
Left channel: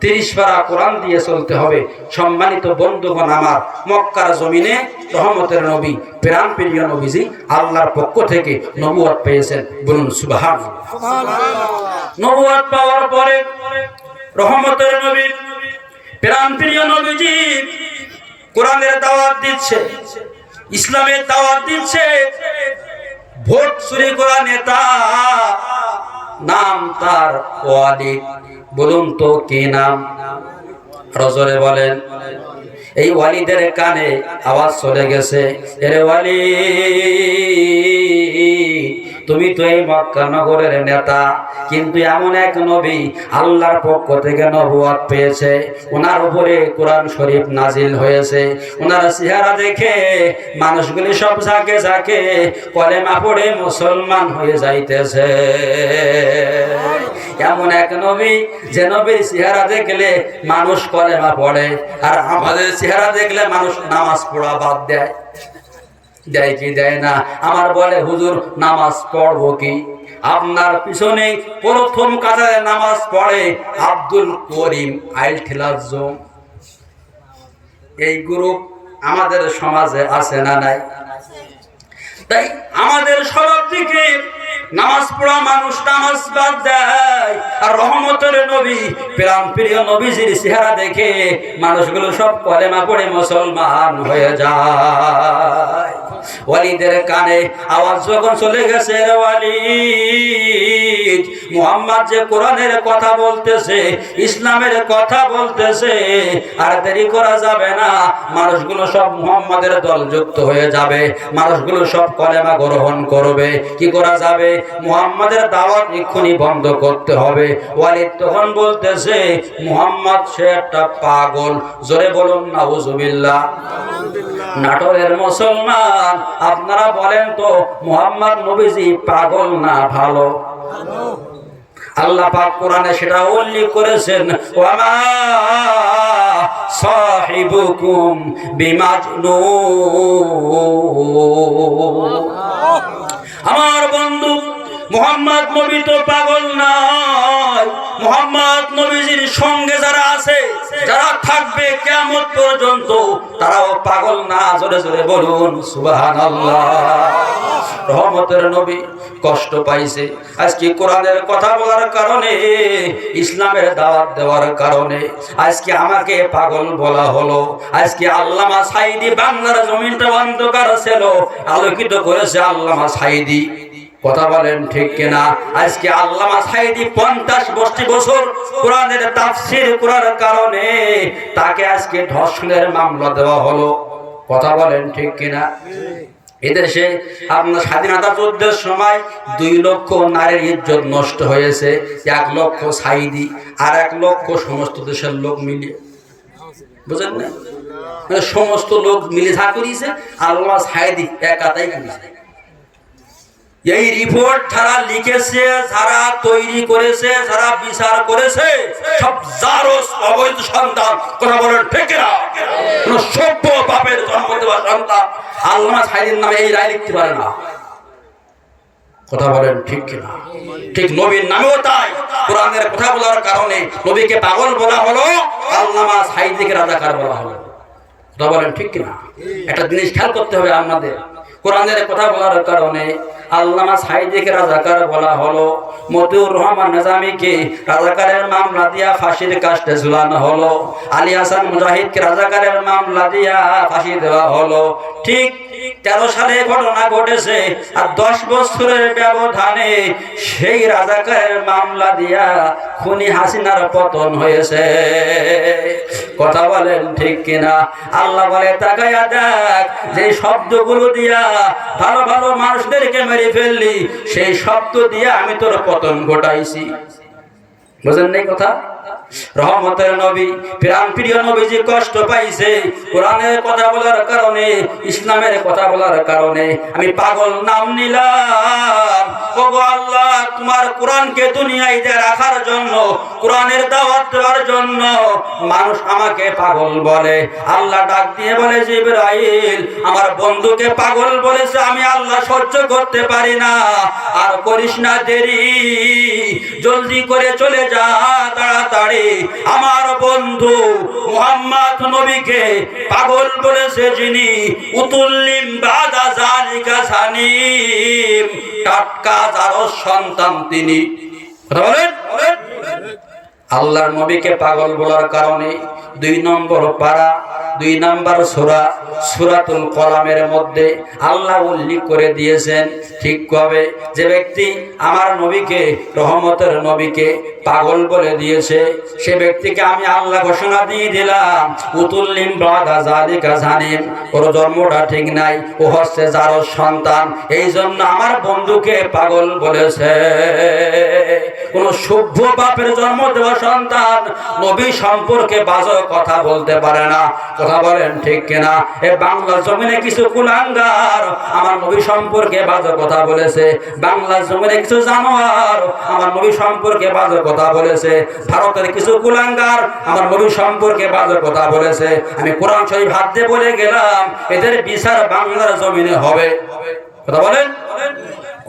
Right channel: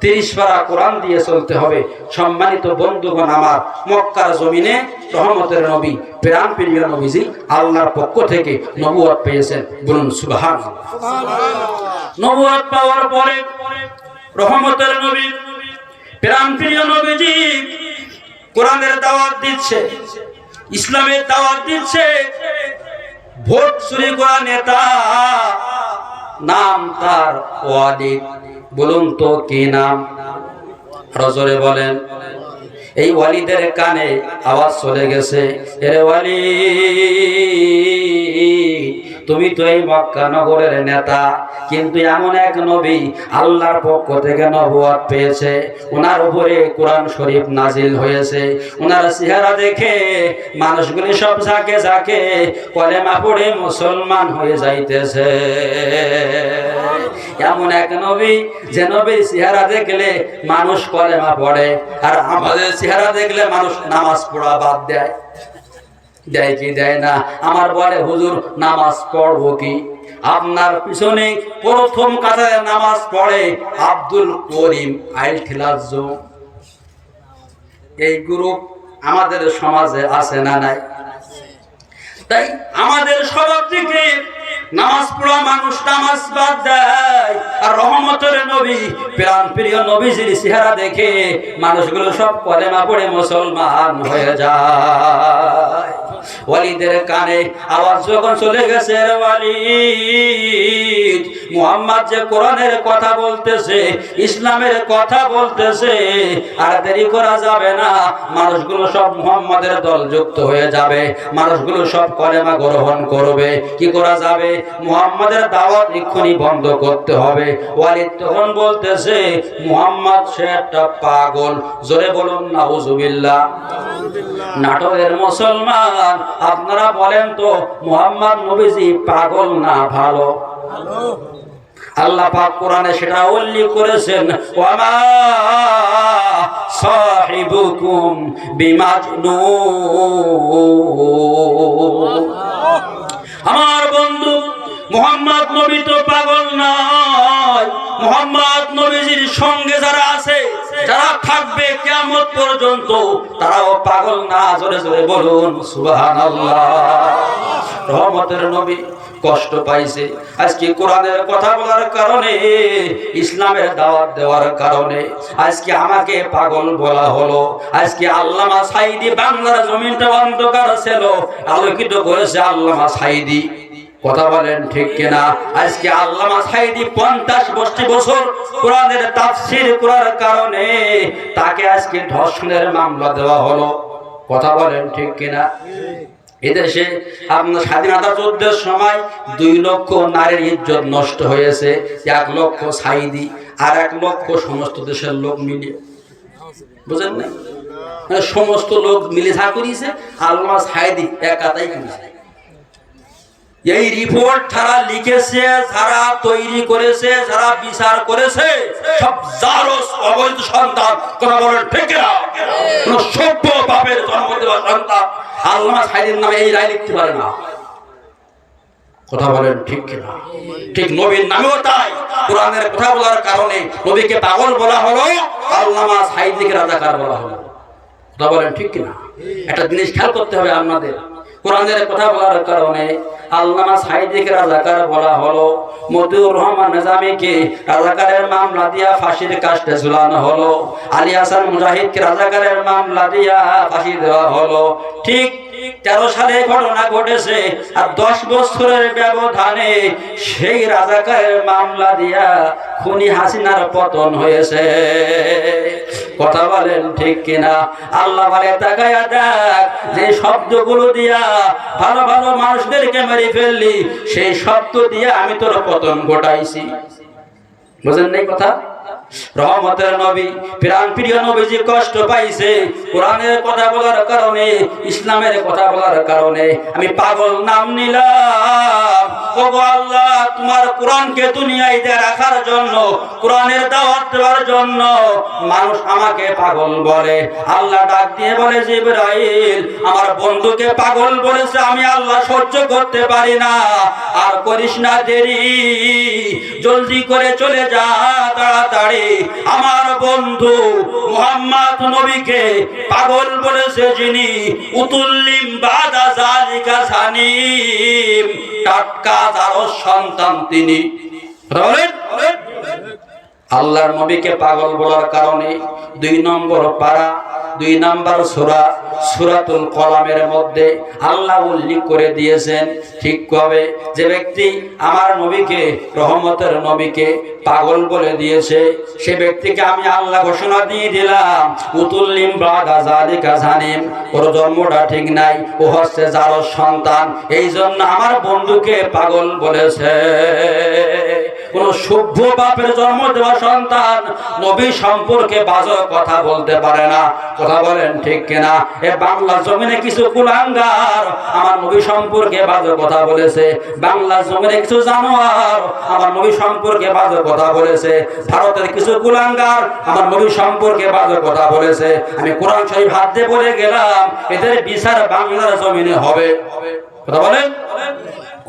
30 পারা কোরআন দিয়ে চলতে হবে। সম্মানিত বন্ধুগণ, আমার মক্কার জমিনে রহমতের নবী, প্রাণ প্রিয় নবীজি আল্লাহর পক্ষ থেকে নবুয়ত পেয়েছেন, বলুন সুবহানাল্লাহ। নবুয়ত পাওয়ার পরে রহমতের নবী, প্রাণ প্রিয় নবীজি কোরআনের দাওয়াত দিচ্ছে, ইসলামের দাওয়াত দিচ্ছে। ভোট চুরি করা নেতা, নাম তার ওয়ালিদ। বলুন তো কি নাম? রজরে বলেন। এই ওয়ালিদের কানে আওয়াজ চলে গেছে, এরে ওয়ালিদ, তুমি তো এই মক্কা নগরের নেতা, কিন্তু এমন এক নবী আল্লাহর পক্ষ থেকে নবুয়ত পেয়েছে, ওনার উপরে কোরআন শরীফ নাজিল হয়েছে। ওনার চেহারা দেখে মানুষগুলি সব ঝাঁকে ঝাঁকে কলেমা পড়ে মুসলমান হয়ে যাইতেছে। এমন এক নবী, যে নবীর চেহারা দেখলে মানুষ কলেমা পড়ে, আর আমাদের চেহারা দেখলে মানুষ নামাজ পড়া বাদ দেয়। দেয় কি দেয় না? আমার বলে, হুজুর নামাজ পড়বো কি? আপনার পিছনে প্রথম কাতারে নামাজ পড়ে আব্দুল করিম আইলঠিলাজ্জ। এই গ্রুপ আমাদের সমাজে আছে না নাই? তাই আমাদের সবার দিকে নামাজ পড়া মানুষ নামাজ বাদ দেয়, আর রহমতের নবী, প্রাণ প্রিয় নবীজির চেহারা দেখে মানুষগুলো সব কলেমা পড়ে মুসলমান হয়ে যায়। ওয়ালিদের কানে আওয়াজ যখন চলে গেছে, ওয়ালিদ, মুহাম্মদ যে কোরআনের কথা বলতেছে, ইসলামের কথা বলতেছে, আর দেরি করা যাবে না, মানুষগুলো সব মুহাম্মাদের দলযুক্ত হয়ে যাবে, মানুষগুলো সব কলেমা গ্রহণ করবে। কি করা যাবে? মুহাম্মাদের দাওয়াত এক্ষুনি বন্ধ করতে হবে। ওয়ালিদ তখন বলতেছে, মুহাম্মদ সে একটা পাগল। জোরে বলুন নাউজুবিল্লাহ। নাটোরের মুসলমান, আপনারা বলেন তো মুহাম্মদ নবীজি পাগল না ভালো? আল্লাহ পাক কোরআনে সেটা উল্লেখ করেছেন, ওয়ামা সাহিবুকুম বিমাজনুন। আমার বন্ধু মুহাম্মদ নবী তো পাগল নয়। মুহাম্মদ নবীজির সঙ্গে যারা আছে, যারা থাকবে কিয়ামত পর্যন্ত, তারাও পাগল না। জোরে জোরে বলুন সুবহানাল্লাহ। রহমতের নবী কষ্ট পাইছে আজকে কোরআনের কথা বলার কারণে, ইসলামের দাওয়াত দেওয়ার কারণে আজকে আমাকে পাগল বলা হলো। আজকে আল্লামা সাঈদী বাংলার জমিনটা অন্ধকার ছিল, আলোকিত করেছে আল্লামা সাঈদী। কথা বলেন ঠিক কিনা? আজকে আল্লামা সাঈদী 50 বছর কোরআনের তাফসীর করার কারণে তাকে আজকে ধর্ষণের মামলা দেওয়া হলো। কথা বলেন ঠিক কিনা? এদেশে আপনার স্বাধীনতা যুদ্ধের সময় 2 লক্ষ নারীর ইজ্জত নষ্ট হয়েছে। 1 লক্ষ সাঈদী আর 1 লক্ষ সমস্ত দেশের লোক মিলিয়ে, বুঝেন না? মানে সমস্ত লোক মিলে যা করিয়েছে, আল্লামা সাঈদী একাই করেছে। এই রিপোর্ট যারা লিখেছে, যারা তৈরি করেছে, যারা বিচার করেছে, সব জারস অবৈধ সন্তান। কথা বলেন ঠিক না? কোন সভ্য বাপের জন্ম দেওয়া সন্তান আল্লামা সাঈদীর নামে এই রায় লিখতে পারে না। কথা বলেন ঠিক কিনা? ঠিক নবীর নামেও তাই, কোরআনের কথা বলার কারণে নবীকে পাগল বলা হলো, আল্লামা সাঈদীকে রাজাকার বলা হলো। কথা বলেন ঠিক কিনা? একটা জিনিস খেয়াল করতে হবে আমাদের, কোরআনের কথা বলার কারণে আল্লামা সাঈদীকে রাজাকার বলা হলো, মতিউর রহমান নিজামীকে রাজাকারের মামলা দিয়া ফাঁসির কাস্টে ঝুলানো হলো, আলী হাসান মুজাহিদকে রাজাকারের মামলা দিয়া ফাঁসি দেওয়া হলো। ঠিক 13 সালে ঘটনা ঘটেছে, আর 10 বছরের ব্যবধানে সেই রাজাকারের মামলা দিয়া খুনি হাসিনার পতন হয়েছে। কথা বলেন ঠিক কিনা? আল্লাহ বলে তাকায়া দেখ, যে শব্দগুলো দিয়া ভালো ভালো মানুষদেরকে মেরে ফেললি, সেই শব্দ দিয়ে আমি তোর পতন ঘটাইছি। বুঝেন নাই কথা? রহমতের নবী, প্রাণ প্রিয় নবীজি কষ্ট পাইছে কোরআনের কথা বলার কারণে, ইসলামের কথা বলার কারণে। আমি পাগল নাম নিলাম। ওগো আল্লাহ, তোমার কোরআনকে দুনিয়ায় রাখার জন্য, কোরআনের দাওয়াত দেওয়ার জন্য মানুষ আমাকে পাগল বলে। আল্লাহ ডাক দিয়ে বলে, জিবরাইল, আমার বন্ধুকে পাগল বলেছে, আমি আল্লাহ সহ্য করতে পারি না। আর করিস না দেরি, জলদি করে চলে যা তাড়াতাড়ি। আমার বন্ধু মুহাম্মদ নবীকে পাগল বলেছে যিনি, উতুল্লিম বাদা জালিকা সানিম, টাটকা জারজ সন্তান তিনি। আল্লাহর নবীকে পাগল বলার কারণে 2 নম্বর পারা 2 নম্বর সূরা সূরাতুল কলামের মধ্যে আল্লাহ উল্লেখ করে দিয়েছেন, ঠিক কবে যে ব্যক্তি আমার নবীকে, রহমতের নবীকে পাগল বলে দিয়েছে, সে ব্যক্তিকে আমি আল্লাহ ঘোষণা দিয়ে দিলাম, উতুল্লিম বাদা জালিকা জানিম, ওর জন্মটা ঠিক নাই, ও হচ্ছে জারজ সন্তান, এই জন্য আমার বন্ধুকে পাগল বলেছে। কোন সভ্য বাপের জন্ম দেওয়া সন্তান নবী সম্পর্কে বাজে কথা বলতে পারে না। কথা বলেন ঠিক কিনা? এ বাংলা জমিনে কিছু কুলাঙ্গার আমার নবী সম্পর্কে বাজে কথা বলেছে, বাংলা জমিনে কিছু জানোয়ার আমার নবী সম্পর্কে বাজে কথা বলেছে, ভারতের কিছু কুলাঙ্গার আমার নবী সম্পর্কে বাজে কথা বলেছে। আমি কোরআন শরীফ হাত দিয়ে বলে গেলাম, এদের বিচার বাংলার জমিনে হবে। কথা বলেন,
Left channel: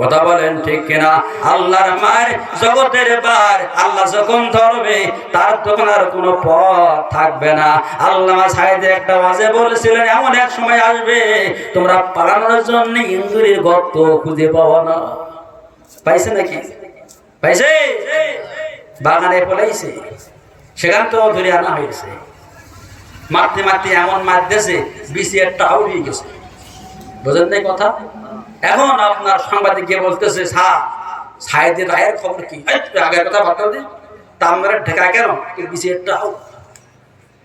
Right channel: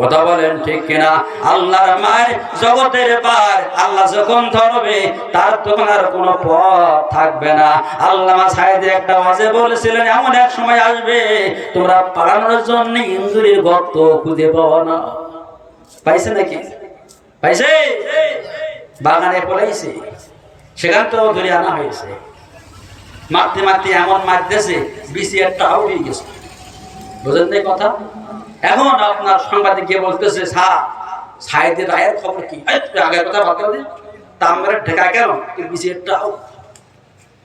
কথা বলেন ঠিক কিনা? আল্লাহর মার জগতের বার, আল্লাহ যখন ধরবে তার তখন আর কোনো পথ থাকবে না। আল্লামা সাঈদী একটা ওয়াজে বলেছিলেন, এমন এক সময় আসবে তোমরা পালানোর জন্য ইন্দুরের গর্ত খুঁজে পাওয়া না। পাইছে নাকি? পাইছে? বাগানে পলাইছে, সেখান তো ধরে আনা হয়েছে, মারতে মারতে এমন মারতেছে বিসি একটা উড়ে গেছে। বুঝলেন না কথা? এখন আপনার সাংবাদিক গিয়ে বলতেছে, সাঈদী রায়ের খবর কি? আগের কথা বলতে হবে, তার মেরে ঢেকা কেন? বিসি একটা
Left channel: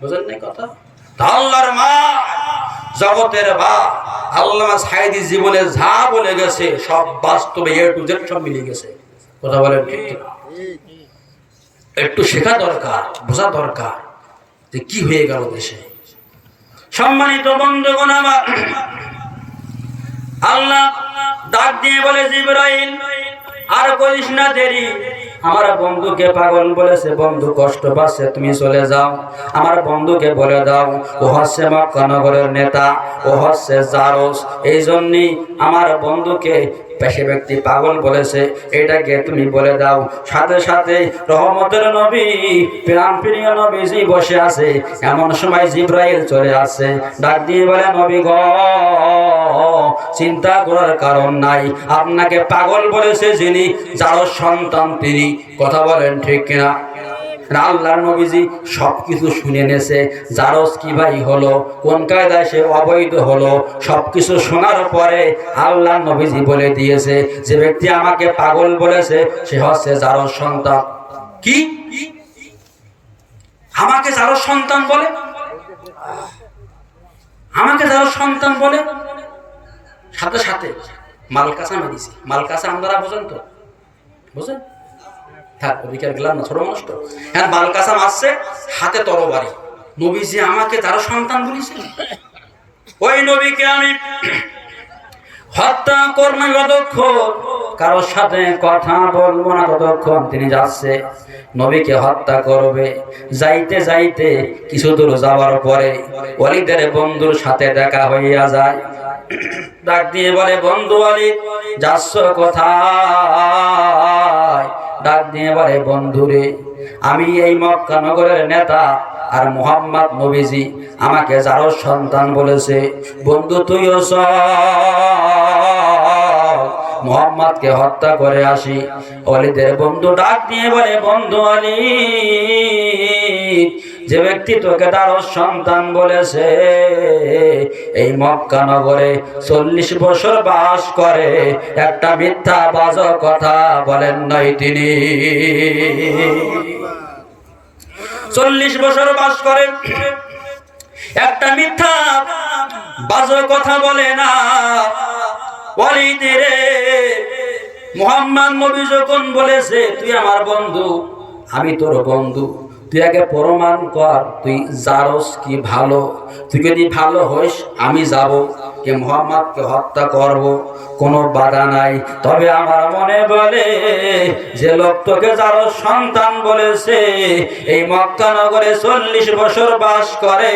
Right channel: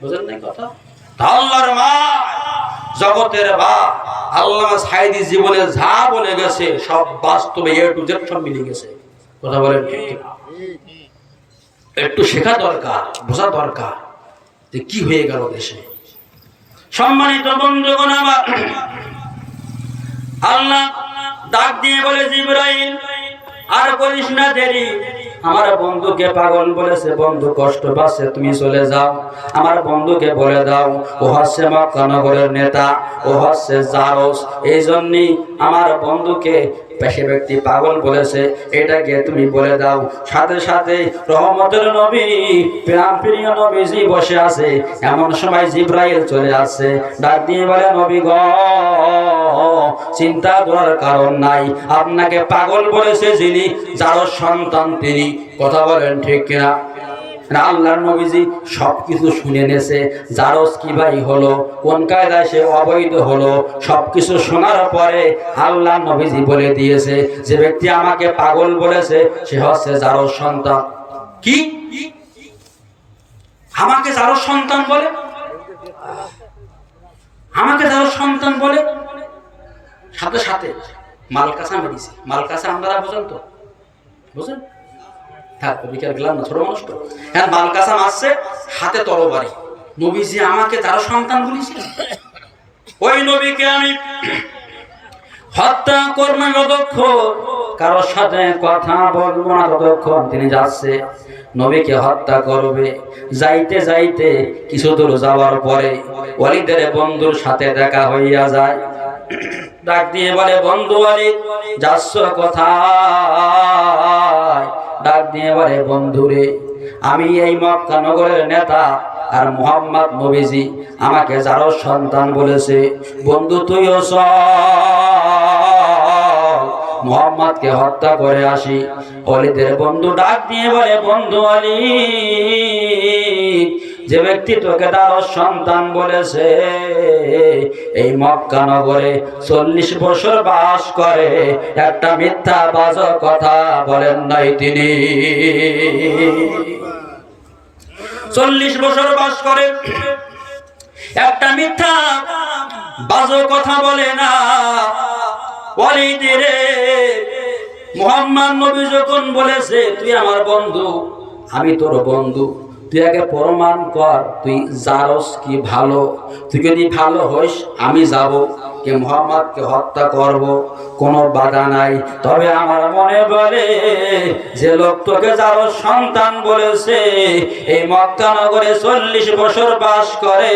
বুঝলেন না কথা? আল্লাহর মা, জগতের বা আল্লামা সাঈদী জীবনে যা বলে গেছে সব বাস্তবে A to Z সব মিলে গেছে। কথা বলেন, একটু শেখা দরকার, বোঝা দরকার যে কি হয়ে গেল দেশে। সম্মানিত বন্ধুগণ আমার, আল্লাহ ডাক দিয়ে বলে, জিবরাইল, আর করিস না দেরি, আমার বন্ধুকে পাগল বলেছে, বন্ধু কষ্ট পাচ্ছে, তুমি চলে যাও। আমার বন্ধুকে বলে দাও, ও হচ্ছে মক্কা নগরের নেতা, ও হচ্ছে জারজ, এই জন্যই আমার বন্ধুকে সে ব্যক্তি পাগল বলেছে, এটাকে তুমি বলে দাও। সাথে সাথে রহমতের নবী, প্রাণ প্রিয় নবীজি বসে আছে, এমন সময় জিবরাইল চলে আসছে, ডাক দিয়ে বলে, নবী গো, চিন্তা করার কারণ নাই, আপনাকে পাগল বলেছে যিনি, জারজ সন্তান তিনি। কথা বলেন ঠিক কিনা? আল্লাহর নবীজি সবকিছু শুনে নেছে, জারজ কি ভাই হলো, কোন কায়দায় সে অবৈধ হলো, সবকিছু শোনার পরে আল্লাহর নবীজি বলে দিয়েছে, যে ব্যক্তি আমাকে পাগল বলেছে সে হচ্ছে জারজ সন্তান। কি আমাকে জারজ সন্তান বলে? আমাকে জারজ সন্তান বলে? সাথে সাথে মালকাসা মেরেছি। মালকাসা আমরা বোঝেন তো? বুঝেন? থাক, বিকেল গেলাম না, ছোট মানুষ তো। হ্যাঁ, মালকাসা আসছে, হাতে তরবারি। নবীজি আমাকে তার সন্তান বলেছে, ওই নবীকে আমি হত্যা করবো যতক্ষণ কারোর সাথে কথা বলবো না ততক্ষণ তিনি যাচ্ছে নবীকে হত্যা করবে। যাইতে যাইতে কিছু দূর যাওয়ার পরে ওয়ালিদের বন্ধুর সাথে দেখা হইয়া যায়। ডাক দিয়ে বলে, বন্ধু ওয়ালিদ যাচ্ছ কোথায়? ডাক দিয়ে বলে, বন্ধুরে আমি এই মক্কা নগরের নেতা আর মুহাম্মদ নবীজি আমাকে যারো সন্তান বলেছে, বন্ধু তুইও চল মুহাম্মদকে হত্যা করে আসি। ওয়ালিদের বন্ধু ডাক দিয়ে বলে, বন্ধু ওয়ালিদ যে ব্যক্তি তোকে তারও সন্তান বলেছে এই মক্কা নগরে 40 বছর বাস করে, একটা মিথ্যা বাজে কথা বলেন নাই তিনি। 40 বছর বাস করে, একটা মিথ্যা বাজে কথা বলে না। ওয়ালিদ রে, মুহাম্মদ নবী যখন বলেছে তুই আমার বন্ধু, আমি তোর বন্ধু, তুই আগে প্রমাণ কর তুই জারস কি ভালো। তুই যদি ভালো হইস আমি যাব কে মুহাম্মদকে হত্যা করব, কোনো বাধা নাই। তবে আমার মনে বলে যে লোক তোকে জারস সন্তান বলেছে এই মক্কা নগরে 40 বছর বাস করে,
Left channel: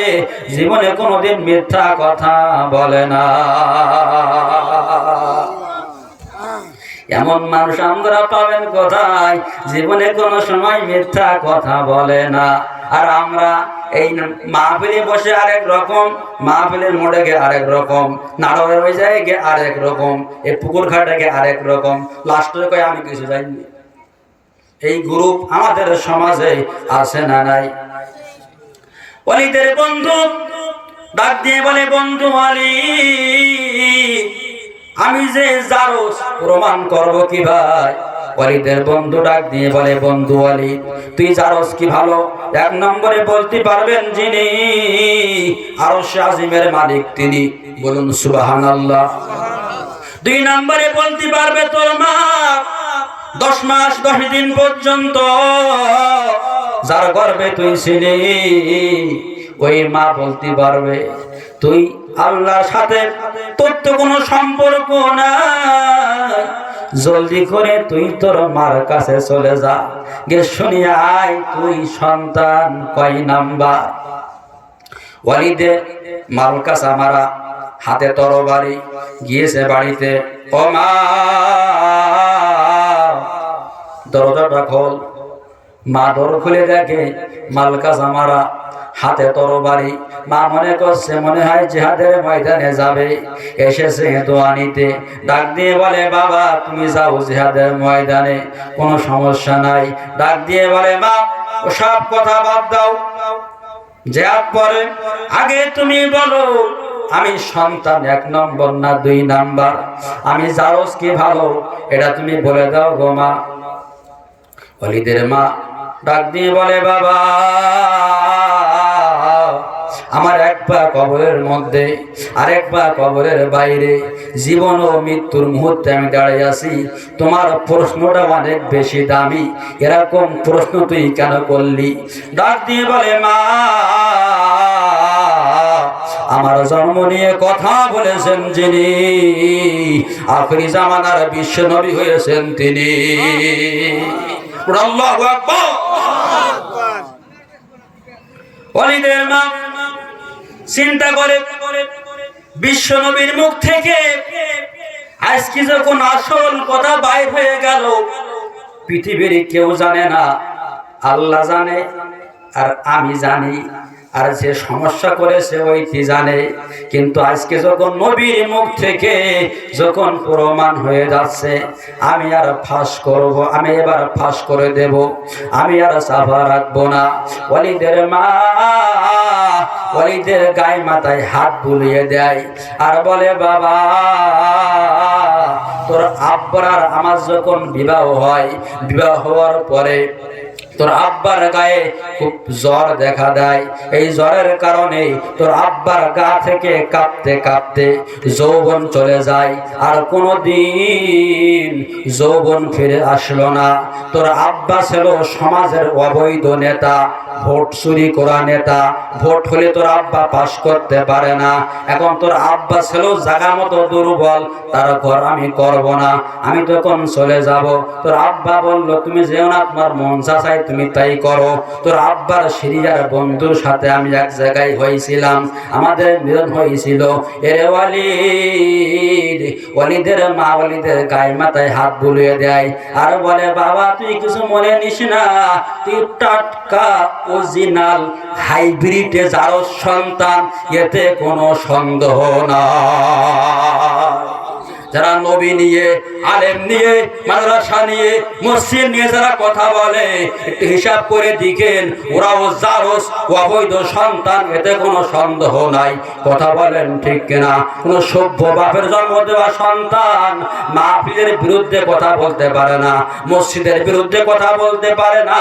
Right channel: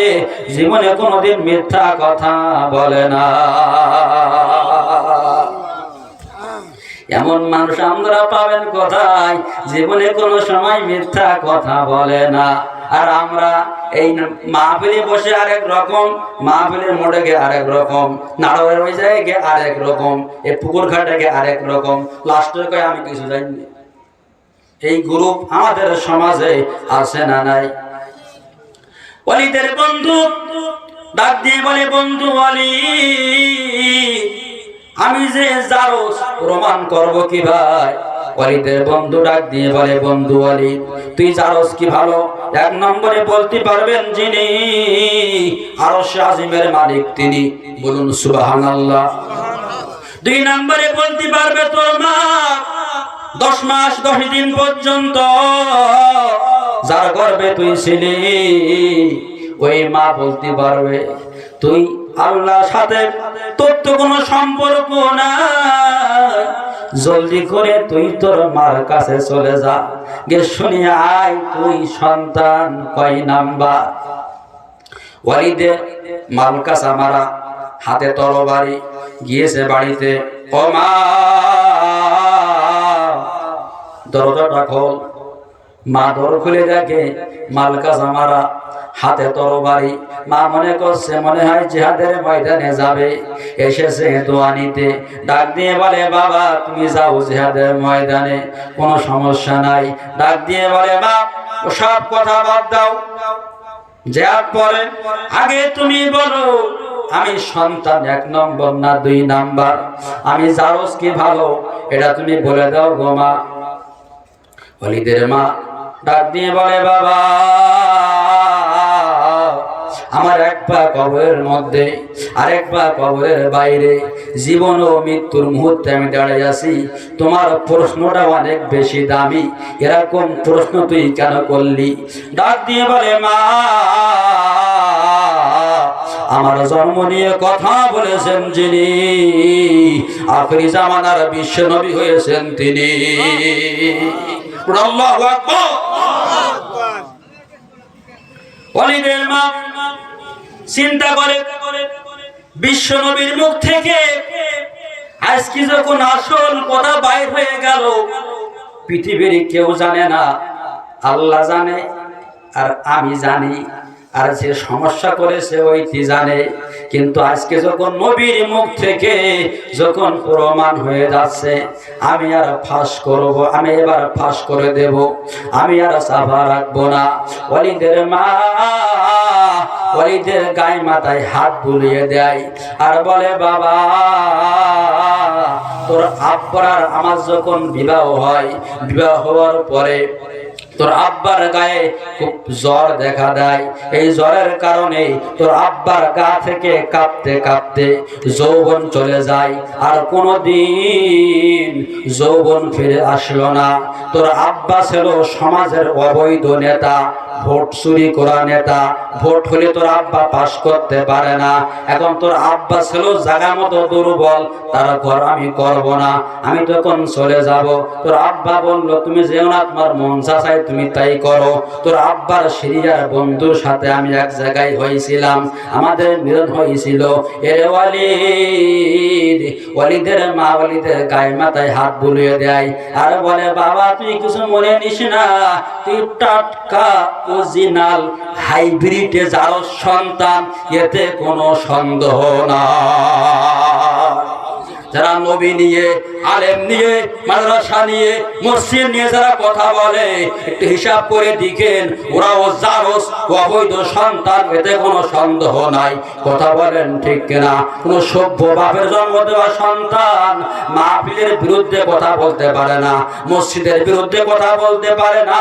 জীবনে কোনোদিন মিথ্যা কথা বলে না। এমন মানুষ আমরা পাবেন কোথায়? জীবনে কোনো সময় মিথ্যা কথা বলে না। আর আমরা এই মাহফিলে বসে আরেক রকম, মাহফিলের মোড়ে গিয়ে আরেক রকম, নাড়ার ওই জায়গায় গিয়ে আরেক রকম, এই পুকুর ঘাটে গিয়ে আরেক রকম, লাস্টের কয়ে আমি কিছু জানি। এই গ্রুপ আমাদের সমাজে আছে না নাই? ওয়ালিদের বন্ধু ডাক দিয়ে বলে, বন্ধু ওয়ালিদ আমি যে জারস প্রমাণ করব কি ভাই? ওয়ালিদের বন্ধু ডাক দিয়ে বলে, বন্ধু ওয়ালিদ তুই জারস কি ভালো? 1 নম্বরে বলতে পারবেন যিনি আরশ আজিমের মালিক তিনি, বলুন সুবহানাল্লাহ। 2 নম্বরে বলতে পারবে তোর মা 10 মাস 10 দিন পর্যন্ত যার গর্ভে তুই ছিলি ওই মা বলতে পারবে তুই আল্লাহর সাথে তোর তো কোনো সম্পর্ক নাই, জলদি করে তুই তোর মার কাছে চলে যা, গে শুনে আয় তুই সন্তান কয় নাম্বার। ওয়ালিদে মালকাসা মারা, হাতে তরবারি, গিয়েছে বাড়িতে। ও মা দরজাটা খোল। মা দর খুলে দেখে মালকাসা মারা, হাতে তরবারি। মা মনে করছে মনে হয় জিহাদের ময়দানে যাবে, এসেছে দোয়া নিতে। ডাক দিয়ে বলে, বাবা তুমি যাও জিহাদের ময়দানে, কোনো সমস্যা নাই। ডাক দিয়ে বলে, মা সব কথা বাদ দাও, জিহাদ পরে আগে তুমি বলো আমি সন্তান 1 নম্বর না 2 নাম্বার? আমি জারস কি ভালো এটা তুমি বলে দাও গো মা। ওয়ালিদের মা ডাক দিয়ে বলে, বাবা আমার 1 পা কবরের মধ্যে আর 1 পা কবরের বাইরে, জীবন ও মৃত্যুর মুহূর্তে আমি দাঁড়িয়ে আছি। তোমার প্রশ্নটা অনেক বেশি দামি, এরকম প্রশ্ন তুই কেন করলি? ডাক দিয়ে বলে, মা আমার জন্ম নিয়ে কথা বলেছেন যিনি, আখিরি জামানার বিশ্ব নবী হয়েছেন তিনি। আল্লাহু আকবার। ওয়ালিদের মা চিন্তা করে বিশ্ব নবীর মুখ থেকে আজকে যখন আসল কথা বাইর হয়ে গেল, পৃথিবীর কেউ জানে না, আল্লাহ জানে আর আমি জানি, আর যে সমস্যা করেছে ওই কি জানে। কিন্তু আজকে যখন নবীর মুখ থেকে যখন প্রমাণ হয়ে যাচ্ছে, আমি আর ফাঁস করব, আমি এবার ফাঁস করে দেব, আমি আর সাফা রাখবো না। ওয়ালিদের মা ওয়ালিদের গায়ে মাথায় হাত বুলিয়ে দেয় আর বলে, বাবা তোর আব্বার আর আমার যখন বিবাহ হয়, বিবাহ হওয়ার পরে তোর আব্বার গায়ে খুব জ্বর দেখা দেয়, এই জ্বরের কারণে তোর আব্বার গা থেকে কাঁপতে কাঁপতে যৌবন চলে যায়, আর কোনোদিন যৌবন ফিরে আসলো না। তোর আব্বা ছিল সমাজের অবৈধ নেতা, ভোট চুরি করা নেতা, ভোট হলে তোর আব্বা পাস করতে পারে না। এখন তোর আব্বা ছিল জায়গা মতো দুর্বল, তার ঘর আমি করব না, আমি তখন চলে যাব। তোর আব্বা বলল তুমি যেও না, তোমার মন চায় তুমি তাই করো। তোর আব্বার সিরিয়ার বন্ধুর সাথে আমি এক জায়গায় হয়েছিলাম, আমাদের মিলন হয়েছিল। এর ওয়ালিদ, ওয়ালিদের মা ওয়ালিদের গায়ে মাথায় হাত বুলিয়ে দেয় আর বলে বাবা তুই কিছু মনে নিস না, তুই টাটকা অরিজিনাল হাইব্রিডে যার সন্তান, এতে কোনো সন্দেহ না। যারা নবী নিয়ে, আলেম নিয়ে, মাদ্রাসা নিয়ে, মসজিদ নিয়ে যারা কথা বলে, একটু হিসাব করে দেখেন ওরাও জারস অবৈধ সন্তান, এতে কোনো সন্দেহ নাই। কথা বলেন ঠিক কিনা? কোন সভ্য বাপের জন্ম দেওয়া সন্তান মাহফিলের বিরুদ্ধে কথা বলতে পারে না, মসজিদের বিরুদ্ধে কথা বলতে পারে না,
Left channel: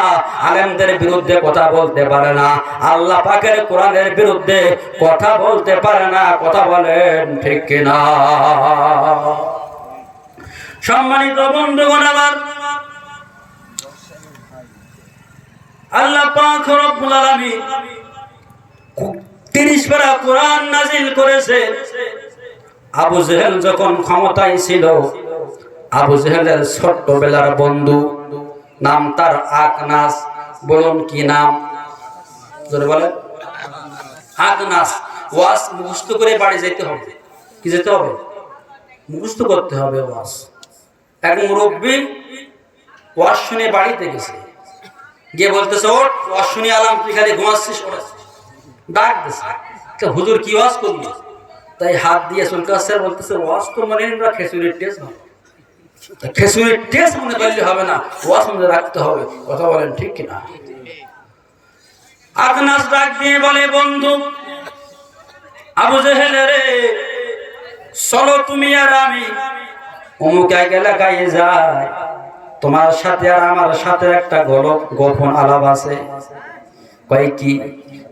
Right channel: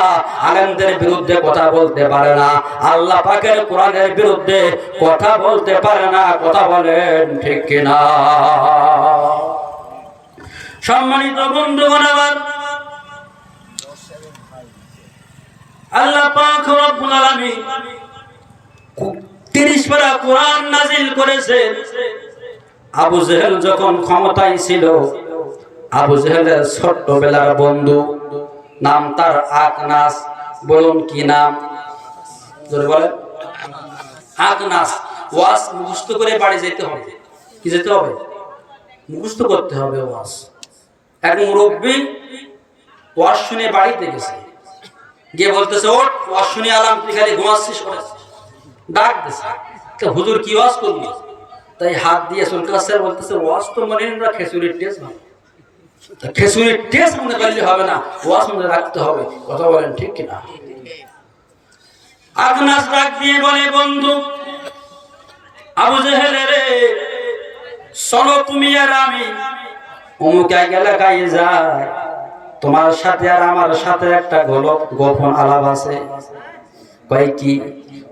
আলেমদের বিরুদ্ধে কথা বলতে পারে না, আল্লাহ পাকের কোরআনের বিরুদ্ধে কথা বলতে পারে না। কথা বলেন ঠিক কিনা? সম্মানিত বন্ধুগণ, আমার আল্লাহ পাক রব্বুল আলামিন 30 পারা কোরআন নাজিল করেছে। আবু জেহেল যখন ক্ষমতায় ছিল, আবু জেহেলের ছোট্টবেলার বন্ধু, নাম তার আকনাস। বলুন কি নাম? জোরে বলেন। আকনাস। ওয়াজ মুখস্থ করে বাড়ি যেতে হবে। কি যেতে হবে? মুখস্থ করতে হবে ওয়াজ। এক মুরব্বী ওয়াজ শুনে বাড়িতে গেছে, গিয়ে বলতেছে ওঠ, ওয়াজ শুনে আলাম, তুই খালি ঘুমাচ্ছিস? ডাক দিছে, হুজুর কি ওয়াজ করবি? তাই হাত দিয়ে চলতেছে, বলতেছে ওয়াজ তো মানে খেসুরির টেস্ট ভালো, খেসুরির টেস্ট মনে করলে হবে না, ওয়াজ মনে রাখতে হবে। কথা বলেন ঠিক কিনা? আকনাস ডাক দিয়ে বলে বন্ধু আবু জেহেল রে, চলো তুমি আর আমি অমুক এক এলাকায় যাই, তোমার সাথে আর আমার সাথে একটা গোপন আলাপ আছে। কয় কি?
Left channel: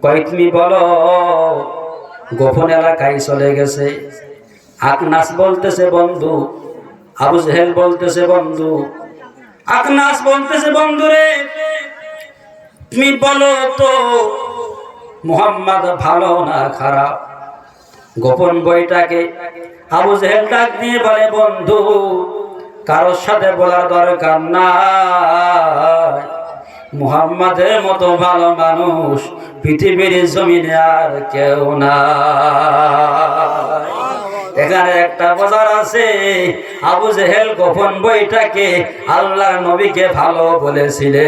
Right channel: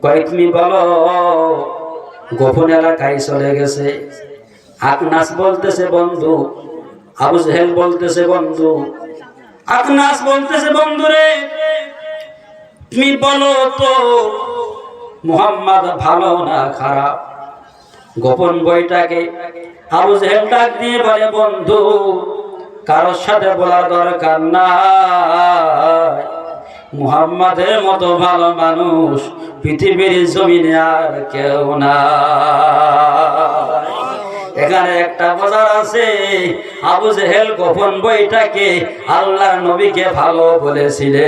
কয় তুমি বলো। গোপন এলাকায় চলে গেছে। আকনাস বলতেছে বন্ধু, আবু জেহেল বলতেছে বন্ধু, আকনাস বলতেছে বন্ধু রে, তুমি বলো তো মুহাম্মদ ভালো না খারাপ? গোপন বইটাকে আবু জেহেল ডাক দিয়ে বলে বন্ধু কারোর সাথে বলার দরকার নাই, মুহাম্মাদের মতো ভালো মানুষ পৃথিবীর জমিনে আর কেউ না। এখানে একটা বোঝার আছে, আবু জেহেল গোপন বইটাকে আল্লাহর নবীকে ভালো বলেছিলে।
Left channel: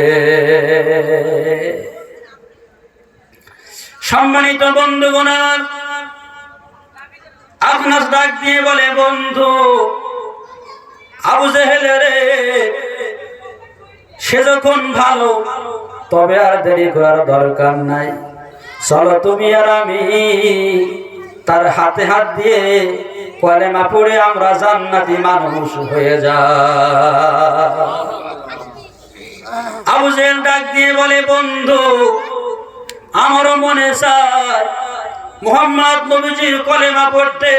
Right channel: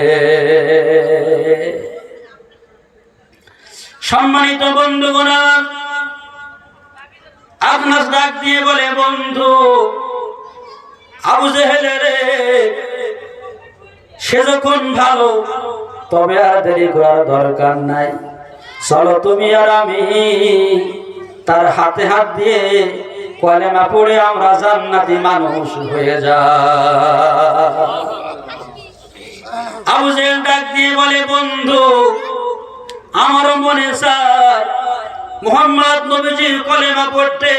সম্মানিত বন্ধুগণ, আকনাস ডাক দিয়ে বলে বন্ধু আবু জেহেল রে, সে যখন ভালো তবে আর দেরি করার দরকার নাই, চলো তুমি আর আমি তার হাতে হাত দিয়ে কলেমা পড়ে আমরা জান্নাতি মানুষ হয়ে যাই। আবু জেহেল ডাক দিয়ে বলে বন্ধু আমারও মনে চায় মুহাম্মদ নবীজির কলেমা পড়তে,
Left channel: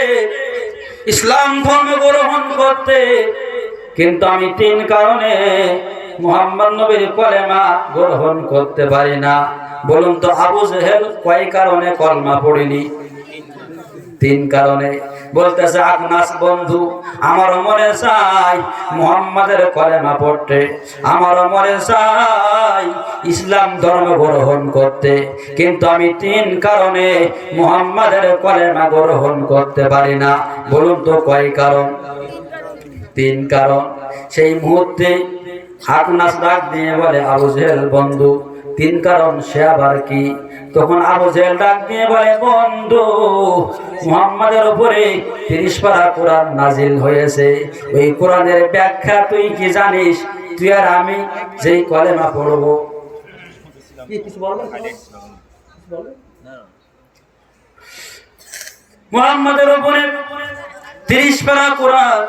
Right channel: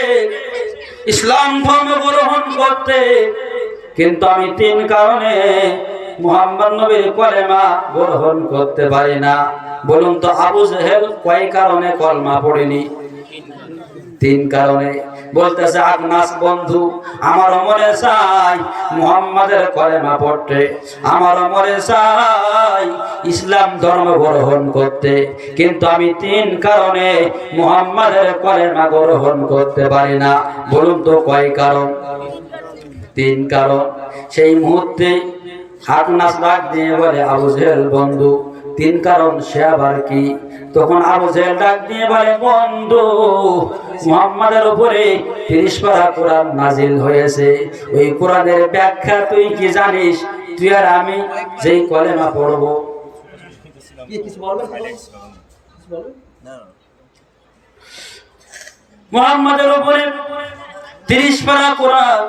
ইসলাম ধর্ম গ্রহণ করতে, কিন্তু আমি 3 কারণে মুহাম্মদ নবীর কলেমা গ্রহণ করতে পারি না। বলুন তো আবু জেহেল কয় কারণে কলেমা পড়েনি? 3 কারণে। বলতেছে আকনাস বন্ধু আমারও মনে চাই মুহাম্মাদের কলেমা পড়তে, আমারও মনে চাই ইসলাম ধর্ম গ্রহণ করতে, কিন্তু আমি 3 কারণে মুহাম্মাদের কলেমা গ্রহণ করতে পারি না। বলুন তো কয় কারণ? 3 কারণ। সেই মুহূর্তে আকনাস ডাক দিয়ে বলে আবু জেহেল বন্ধু 3 কারণ, সে আবার কি? তখন আবু জেহেল ডাক দিয়ে বলে বন্ধু মুহাম্মাদের উপরে 30 পারা কোরআন নাজিল হয়েছে, ওই কোরআনের ব্যাখ্যা তুই কি জানিস? তুই আর আমি যেই কলেমা পড়বো, মুহাম্মাদের উপরে 30 পারা কোরআন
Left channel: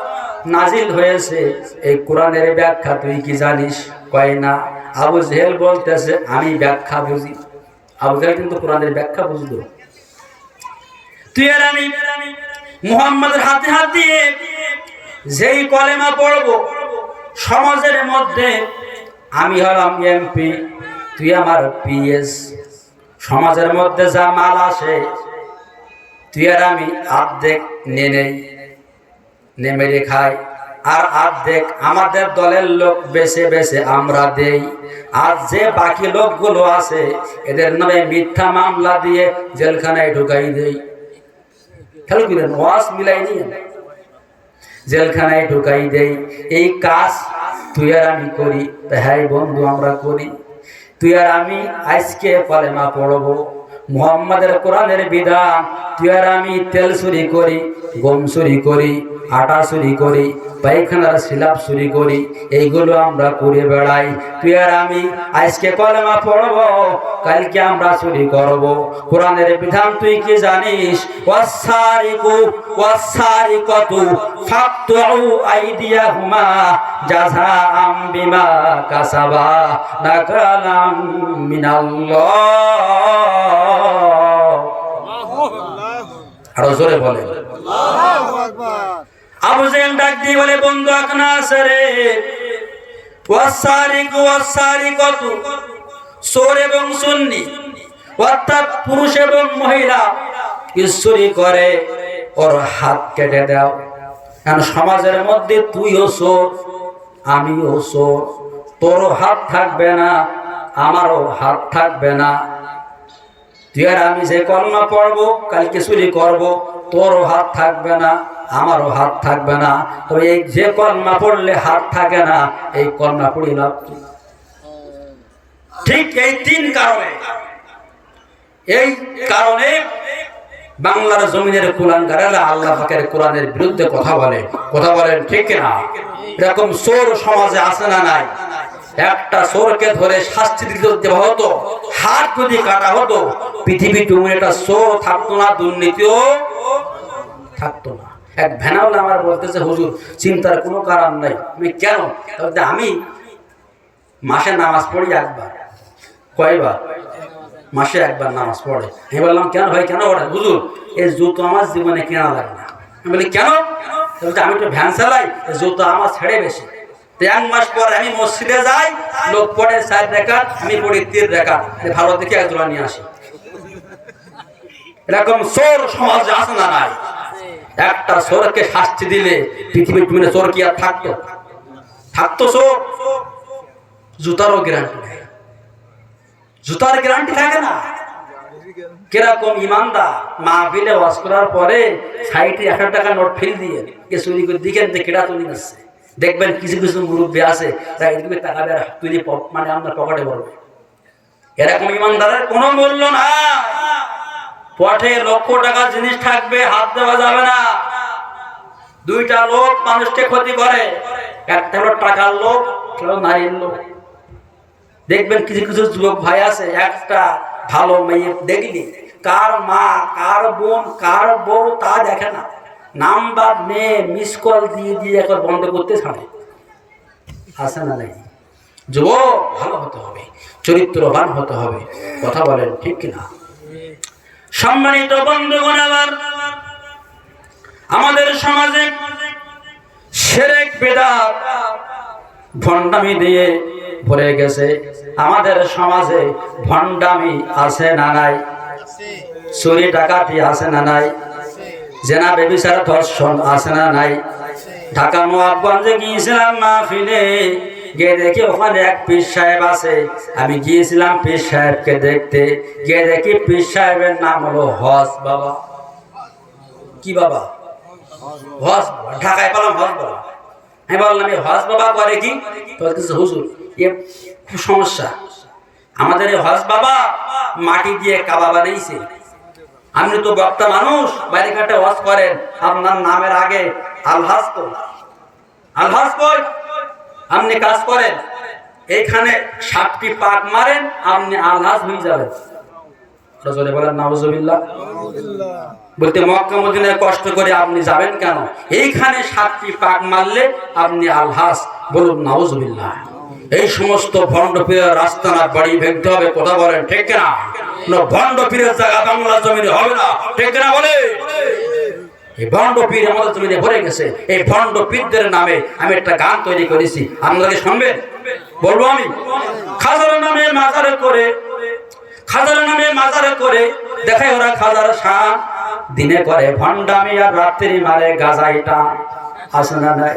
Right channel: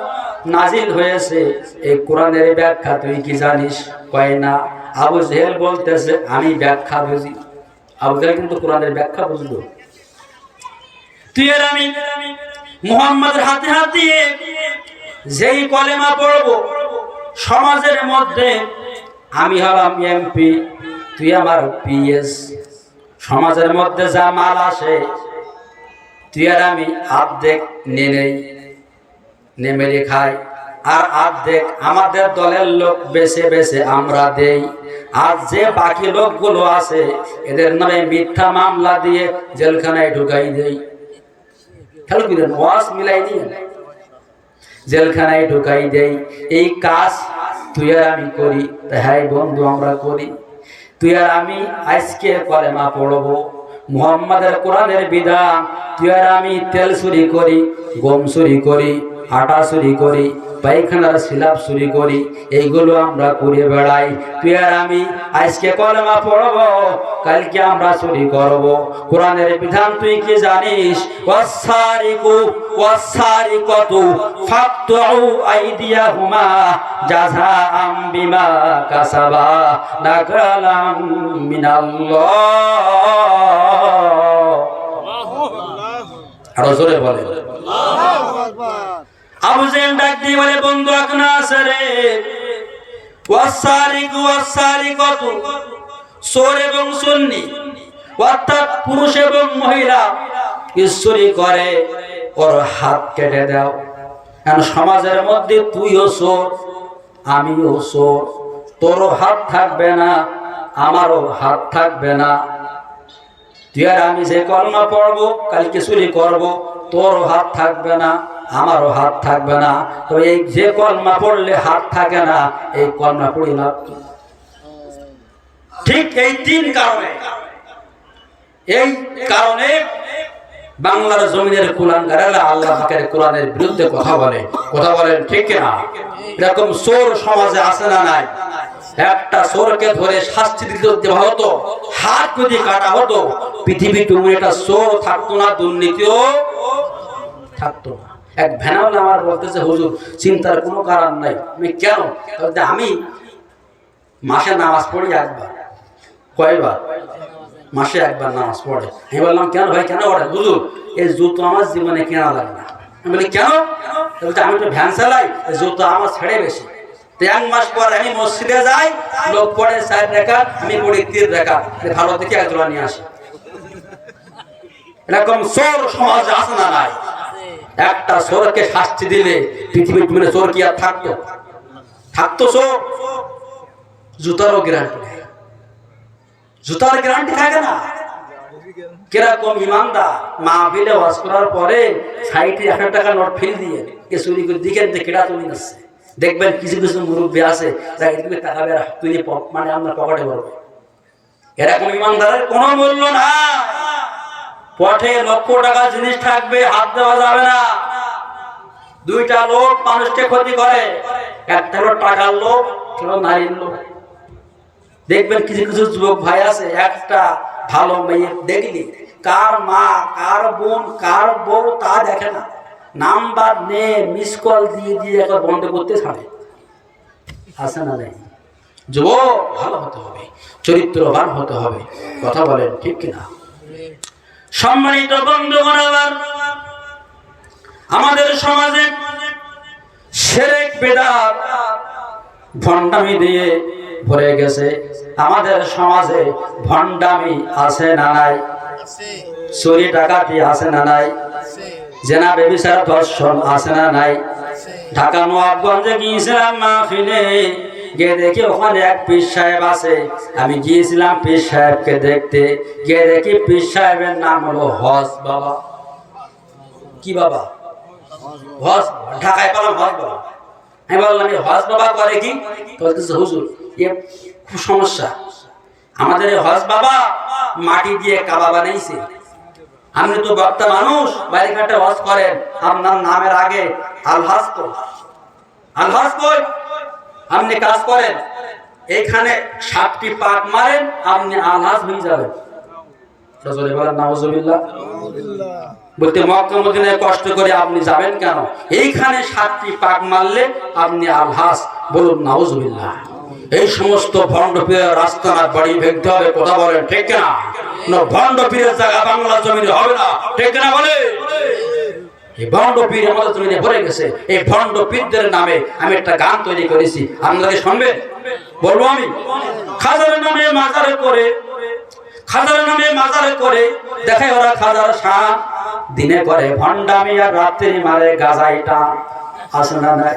নাজিল হয়েছে, এই কোরআনের ব্যাখ্যা তুই কি জানিস? কয় না। আবু জেহেল বলতেছে আমি ব্যাখ্যা বুঝি। আবু জেহেল কিন্তু কোরআনের ব্যাখ্যা বুঝলো। তুই আর আমি মুহাম্মাদের হাতে হাত দিয়ে যেই কলেমা পড়বো, সমাজের মধ্যে আমি হলাম এমপি, তুই আমার পিএস, সমাজের মধ্যে যা মাল আসে তুই আর আমি অর্ধেক নেমেরে খাই, আর অর্ধেক আমাদের দলের লোক বেছে বেছে আমরা দেই। আর যে বাকি লোকগুলো আছে এদের নামে মিথ্যা মামলা দিয়ে জেলখানায় ঢুকাই দেই। খেয়াল করেন, ওয়াজ মিলাই নিয়ে জেলখানায় ঢুকাই দেই। এই কাজ তুই আর আমি করি। হ্যাঁ বন্ধু, আমরা করি। তুই আর আমি আজকে কলেমা পড়বো, মুহাম্মাদের কোরআনের বিধান। তুই আর আমি তেল চুরি করি, গম চুরি করি, আটা চুরি করি, পায়খানার সিলাপ চুরি করি, এইগুলো আমরা করে বেড়াই। তুই আর আমি আজকে কলেমা পড়বো, কালকে আমরা চুরি করব। কোরআনের বিধান তুই কি জানিস? ওয়াসারিকু ওয়াসারিকাতু ফাকতু আইদিয়াহুমা জাযাআম বিমা কাসাবা নাকালাম মিনাল্লাহ। আরো জোরে বলে আল্লাহু আকবার। আবু জেহেল ডাক দিয়ে বলে, বন্ধু এখন আছে রে, ওয়াসারিকু ওয়াসারিকাতু, চোর এবং সুন্নি অর্থাৎ পুরুষ এবং মহিলা চুরি করে, ওর হাত কেটে দাও। কারণ সমাজের মধ্যে তুইও চোর, আমিও চোর, তোরও হাত থাকবে না, আমারও হাত থাকবে না। তুই আর আমি যে কলমা পড়বো, কালকে চুরি করব, তোরও হাত থাকবে না, আমারও হাত থাকবে না। তো এই যে কলমা পড়লে হাত থাকে না, এই কলমা পড়ি লাভ কি? ঠিক এই তিন কারণে, এই কারণে বাংলার জমিনের কুলাঙ্গারেরা আল্লাহ পাকের কোরআনের বিরুদ্ধে কথা বলেন, ঠিক না? এরকম চোর সমাজে আছে না নাই? একটা চোরকে ধরে শাস্তি দিতে হতো, হাত যদি কাটা হতো, পৃথিবী তুমি একটা চোর থাকতো না, দুর্নীতিও থাকতো না। এক ভ্যানাওয়ালা আমার বলতেছে, হুজুর চিন্তার কোনো কারণ নাই। আমি কেন? আমি মাসে নামাজ পড়ি একবার। কয়বার? মাসে একবার নামাজ পড়ে। আমি বললাম কেন ভাই, কেন পড়ে? হুজুর এই জুতো আমার জীবনে কেনা লাগে না। আমি বলি কেন? আমি তো ভ্যান চালাই, জুতো আমার ছেড়ে বেশি। এক মাস পরে আমি মসজিদে যাই, লোক পড়ে 4 রাকাত, আমি পড়ি 3 রাকাত, ভালো দেখে এক জোড়া নিয়ে আসি। এরকম চোর সমাজ আছে না নাই? একটা চোরকে শাস্তি দিলে পৃথিবীর জুড়ে চোর কি আর থাকতো? চোর জুতারও গ্যারান্টি নেই, জুতার গ্যারান্টি থাকে না। কিরকম ইমানদার মাহফিলে ওয়াজ করার পরে 60-100 টাকা নোট ফিল দিয়ে চুরি করে দিকে কেটা তুলি নিচ্ছে। দেখবেন কিছু কিছু মুরব্বী আছে, তাকাবে তুই মানে আপনার পকেটে পড়বে। এরকম ইমানদারের কোনো মূল্য না। পথে লক্ষ টাকা জিনিস থাকবে, হাত দেওয়া যাবে না। দুইটা লোক মানুষকে ক্ষতি করে, একটা হলো টাকার লোক, একটা নারীর লোক। দেখবেন কিছু কিছু যুবক ভাই আছে, একটা ভালো মেয়ে দেখলি কার মা, কার বোন, কার বউ তা দেখে না, নাম্বার নিয়ে মিস কল দিয়ে একবার বন্ধ করতে ছাড়ে। আছে না নাই? যুবক ভালো হতে হবে, চরিত্রবান হতে হবে। কথা বলেন ঠিক কিনা? সম্মানিত বন্ধুগণ, আমাদের সমাজে শিরক বিদআত ভণ্ডামি দিয়ে ভরে গেছে। আমাদের সমাজে ভণ্ডামি আছে না নাই? চুরি ডাকাতি আছে না নাই? জেনা ব্যভিচার ধর্ষণ আছে না নাই? ঢাকা নবাবগঞ্জে গিয়েছিলাম মাহফিলে, গিয়ে দেখি ওখানে এক পীর সাহেব আছে। আমি গিয়েছিলাম পীর সাহেবকে দেখতে, গিয়ে দেখি পীর সাহেবের নাম হলো হজ বাবা। কি বাবা? হজ। ঢাকায় পেলাম হজ বাবা। আমি বললাম এই হজ বাবা করে কি? বলতেছে হুজুর এ খুব সমস্যা, আমাদের এই হজ বাবা মাটি দিয়ে কাবা বানাইছে। আপনি তো বক্তা মানুষ, বাইরে ঘাটে হজ করেন, আপনার নামের আগে আলহাজ তো আলহাজ কই, আপনি কাজ করেন, এইখানে 7টি পাক মারেন, আপনি আলহাজ হয়ে যাবেন। রাসূল বলেন নাউজুবিল্লাহ। বলতে মক্কা মদিনায় কষ্ট করে আপনি যাবেন কেন? এইখানে 7টি পাক মারলে আপনি আলহাজ। বলুন নাউজুবিল্লাহ। এই সমস্ত ভণ্ড পীরের রাস্তা না বাড়ি ভেঙতে হবে, কথা বলেন ঠিক না? ভণ্ড পীরের জায়গা বাংলা জমিনে হবে না, ঠিক না বলে? এই ভণ্ড পীর আমাদের জমিনে ভরে গেছে। এই ভণ্ড পীরদের নামে আমি একটা গান তৈরি করেছি, আপনারা শুনবেন? বলবো আমি। খাজার নামে মাজারে করে, খাজার নামে মাজারে করে দেখায় ওরা খাজার শান, দিনে করে ভণ্ডামি আর রাত্রি মারে গাজাইটা। আছে না নাই?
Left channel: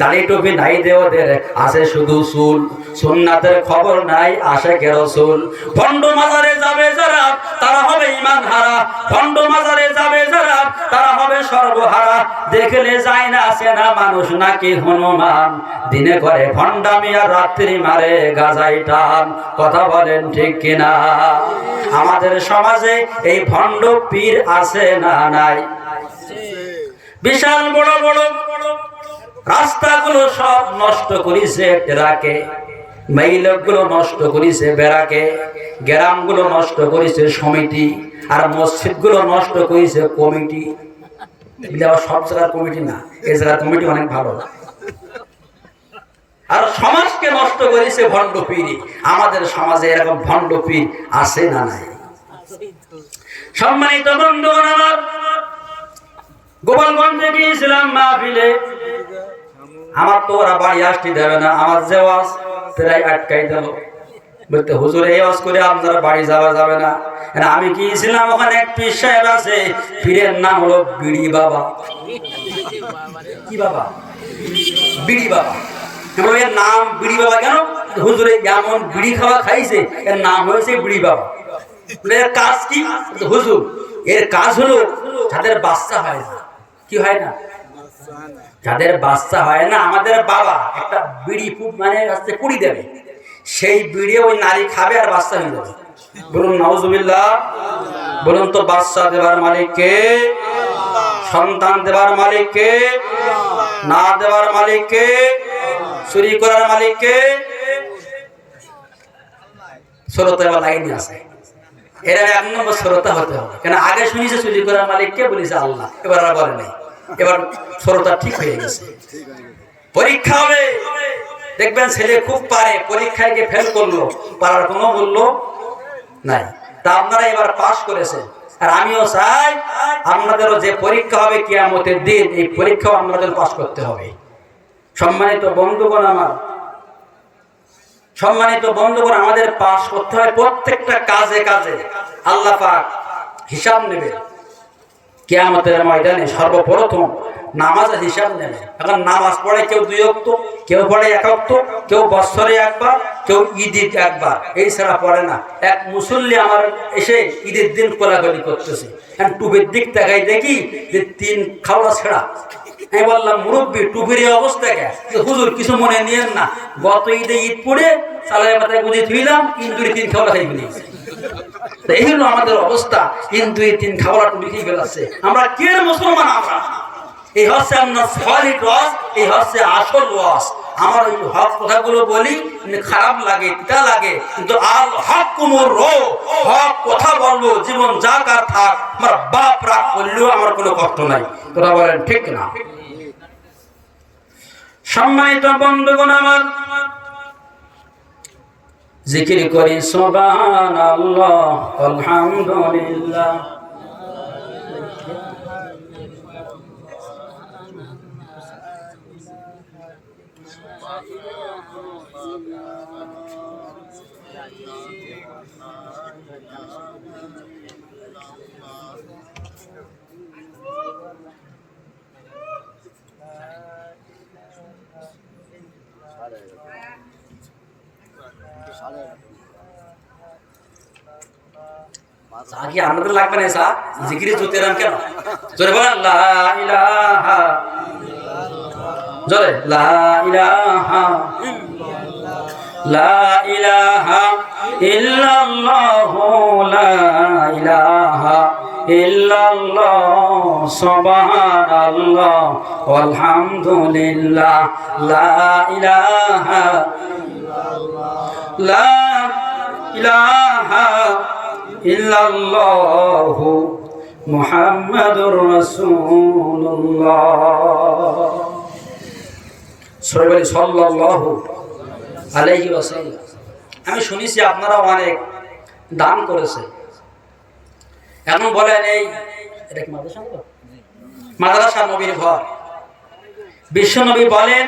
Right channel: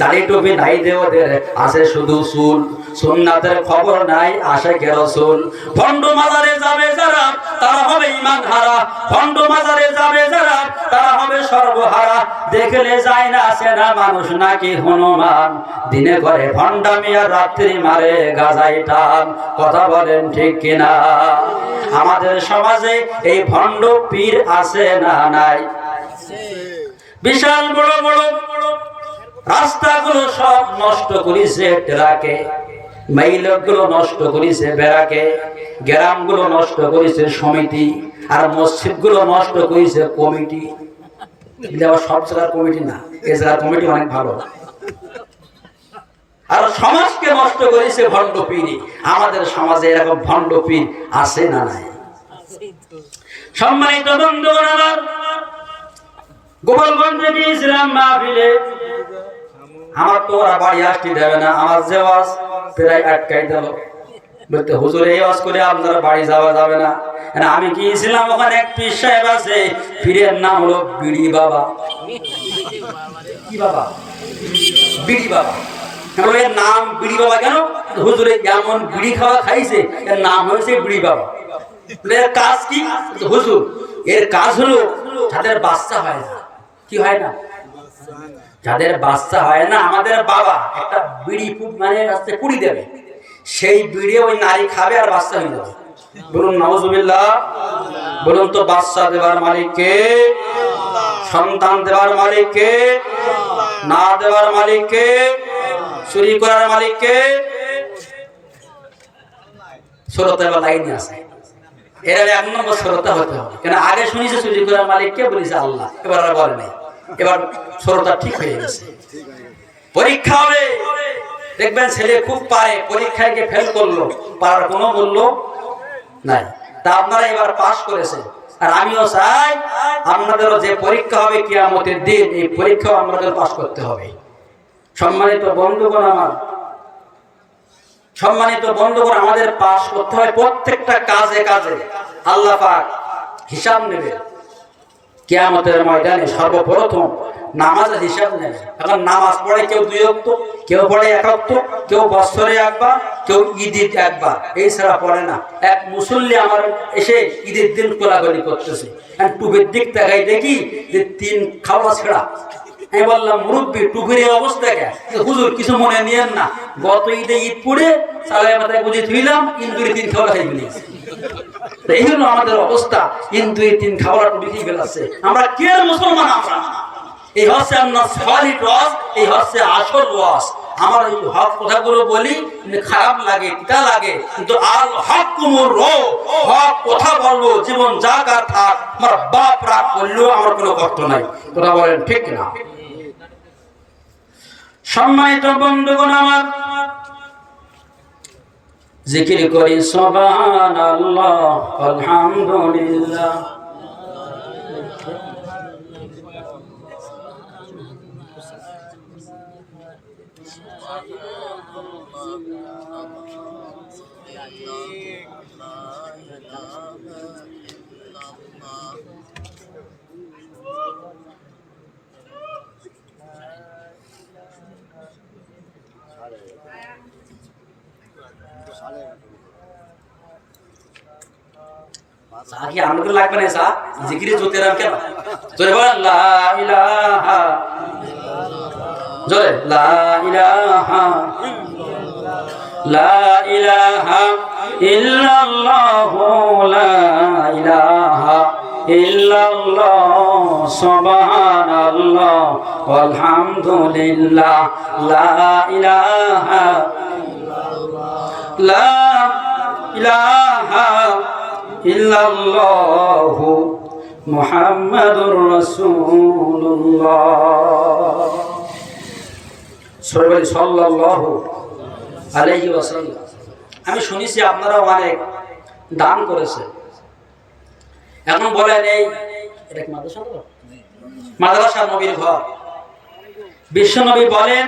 দাড়ি টুপি নাই দে ওদের, আছে শুধু চুল, সুন্নাতের খবর নাই, আসে কেরসুল। ভণ্ড মাজারে যাবে যারা তারা হবে ইমান হারা, ভণ্ড মাজারে যাবে যারা তারা হবে সর্বহারা। দেখলে যায় না আসে না মানুষ নাকি হনুমান, দিনে করে ভণ্ডামি আর রাত্রি মারে গাজাই টান। কথা বলেন ঠিক কিনা? আমাদের সমাজে এই ভণ্ড পীর আছে না নাই? বিশাল বড় বড় রাস্তাগুলো সব নষ্ট করেছে টেরাকে, মাইলগুলো নষ্ট করেছে বেড়াকে, গ্রামগুলো নষ্ট করেছে সমিতি, আর মসজিদগুলো নষ্ট করেছে কমিটি। সব জায়গার কমিটি না, এই জায়গার কমিটি অনেক ভালো। আর সমাজকে নষ্ট করেছে ভণ্ড পীর। আমাদের সমাজে এরকম ভণ্ড পীর আছে না নাই? সম্মানিত বন্ধুগণ, আমার গোপালগঞ্জে গিয়েছিলাম মাহফিলে। আমার তো ওরা বাড়ি আসতে দেবে না, আমার জেওয়াজ প্রায় আটকাই দিল, বলতে হুজুর এই ওয়াজ করে আপনারা বাড়ি যাওয়া যাবে না। আমি গিয়েছিলাম, ওখানে এক পীর সাহেব আছে, পীরের নাম হলো বিড়ি বাবা। কি বাবা? বিড়ি বাবা। এর নাম বিড়ি বাবা কেন? হুজুরে যেমন বিড়ি খাওয়া খাইছে, এর নাম হয়েছে বিড়ি বাবা। এর কাজ কি? হুজুর এর কাজ হলো যাদের বাচ্চা হয় না, কি হয় না, যাদের বাচ্চা হয় না, আমাদের বাবা একটা বিড়ি মানে কুড়ি দেবে, সেই বিড়ি ওই নারী খাবে আর বাচ্চা হয়ে যাবে। বলুন নাউজুবিল্লাহ। বলুন তো বাচ্চা দেবার মালিক কে? সন্তান দেবার মালিক কে? না দেওয়ার মালিক কে? চুরি করার মালিক কে? শ্রোতা এবার লাইনে আছে, এর এক নম্বর শ্রোতা হতে হবে। কেন আগে শুনেছে চুরি করার মালিক কে, বলেছে আল্লাহ, এবার আর বলে নাই। এবার শ্রোতা ঠিক হয়ে গেছে। পরীক্ষা হবে, দেখবেন ছেলে খুব পারে, পরীক্ষায় গিয়ে ফেল করলো, পারার কোনো মূল্য নাই। তা আপনারা এবার পাস করেছেন, আর আমিও চাই আপনাদেরও যে পরীক্ষা হবে কিয়ামতের দিন, এই পরীক্ষাও আপনাদের পাস করতে হবে। সম্মানিত বন্ধুগণ আমার, সম্মানিত বন্ধুগণ, আমাদের পাস করতে হয় প্রত্যেকটা কাজে কাজে। আল্লাহ পাক হিসাব নেবে কিয়ামতের ময়দানে। সর্বপ্রথম নামাজের হিসাব নেবে। এখন নামাজ পড়ে কেউ 2 ওয়াক্ত, কেউ পড়ে 1 ওয়াক্ত, কেউ বছরে একবার, কেউ ঈদে একবার, এই ছাড়া পড়ে না। এক মুসল্লি আমার এসে ঈদের দিন কোলাকুলি করতেছে, টুপির দিক তাকাই দেখি যে 3 খাওয়া ছেঁড়া। আমি বললাম মুরব্বী টুপির এই অবস্থা কে? হুজুর কিছু মনে নিয়েন না, গত ঈদে ঈদ পড়ে চালাই মাথায় বুঝে ধুইলাম, ইন্দুরে 3 খাওয়া খাই ফেলেছি। এই হলো আমাদের অবস্থা, ইন্দুরে 3 খাওয়া টুপি খেয়ে ফেলাচ্ছে। আমরা কে মুসলমান? আমরা এই হচ্ছে আপনার সলিড ওয়াজ, এই হচ্ছে আসল ওয়াজ। আমার এই হক কথাগুলো বলি, খারাপ লাগে, তিতা লাগে, কিন্তু আল হক কুমুর রো, হক কথা বলবো, জীবন যা কার থাক, আমার বাপ রাগ করলেও আমার কোনো কষ্ট নাই। তোরা বলেন ঠিক না? সম্মানিত বন্ধুগণ আমার, জিকির করি সুবহানাল্লাহ আলহামদুলিল্লাহ। আগে আনন্দ লাগবে না, এসা জিকিরে জোতে রান কেন? জোরে বলেন লা ইলাহা, জোরে লা ইলাহা, লা ইলাহা ইল্লাল্লাহু, লা ইলাহা ইল্লাল্লাহ, সুবহানাল্লাহ আলহামদুলিল্লাহ, লা ইলাহা, লা ইলাহা ইল্লাল্লাহু মুহাম্মাদুর রাসূলুল্লাহ। সবাই সাল্লাল্লাহু আলাইহি ওয়াসাল্লাম। আমি শুনেছি আপনারা অনেক দান করেছেন। এখন বলেন এই মাদ্রাসা নবীর ঘর। বিশ্ব নবী বলেন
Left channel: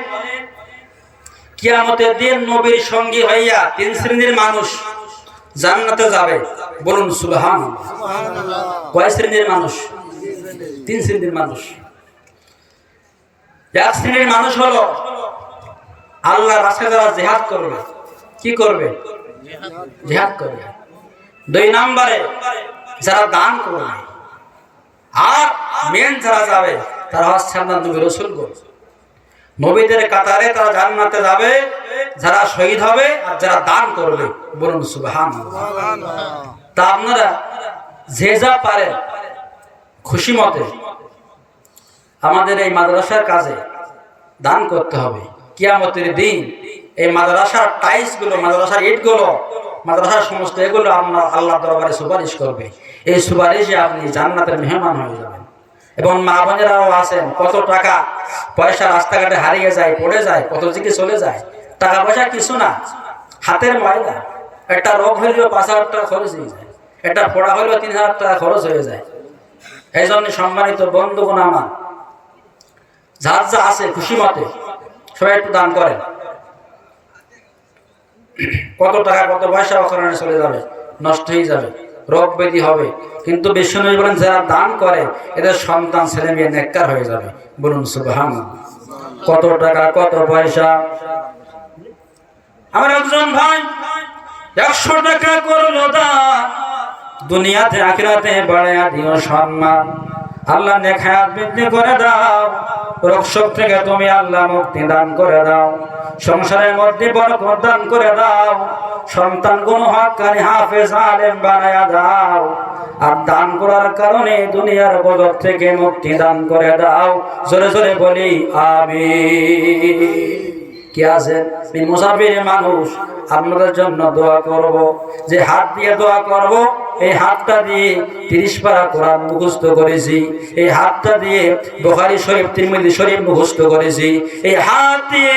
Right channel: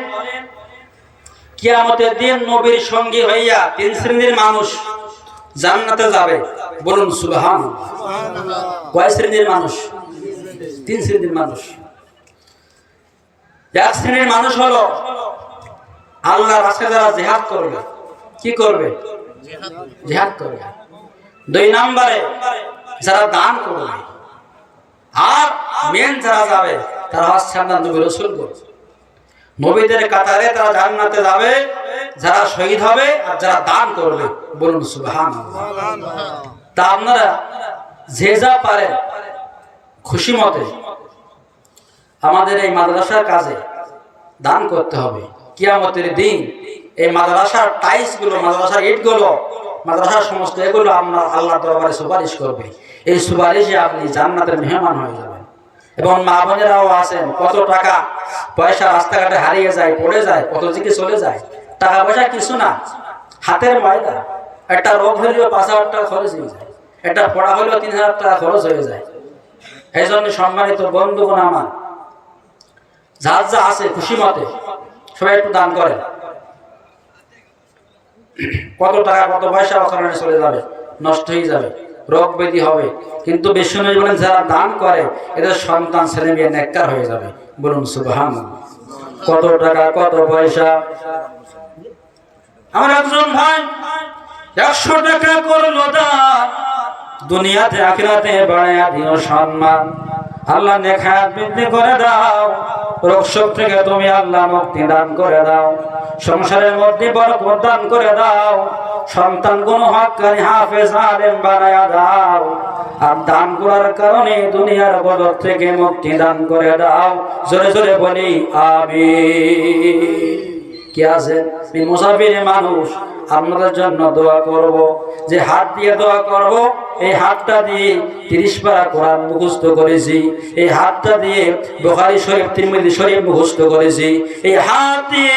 কিয়ামতের দিন নবীর সঙ্গী হইয়া 3 শ্রেণীর মানুষ জান্নাতে যাবে। বলুন সুবহানাল্লাহ। কয় শ্রেণীর মানুষ? 3 শ্রেণীর মানুষ। এক শ্রেণীর মানুষ হলো আল্লাহর রাস্তায় যারা জিহাদ করবে। কি করবে? জিহাদ করবে। 2 নম্বরে যারা দান করবে। আর মেন যারা যাবে তারা হচ্ছে নবী রাসূলগণ। নবীদের কাতারে তারা জান্নাতে যাবে যারা শহীদ হবে আর যারা দান করবে। বলুন সুবহানাল্লাহ। তা আপনারা যে যা পারেন খুশি মতে আমাদের এই মাদ্রাসার কাজে দান করতে হবে। কিয়ামতের দিন এই মাদ্রাসার টাইলস গুলো, মাদ্রাসার ইট গুলো, মাদ্রাসার সমস্ত এগুলো আল্লাহ দরবারে সুপারিশ করবে। এই সুপারিশে আপনি জান্নাতের মেহমান হয়ে যাবেন। এবং মা বোনেরাও আছেন, কত টাকা পয়সা রাস্তাঘাটে হারিয়ে যায়, পড়ে যায়, কত দিকে চলে যায়। টাকা পয়সা কিছু না, হাতের ময়দা। একটা রোগ হইলেও 5,000 টাকা খরচ হয়ে যায়, একটা পড়া হইলেও 3,000 টাকা খরচ হয়ে যায়। এই জন্য সম্মানিত বন্ধুগণ আমার, যার যা আছে খুশি মতে সবাই একটু দান করেন। কত টাকা কত পয়সা ওখানে চলে যাবে, নষ্ট হয়ে যাবে, রোগ ব্যাধি হবে। কিন্তু বিশ্বনবী বলেন যারা দান করে এদের সন্তান ছেলে মেয়ে নেককার হয়ে যাবে। বলুন সুবহানাল্লাহ। কত টাকা কত পয়সা। আমার একজন ভাই 100 টাকা করলো দান, দুনিয়াতে আখিরাতে বাড়ায়া দিও সম্মান। আল্লাহ নেক হায়াত বৃদ্ধি করে দাও, রোগ শোক থেকে তুমি আল্লাহ মুক্তি দান করে দাও, সংসারের মধ্যে বরকত দান করে দাও, সন্তান কোন হক্কানি হাফেজ আলেম বানায়া দাও। আর দান করার কারণে দুনিয়ার গজব থেকে মুক্তি দান করে দাও। জোরে জোরে বলি আমিন। কি আছে মুসাফির মানুষ, আপনাদের জন্য দোয়া করব। যে হাত দিয়ে দোয়া করব, এই হাতটা দিয়ে 30 পারা কোরআন মুখস্থ করেছি। এই হাতটা দিয়ে বুখারী শরীফ তিরমিজি শরীফ মুখস্থ করেছি। এই হাত দিয়ে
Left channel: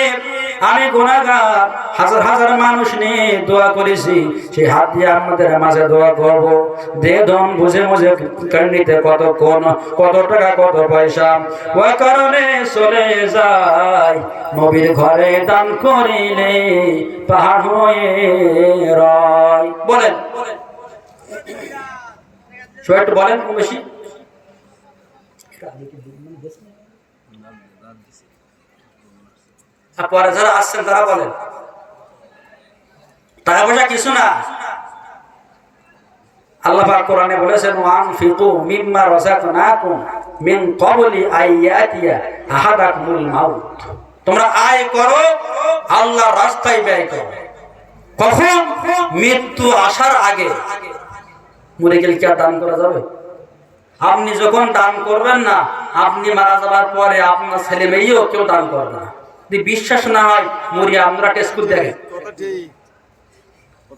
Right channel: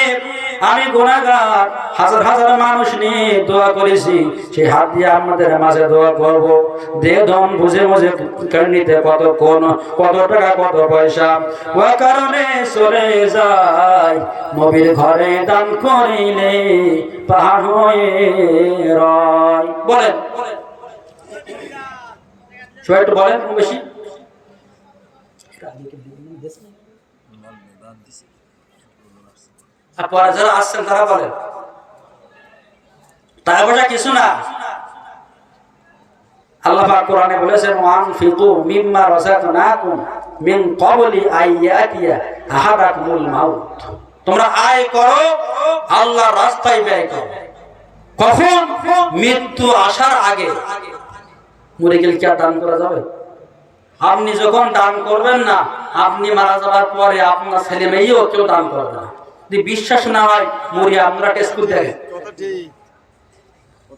আমি গুনাহগার হাজার হাজার মানুষ নিয়ে দোয়া করেছি। সেই হাত দিয়ে আমাদের মাঝে দোয়া করব। দে দম বুঝে বুঝে কারণিতে কতক্ষণ, কত টাকা কত পয়সা ওই কারণে চলে যায়। নবীর ঘরে দান করিলে পাহাড় হয়ে রয়। বলেন সবাই একটু বলেন কম বেশি। আর পরে যারা আসছেন তারা বলেন টাকা পয়সা কিছু না। আল্লাহ পাক কোরআনে বলেছেন ওয়ানফিকু মিম্মা রাযাকনাকুম মিন ক্বাবলি আইয়াতিয়া আহাদাকুমুল মাউত। তোমরা আয় করো, আল্লাহর রাস্তায় ব্যয় করো। কখন? মৃত্যু আসার আগে। মরে গেলে কি আর দান করা যাবে? আপনি যখন দান করবেন না, আপনি মারা যাওয়ার পরে আপনার ছেলে মেয়েও কেউ দান করবে না। যদি বিশ্বাস না হয় মরি আপনারা টেস্ট করে দেখেন।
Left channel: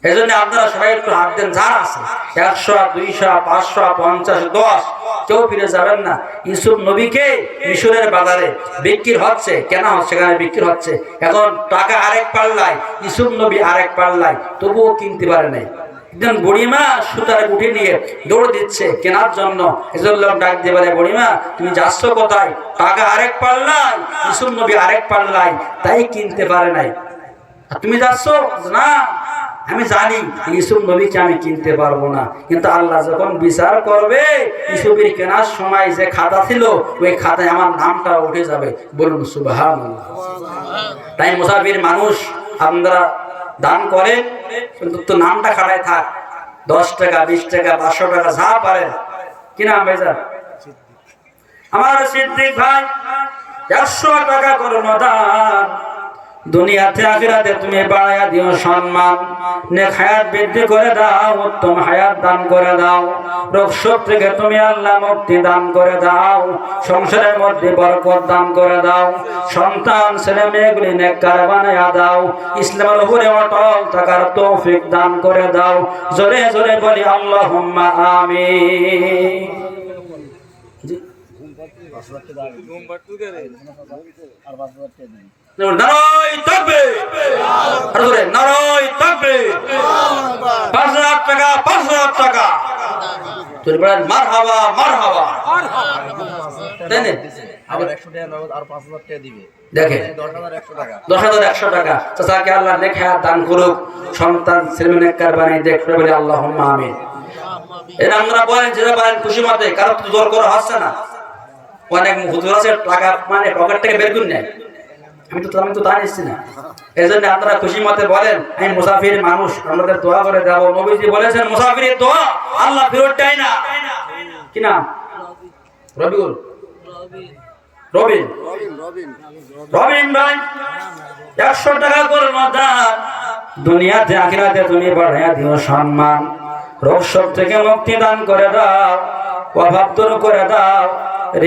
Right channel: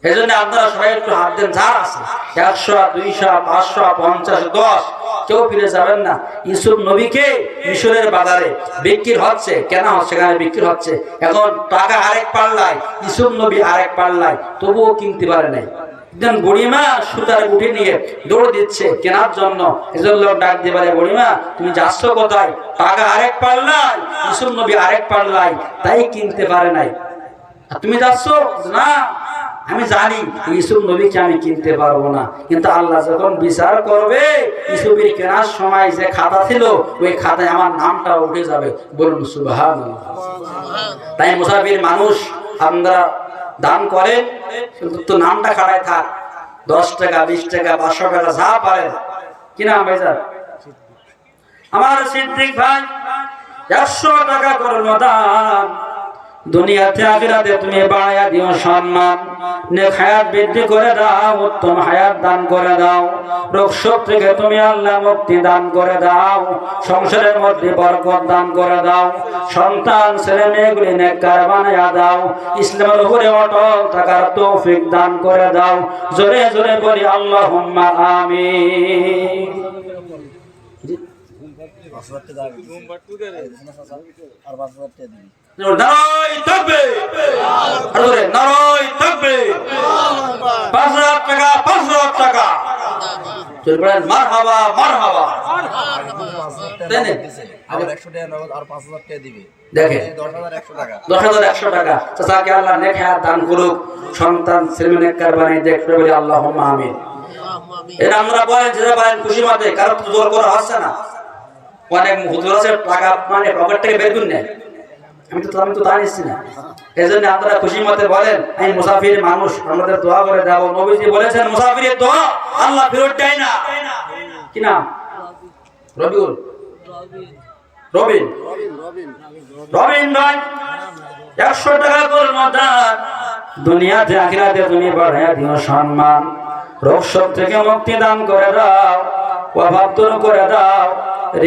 এই জন্য আপনারা সবাই একটু হাত দেন। যার আছে 100 200 500 50 10 কেউ ফিরে যাবেন না। ইউসুফ নবীকে মিশরের বাজারে বিক্রি হচ্ছে, কেন হচ্ছে? সেখানে বিক্রি হচ্ছে। এখন টাকা আরেক পাল্লায়, ইউসুফ নবী আরেক পাল্লায়, তবুও কিনতে পারে নাই। একজন বুড়িমা সুতার গুটি নিয়ে দৌড় দিচ্ছে কেনার জন্য। এজন লোক ডাক দিয়ে বলে, বুড়িমা তুমি যাচ্ছ কোথায়? টাকা আরেক পাল্লায়, ইউসুফ নবী আরেক পাল্লায়, তাই কিনতে পারে নাই। আর তুমি যাচ্ছ? না, আমি জানি ইউসুফ নবীকে আমি কিনতে পারবো না, কিন্তু আল্লাহ যখন বিচার করবে ইউসুফের কেনার সময় যে খাতা ছিল ওই খাতায় আমার নামটা উঠে যাবে। বলুন সুবহানাল্লাহ। তাই মুসাফির মানুষ আপনারা দান করেন, কিন্তু তো নামটা খাড়ায় থাক। 10 টাকা 20 টাকা 500 টাকা যা পারেন। কি নাম ভাইজান? আমার সিদ্দিক ভাই 100 টাকা করলো দান, দুনিয়াতে আখিরাতে তুমি বাড়ায়া দিও সম্মান। নেক হায়াত বৃদ্ধি করে দাও, উত্তম হায়াত দান করে দাও, রোগ শোক থেকে তুমি আল্লাহ মুক্তি দান করে দাও, সংসারের মধ্যে বরকত দান করে দাও, সন্তান ছেলে মেয়েগুলি নেককার বানায়া দাও, ইসলামের উপরে অটল থাকার তৌফিক দান করে দাও। জোরে জোরে বলি আল্লাহুম্মা আমিন। নারায়ে তাকবীর, আর জোরে নারায়ে তাকবীর। 5,000 টাকা, 5,000 টাকা। জোরে বলেন মারহাবা, মারহাবা। দেন আবার 100 টাকা নগদ আর 5,000 টাকা দিবে। দেখেন 10,100 টাকা। 10,100 টাকা। চাচাকে আল্লাহ নেক হায়াত দান করুক, সন্তান ছেলে নেককার বানাই দেখতে বলে আল্লাহুম্মা আমিন। এটা আমরা বলেন যে বলেন খুশি মতে, কারণ তো জোর করা হচ্ছে না। অনেক হুজুর আছে টাকা মানে পকেট থেকে বের করে নেয়, আমি তো তা নিচ্ছি না। এই জন্য আপনারা খুশি মতে বলেন আমি মুসাফির মানুষ, আমাদের দোয়া করে যাবো। নবীজি বলেছেন মুসাফিরের দোয়া আল্লাহ ফেরত দেয় না। কি নাম? রবিউল, রবিন, রবিন ভাই 100 টাকা করে দান। দুনিয়াতে আখিরাতে তুমি বাড়াইয়া দিও সম্মান, রোগ শোক থেকে মুক্তি দান করে দাও, অভাব দূর করে দাও,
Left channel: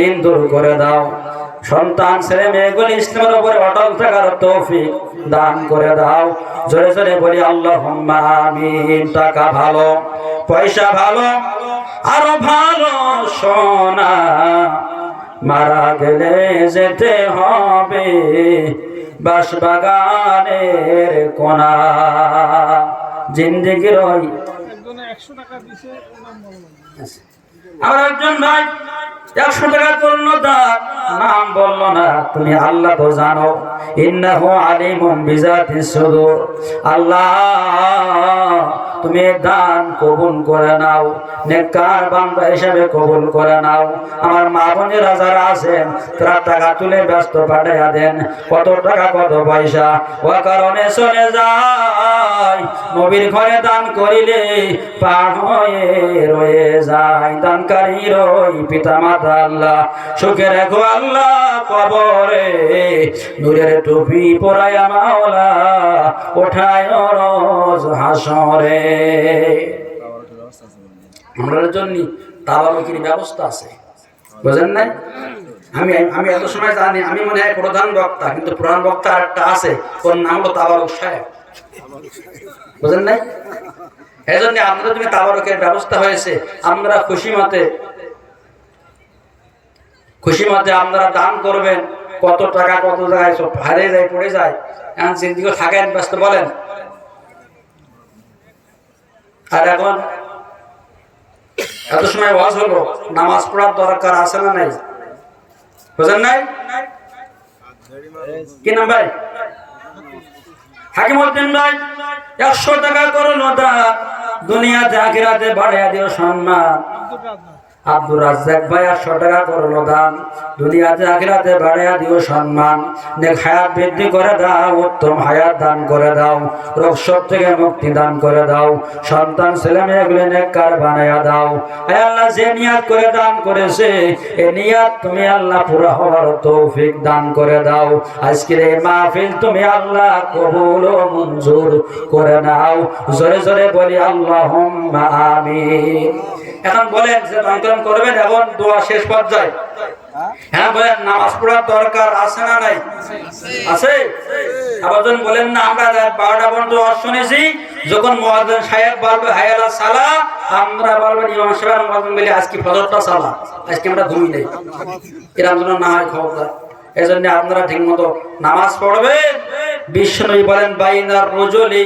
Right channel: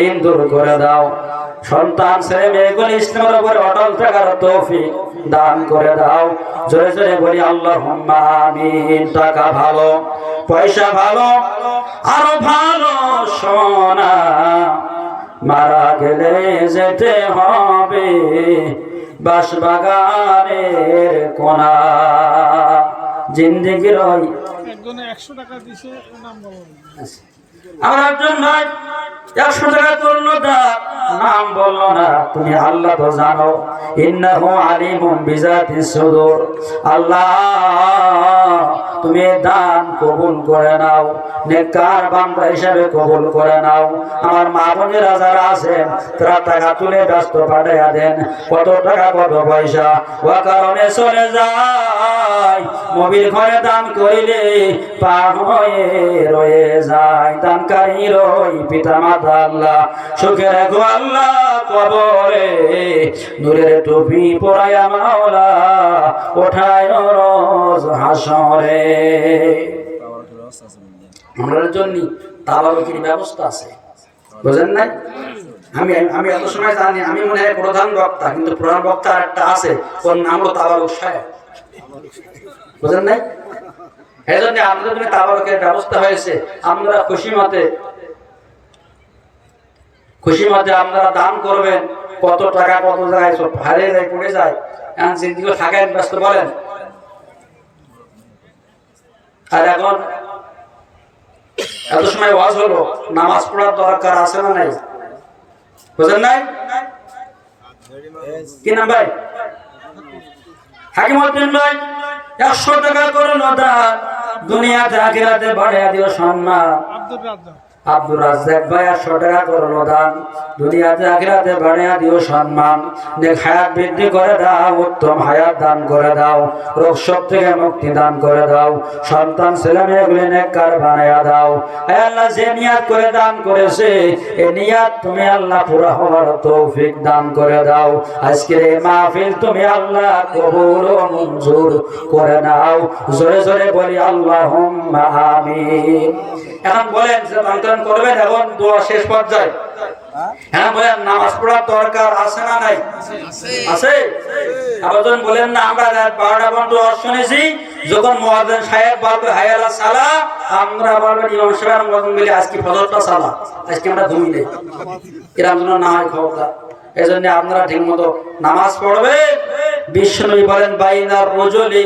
ঋণ দূর করে দাও। সন্তান ছেলে মেয়েগুলি ইসলামের উপরে অটল থাকার তৌফিক দান করে দাও। জোরে জোরে বলি আল্লাহুম্মা আমিন। টাকা ভালো, পয়সা ভালো, আরো ভালো সোনা, মারা গেলে যেতে হবে বাঁশবাগানের কোনা। জিন্দেগির ওই আমার একজন ভাই 100 টাকা করলো দান, নাম বললো না। তুমি আল্লাহ তো জানো, ইন্নাহু আলিমুম বিজাতিস সুদূর। আল্লাহ তুমি দান কবুল করে নাও, নেককার বান্দা হিসেবে কবুল করে নাও। আমার মা বোনেরা যারা আছেন তারা টাকা তুলে ব্যস্ত পাঠাইয়া দেন, কত টাকা কত পয়সা ও কারণে চলে যায়। নবীর ঘরে দান করিলে পার হয়ে রয়ে যায়। দানকারীর ওই পিতা মাতা আল্লাহ সুখে রাখো আল্লাহ কবরে, নূরের টুপি পরায়া মাওলা ওঠায় রোজ হাসরে। আমাদের জন্য তাবারুকের ব্যবস্থা আছে, বুঝেন নাই? আমি এত সময় জানি, আমি মনে হয় প্রধান বক্তা, কিন্তু প্রধান বক্তা একটা আছে, ওর নাম হলো তাবারুক সাহেব, বুঝেন নাই? এই জন্য আমাদের জন্য তাবারুকের ব্যবস্থা হয়েছে। আমরা খুশি মতে আপনারা দান করবেন। কত টাকা কত জায়গায় সব হারিয়ে যায়, পড়ে যায়। এখন জিন্দিগি থাকেন ব্যস্ত বলেন। আর এখন এত সময় ওয়াজ হলো, নামাজ পড়ার দরকার আছে না নাই? বুঝেন নাই? কি নাম ভাই? হাকিমউদ্দিন ভাই 100 টাকা করলো দান, দুনিয়াতে আখিরাতে বাড়াইয়া দিও সম্মান। আব্দুর রাজ্জাক ভাই 100 টাকা করলো দান, দুনিয়াতে আখিরাতে বাড়াইয়া দিও সম্মান। নেক হায়াত বৃদ্ধি করে দাও, উত্তম হায়াত দান করে দাও, রোগ শোক থেকে মুক্তি দান করে দাও। সন্তান ছেলে মেয়েগুলি নেককার বানাইয়া দাও। হে আল্লাহ, যে নিয়াত করে দান করেছে এই নিয়াত তুমি আল্লাহ পুরো হওয়ার তৌফিক দান করে দাও। আজকের এই মাহফিল তুমি আল্লাহ কবুল ও মঞ্জুর করে নাও। জোরে জোরে বলি আল্লাহুম্মা আমিন। এখন বলেন যে দান করবেন, এখন দোয়া শেষ পর্যায়ে। হ্যাঁ বলেন, নামাজ পড়ার দরকার আছে না নাই? আছে। আবার বলেন না, আমরা 12টা পর্যন্ত শুনেছি, যখন মুয়াজ্জিন সাহেব বলবে হায় আলা সালাহ, আমরা বলবো ইমাম সাহেব মুয়াজ্জিন বলে আজকে ফজরটা সালাহ, আজকে আমরা ঘুমিয়ে নেই, এরকম যেন না হয় খবরদার। এই জন্য আপনারা ঠিক মতো নামাজ পড়বেন। বিষ্ণু বলেন বাইনার রজুলি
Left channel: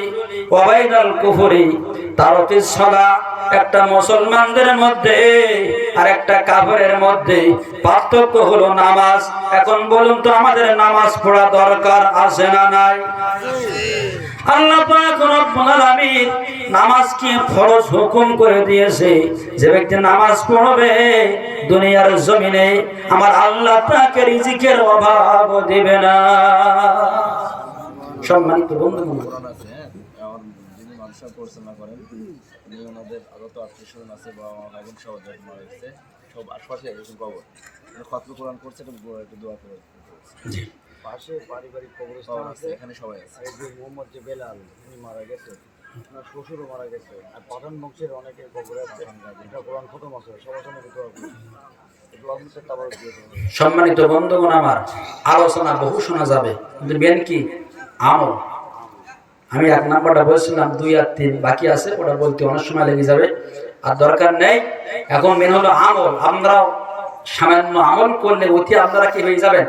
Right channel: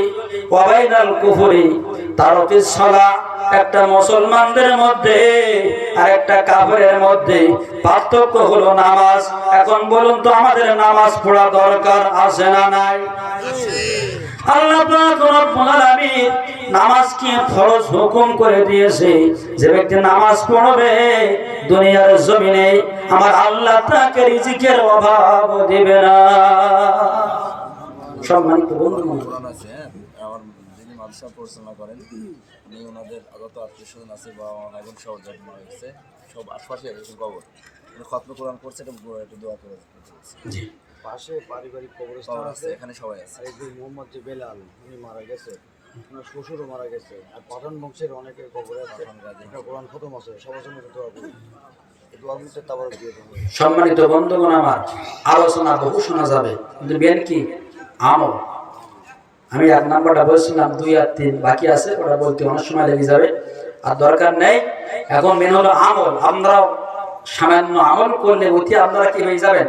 ওয়া বাইনাল কুফরি তারকিস সালাহ। একটা মুসলমানদের মধ্যে আর একটা কাফেরের মধ্যে পার্থক্য হলো নামাজ। এখন বলুন তো, আমাদের নামাজ পড়া দরকার আছে না নাই? আল্লাহ পাক রব্বুল আলামিন নামাজ কি ফরজ হুকুম করে দিয়েছে। যে ব্যক্তি নামাজ পড়বে দুনিয়ার জমিনে আমার আল্লাহ তাকে রিজিকের অভাব দিবে না। সম্মানিত বন্ধুগণ, যিনি মাদ্রাসা পরিচালনা করেন উনি ওনাদের যত আত্মীয়স্বজন আছে বা ভাই বোন সব জন্ম হয়েছে, সব আশপাশে এরকম কবর খতম কোরআন করছে, একটু দোয়া করে পাশে পারিবারিক কবরস্থান আছে, এখানে সবাই আছে। এই যে মোহাম্মদ যে বেলাল উনি মারা গেছে, ওনার শ্বশুরও মারা গেছে, আর পাঠান বংশের অনেকে কবরে আছে, কোরআন খতম আছে, সবার জন্য দোয়া করি। সম্মানিত বন্ধুগণ, আমার আলোচনা বহু শোনা যাবে, কিন্তু মেন কি আমল। আমি 1 নাম্বারটা বলছিলাম, 2 আর 3 বাকি আছে, ওটা বলতে অনেক সময় লেগে যাবে, আর দরকার নেই। এখন মেন হলো আমল। আমরা সামান্য আমল করলে অতি আপনারা কি হয়ে যাবেন?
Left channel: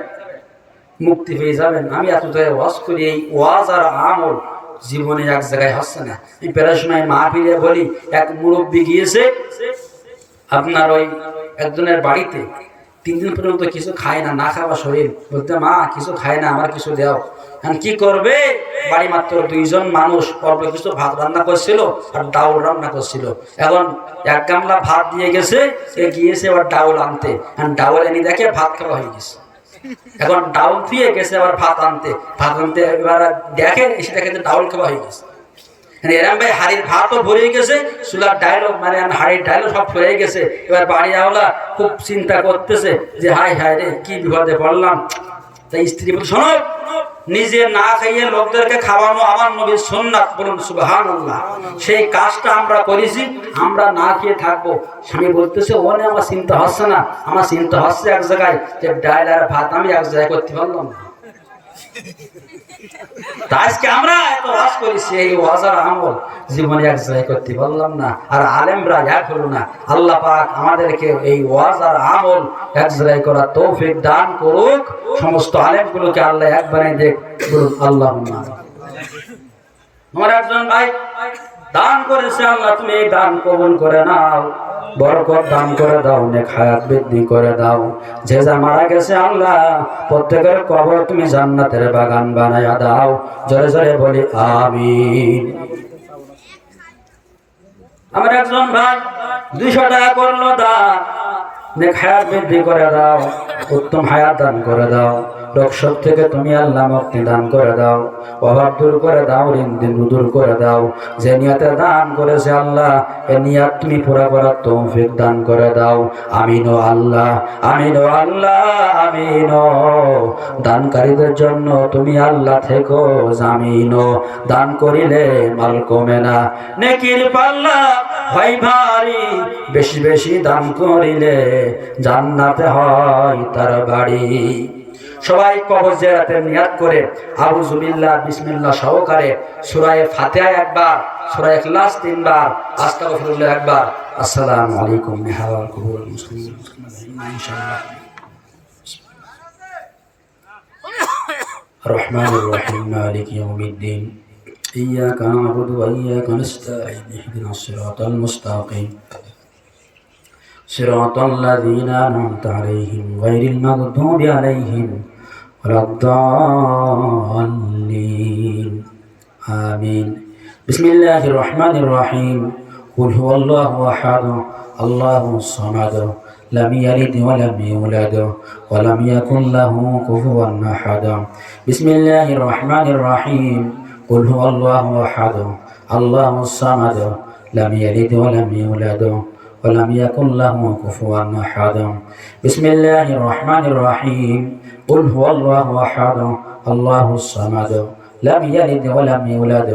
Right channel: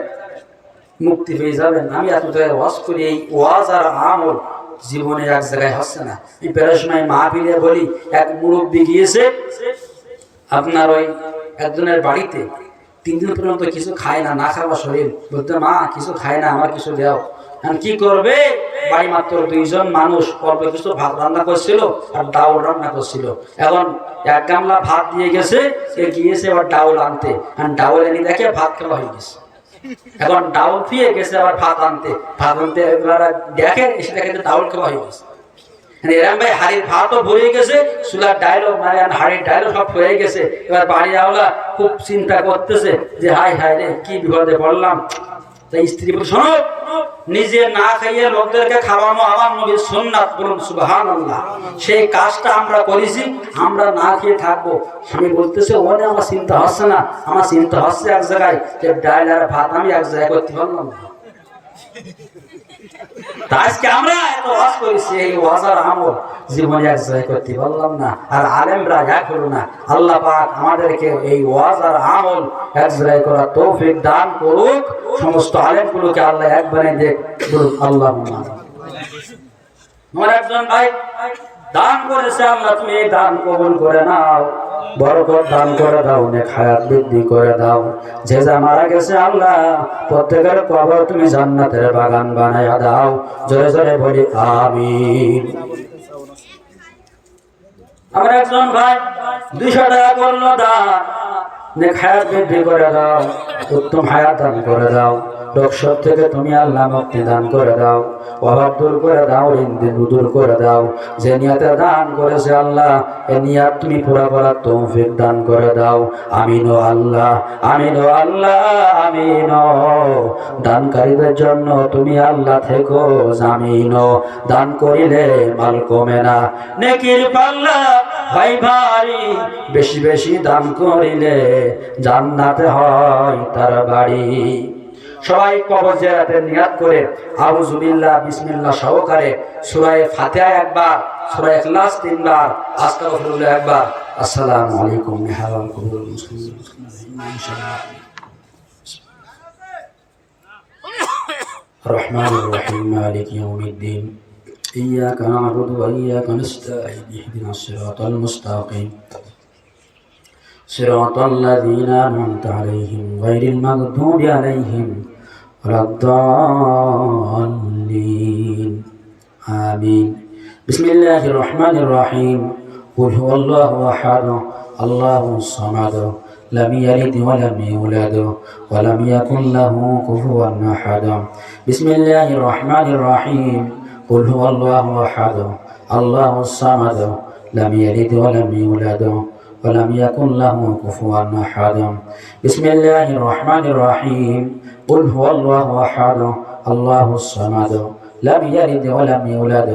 মুক্তি পেয়ে যাবেন। আমি এত জায়গায় ওয়াজ করি, এই ওয়াজ আর আমল জীবনে এক জায়গায় হচ্ছে না। এই প্রায় সময় মাহফিলে বলি, এক মুরব্বী গিয়েছে আপনার ওই একজনের বাড়িতে, 3 দিন পর্যন্ত কিছু খায় না, না খাওয়া শরীর। বলতে, মা কিছু খায় না, আমার কিছু দাও। এখন কি করবে, বাড়ি মাত্র 2 জন মানুষ, অল্প কিছু ভাত রান্না করছিল আর ডাউল রান্না করছিল। এখন 1 গামলা ভাত দিয়ে গেছে, সে গিয়েছে আবার ডাউল আনতে, আর ডাউল এনে দেখে ভাত খাওয়া হয়ে গেছে। এখন ডাউল দিয়ে গেছে আবার ভাত আনতে, এবার দেখে এসে দেখে ডাউল খাওয়া হয়ে গেছে। এরম ভাই হাড়ির ভাতও ভরে গেছে, চুলার ডায়লগ মানে হাড়ির ডায়লগ সব হয়ে গেছে। এবার বাড়ি আওলা খুব চিন্তা করতেছে যে হায় হায় রে কি বিপদে পড়লাম। তাই স্ত্রী বলে, শোনো, নিজে না খাইয়ে লোকদেরকে খাওয়ানো আমার নবীর সুন্নাত, বলুন সুবহানাল্লাহ। সেই কাজটা আমরা করেছি, আমরা না খেয়ে থাকবো। স্বামী বলতেছে, ওনে আমার চিন্তা হচ্ছে না, আমার চিন্তা হচ্ছে এক জায়গায়, যে ডাল আর ভাত আমি এক জায়গায় করতে পারলাম না। আজকে আমরা এত ওয়াজ করেছি, এই ওয়াজ আর আমল জীবনে এক জায়গায় করতে পারলাম না, আর আলেমরা এক হলো না। আল্লাহ পাক আমাদেরকে এই ওয়াজ আর আমল এক জায়গায় করার তৌফিক দান করুক। সমস্ত আলেমগুলোকে আল্লাহ এক বানিয়ে দেখ, বলুন আল্লাহুম্মা। আমার একজন ভাই দান করেছে, আল্লাহ তুমি এই দান কবুল করে নাও, বরকত দান করে দাও, নেক হায়াত বৃদ্ধি করে দাও। যে যা মারা গেছে আল্লাহ প্রত্যেকের কবর তুমি জান্নাতের বাগান বানায়া দাও। জোরে জোরে বলি আমিন। আমার একজন ভাই 200 টাকা করলো দান, নেক হায়াত বৃদ্ধি করে দাও, উত্তম হায়াত দান করে দাও। রোগ শোক থেকে তুমি আল্লাহ মুক্তি দান করে দাও, অভাব দূর করে দাও, ঋণ দূর করে দাও। যে নিয়তে দান করেছে আল্লাহ, এই নিয়ত তুমি পুরা করার তৌফিক দান করে দাও। আমিন ও আল্লাহ, আমিন ও আল্লাহ, আমিন। দানকারীদের জন্য তুমি আল্লাহ থেকো জামিন। দান করিলে মাল কমে না, নেকির পাল্লা হয় ভারী। বেশি বেশি দান করিলে জান্নাতে হয় তার বাড়ি। সবাই কবর জিয়ারতের নিয়ত করে আউযু বিল্লাহ বিসমিল্লাহ সহকারে সূরা ফাতিহা একবার, সূরা ইখলাস 3 বার, আস্তাগফিরুল্লাহ একবার। আসসালামু আলাইকুম হাওয়াল কবুল মুসলিমিন ইনশাআল্লাহ। রহমানির রহিম মালিক ইয়াউমিদ্দিন ইয়্যাকা না'বুদু ওয়া ইয়্যাকা নাস্তাঈন ইহদিনাস সিরাতাল মুস্তাকিম সিরাতাল লাযীনা আন'আমতা আলাইহিম গায়রিল মাগদুবি আলাইহিম ওয়ালাদ-দাল্লিন। আমিন। বিসমিল্লাহির রহমানির রহিম। কুল হুয়াল্লাহু আহাদ, আল্লাহুস সামাদ, লাম ইয়ালিদ ওয়া লাম ইউলাদ ওয়া লাম ইয়াকুল লাহু কুফুওয়ান আহাদ। বিসমিল্লাহির রহমানির রহিম। কুল হুয়াল্লাহু আহাদ, আল্লাহুস সামাদ, লাম ইয়ালিদ ওয়া লাম ইউলাদ ولم يكن له كفوا أحد. بسم الله الرحمن الرحيم. قل هو الله أحد الله الصمد لم يلد ولم يولد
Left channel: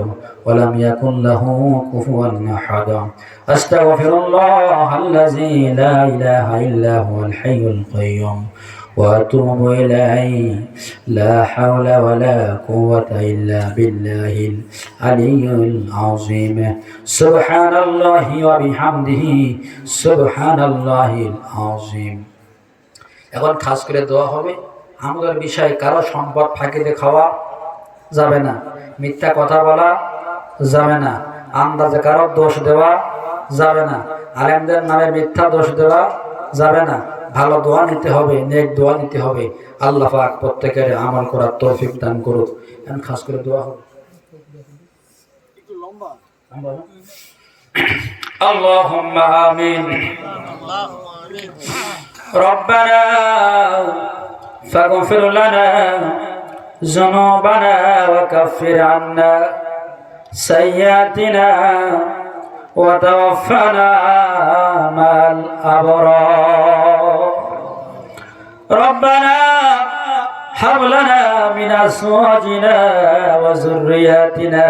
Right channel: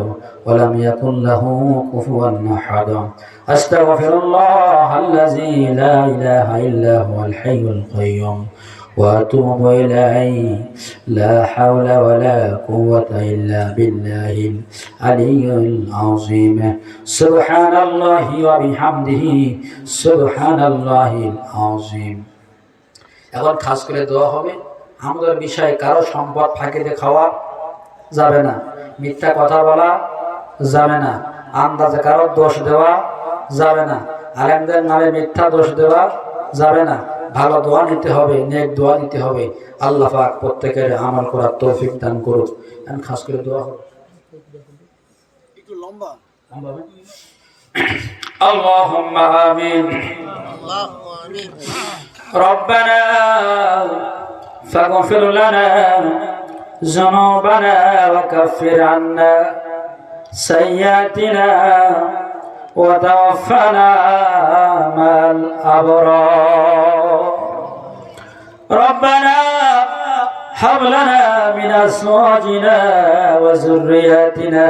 ولم يكن له كفوا أحد. أستغفر الله الذي لا إله إلا هو الحي القيوم وأتوب إليه. لا حول ولا قوة إلا بالله العلي العظيم. سبحان الله وبحمده سبحان الله العظيم. এখন খাস করে দোয়া হবে। আমাদের বিষয়ে কারো সম্পদ ফাঁকি দিয়ে খাওয়া যাবে না, মিথ্যা কথা বলা যাবে না, আন্দাজে কারো দোষ দেওয়া যাবে না, আলেমদের নামে মিথ্যা দোষ দেওয়া যাবে না। ভালো দোয়া নিতে হবে, নেক দোয়া নিতে হবে। আল্লাহ পাক প্রত্যেকের আমল করার তৌফিক দান করুক। এখন খাস করে দোয়া হবে। একটু লম্বা আল্লাহুম্মা আমিন। আল্লাহুম্মা আমিন। রব্বানা ফাগফির লানা যুনুবানা ওয়া কাফির আন্না সাইয়্যাতিনা ওয়া তাওফানা মাল আবরার। ربنا هب لنا من أزواجنا وذرياتنا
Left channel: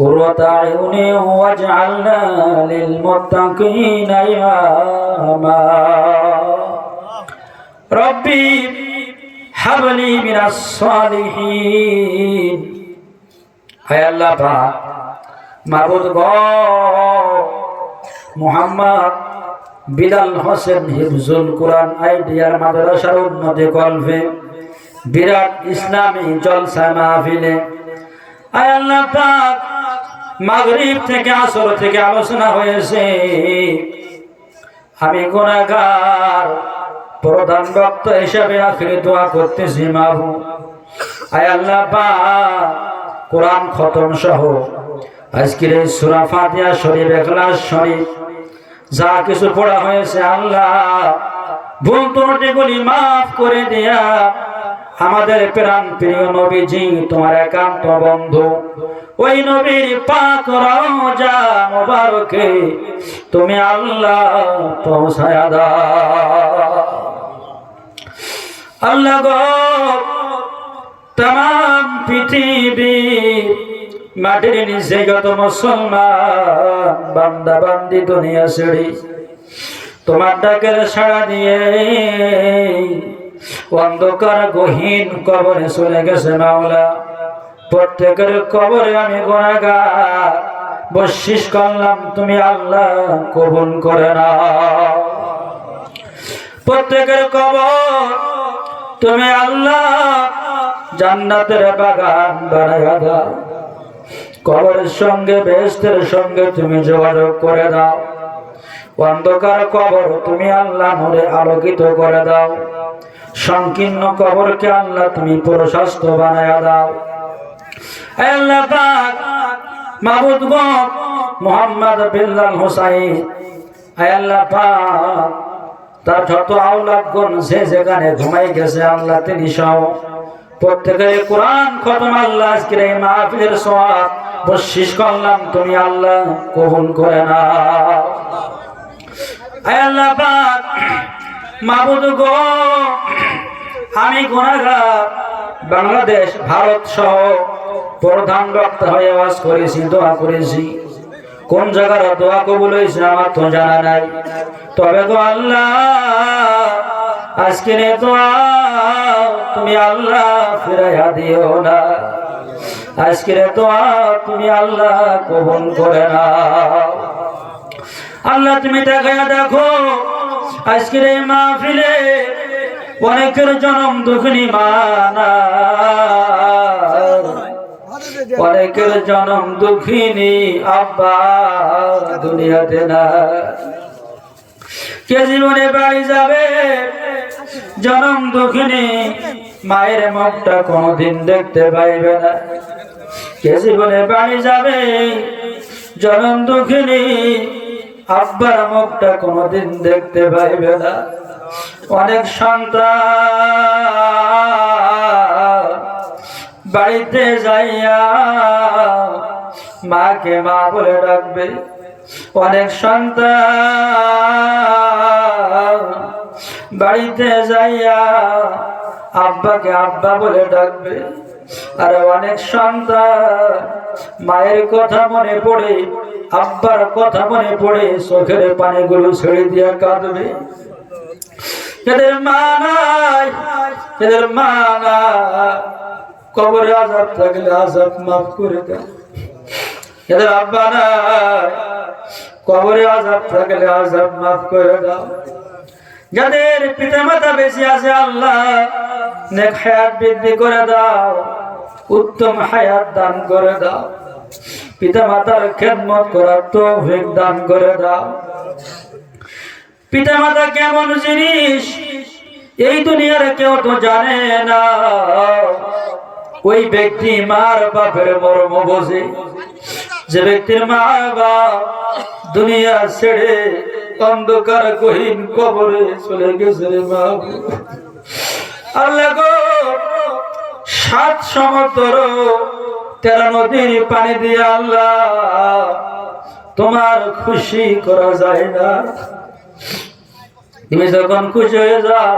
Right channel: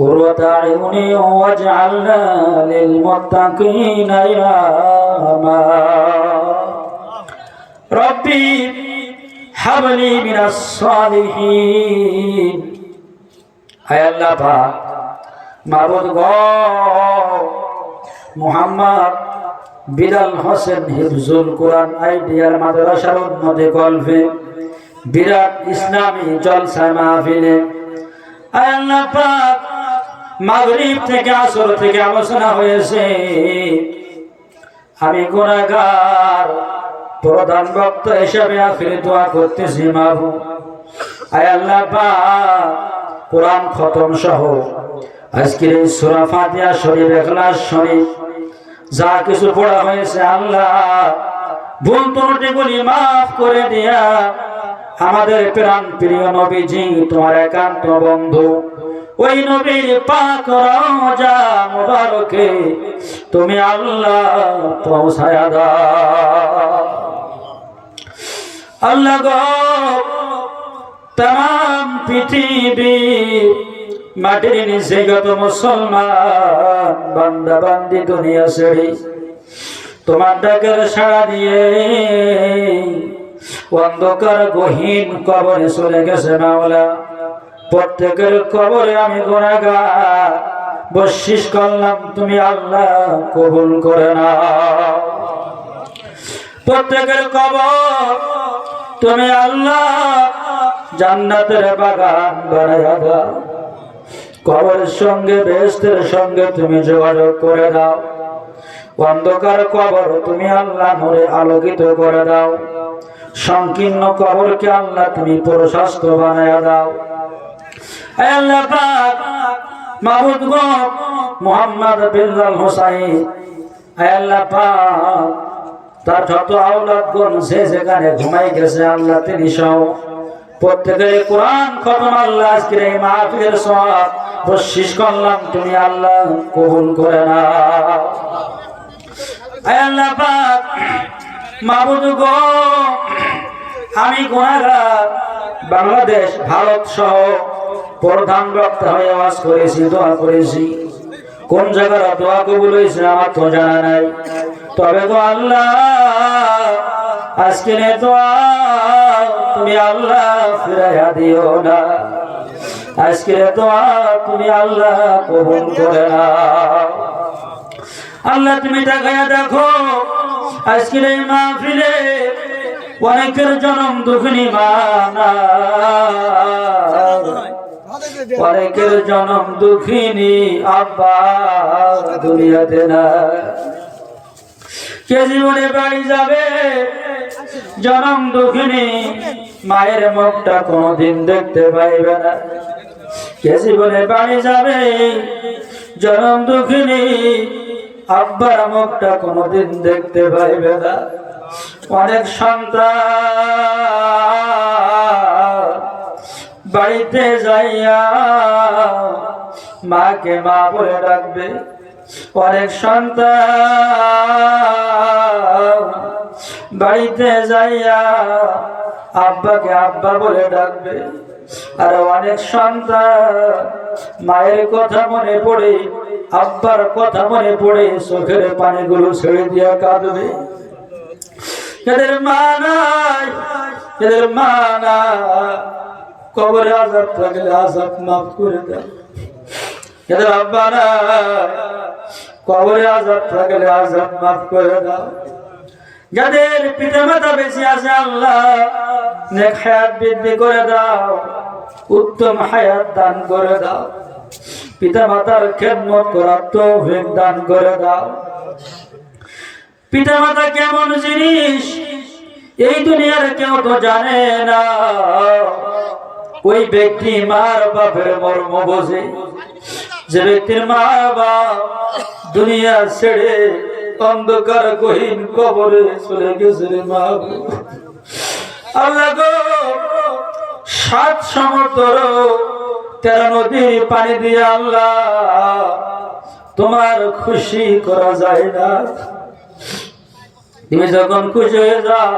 قرة أعين واجعلنا للمتقين إماما. ربي هب لي من الصالحين. هيا الله পাক মাবুদ গো, মুহাম্মদ বিলাল হোসেন হিফজুল কোরআন আইডিয়ার মাদ্রাসার উন্নতি কল্পে বিরাট ইসলামী জলসা মাহফিলে আয় আল্লাহ পাক মাগরিব থেকে আসর থেকে আলোচনা হয়েছে আমি গুনাহগার প্রধান বক্তা হিসেবে আখিরে দোয়া করতেছি মাহবুব আয় আল্লাহ পাক কোরআন খতম সহ আজকের এই সূরা ফাতিহা শরীফ ইখলাস শরীফ যা কিছু পড়া হয়েছে আল্লাহ ভুল ত্রুটিগুলি মাফ করে দিয়া আমাদের প্রাণ প্রিয় নবীজি তোমার একান্ত বন্ধু ওই নবীর পাক রওজা মুবারকে তুমি আল্লাহ পৌঁছায়া দাও আল্লাহ গো तमाम পৃথিবী মাটির নিচে যত মুসলমান বান্দা বান্দি দুনিয়া ছেড়ে তোমার ডাকের সাড়া দিয়ে অন্ধকার গহীন কবরে চলে গেছে মাওলা প্রত্যেকের কবরে আমি গুনাহগার বশিশ করলাম তুমি আল্লাহ কবুল করে নাও প্রত্যেকের কবর তুমি আল্লাহ জান্নাতের বাগান বানায়া দাও কবরের সঙ্গে বেহেশতের সঙ্গে তুমি যোগাযোগ করে দাও অন্ধকার কবর তুমি আল্লাহ নূরে আলোকিত করে দাও সংকীর্ণ কবরকে আল্লাহ তুমি প্রশস্ত বানায়া দাও হে আল্লাহ পাক মাবুদ গো মুহাম্মদ বিল্লাল হুসাইন হে আল্লাহ পাক তার যত আওলাদগণ যে যেখানে ঘুমাই গেছে আল্লাহ তিনি সহ প্রত্যেকের কোরআন খতম আল্লাহ আজকের এই মাহফিলের সওয়াব বশিশ করলাম তুমি আল্লাহ কবুল করে নাও হে আল্লাহ পাক মাবুদ গো আমি গুনাহগার বাংলাদেশ ভারত সহ প্রধান বক্তা হয়ে আওয়াজ করেছি দোয়া করেছি কোন জায়গার দোয়া কবুল হয়েছে আমার তো জানা নাই তবে গো আল্লাহ আজকের এই দোয়া তুমি আল্লাহ ফিরাইয়া দিও না আজকের এই দোয়া তুমি আল্লাহ কবুল করে নাও আল্লাহ তুমি দেখায়া দেখো আজকের এই মাহফিলে অনেকের জনম দুঃখিনী মা অনেকের জনম দুঃখিনী আব্বা দুনিয়াতে না কে জীবনে বাড়ি যাবে জনম দুঃখিনী মায়ের মুখটা কোনোদিন দেখতে পাইবে না কে জীবনে বাড়ি যাবে জনম দুঃখিনী আব্বার মুখটা কোনোদিন দেখতে পাইবে না অনেক সন্তান বাড়িতে যাইয়া মাকে মা বলে ডাকবে অনেক সন্তান বাড়িতে যাইয়া আব্বাকে আব্বা বলে ডাকবে আর অনেক সন্তান মায়ের কথা মনে পড়ে আব্বার কথা মনে পড়ে চোখের পানিগুলো ছেড়ে দিয়া কাঁদবে এদের মা নাই এদের মা না কবরে আযাব থাকলে আযাব মাফ করে দাও এদের আব্বা না কবরে আযাব থাকলে আযাব মাফ করে দাও যাদের পিতা মাতা বেঁচে আছে আল্লাহ নেক হায়াত বৃদ্ধি করে দাও উত্তম হায়াত দান করে দাও পিতা মাতার খেদমত করার তৌফিক দান করে দাও পিতা মাতা কেমন জিনিস এই দুনিয়ার কেউ তো জানে না ওই ব্যক্তি মার বাপের মর্ম বোঝে যে ব্যক্তির মা বাপ দুনিয়া ছেড়ে অন্ধকার গহীন কবরে চলে গেছে রে মা আল্লাহ গো 7 সমুদ্র 13 নদীর পানি দিয়ে আল্লাহ তোমার খুশি করা যায় না তুমি যখন খুশি হয়ে যাও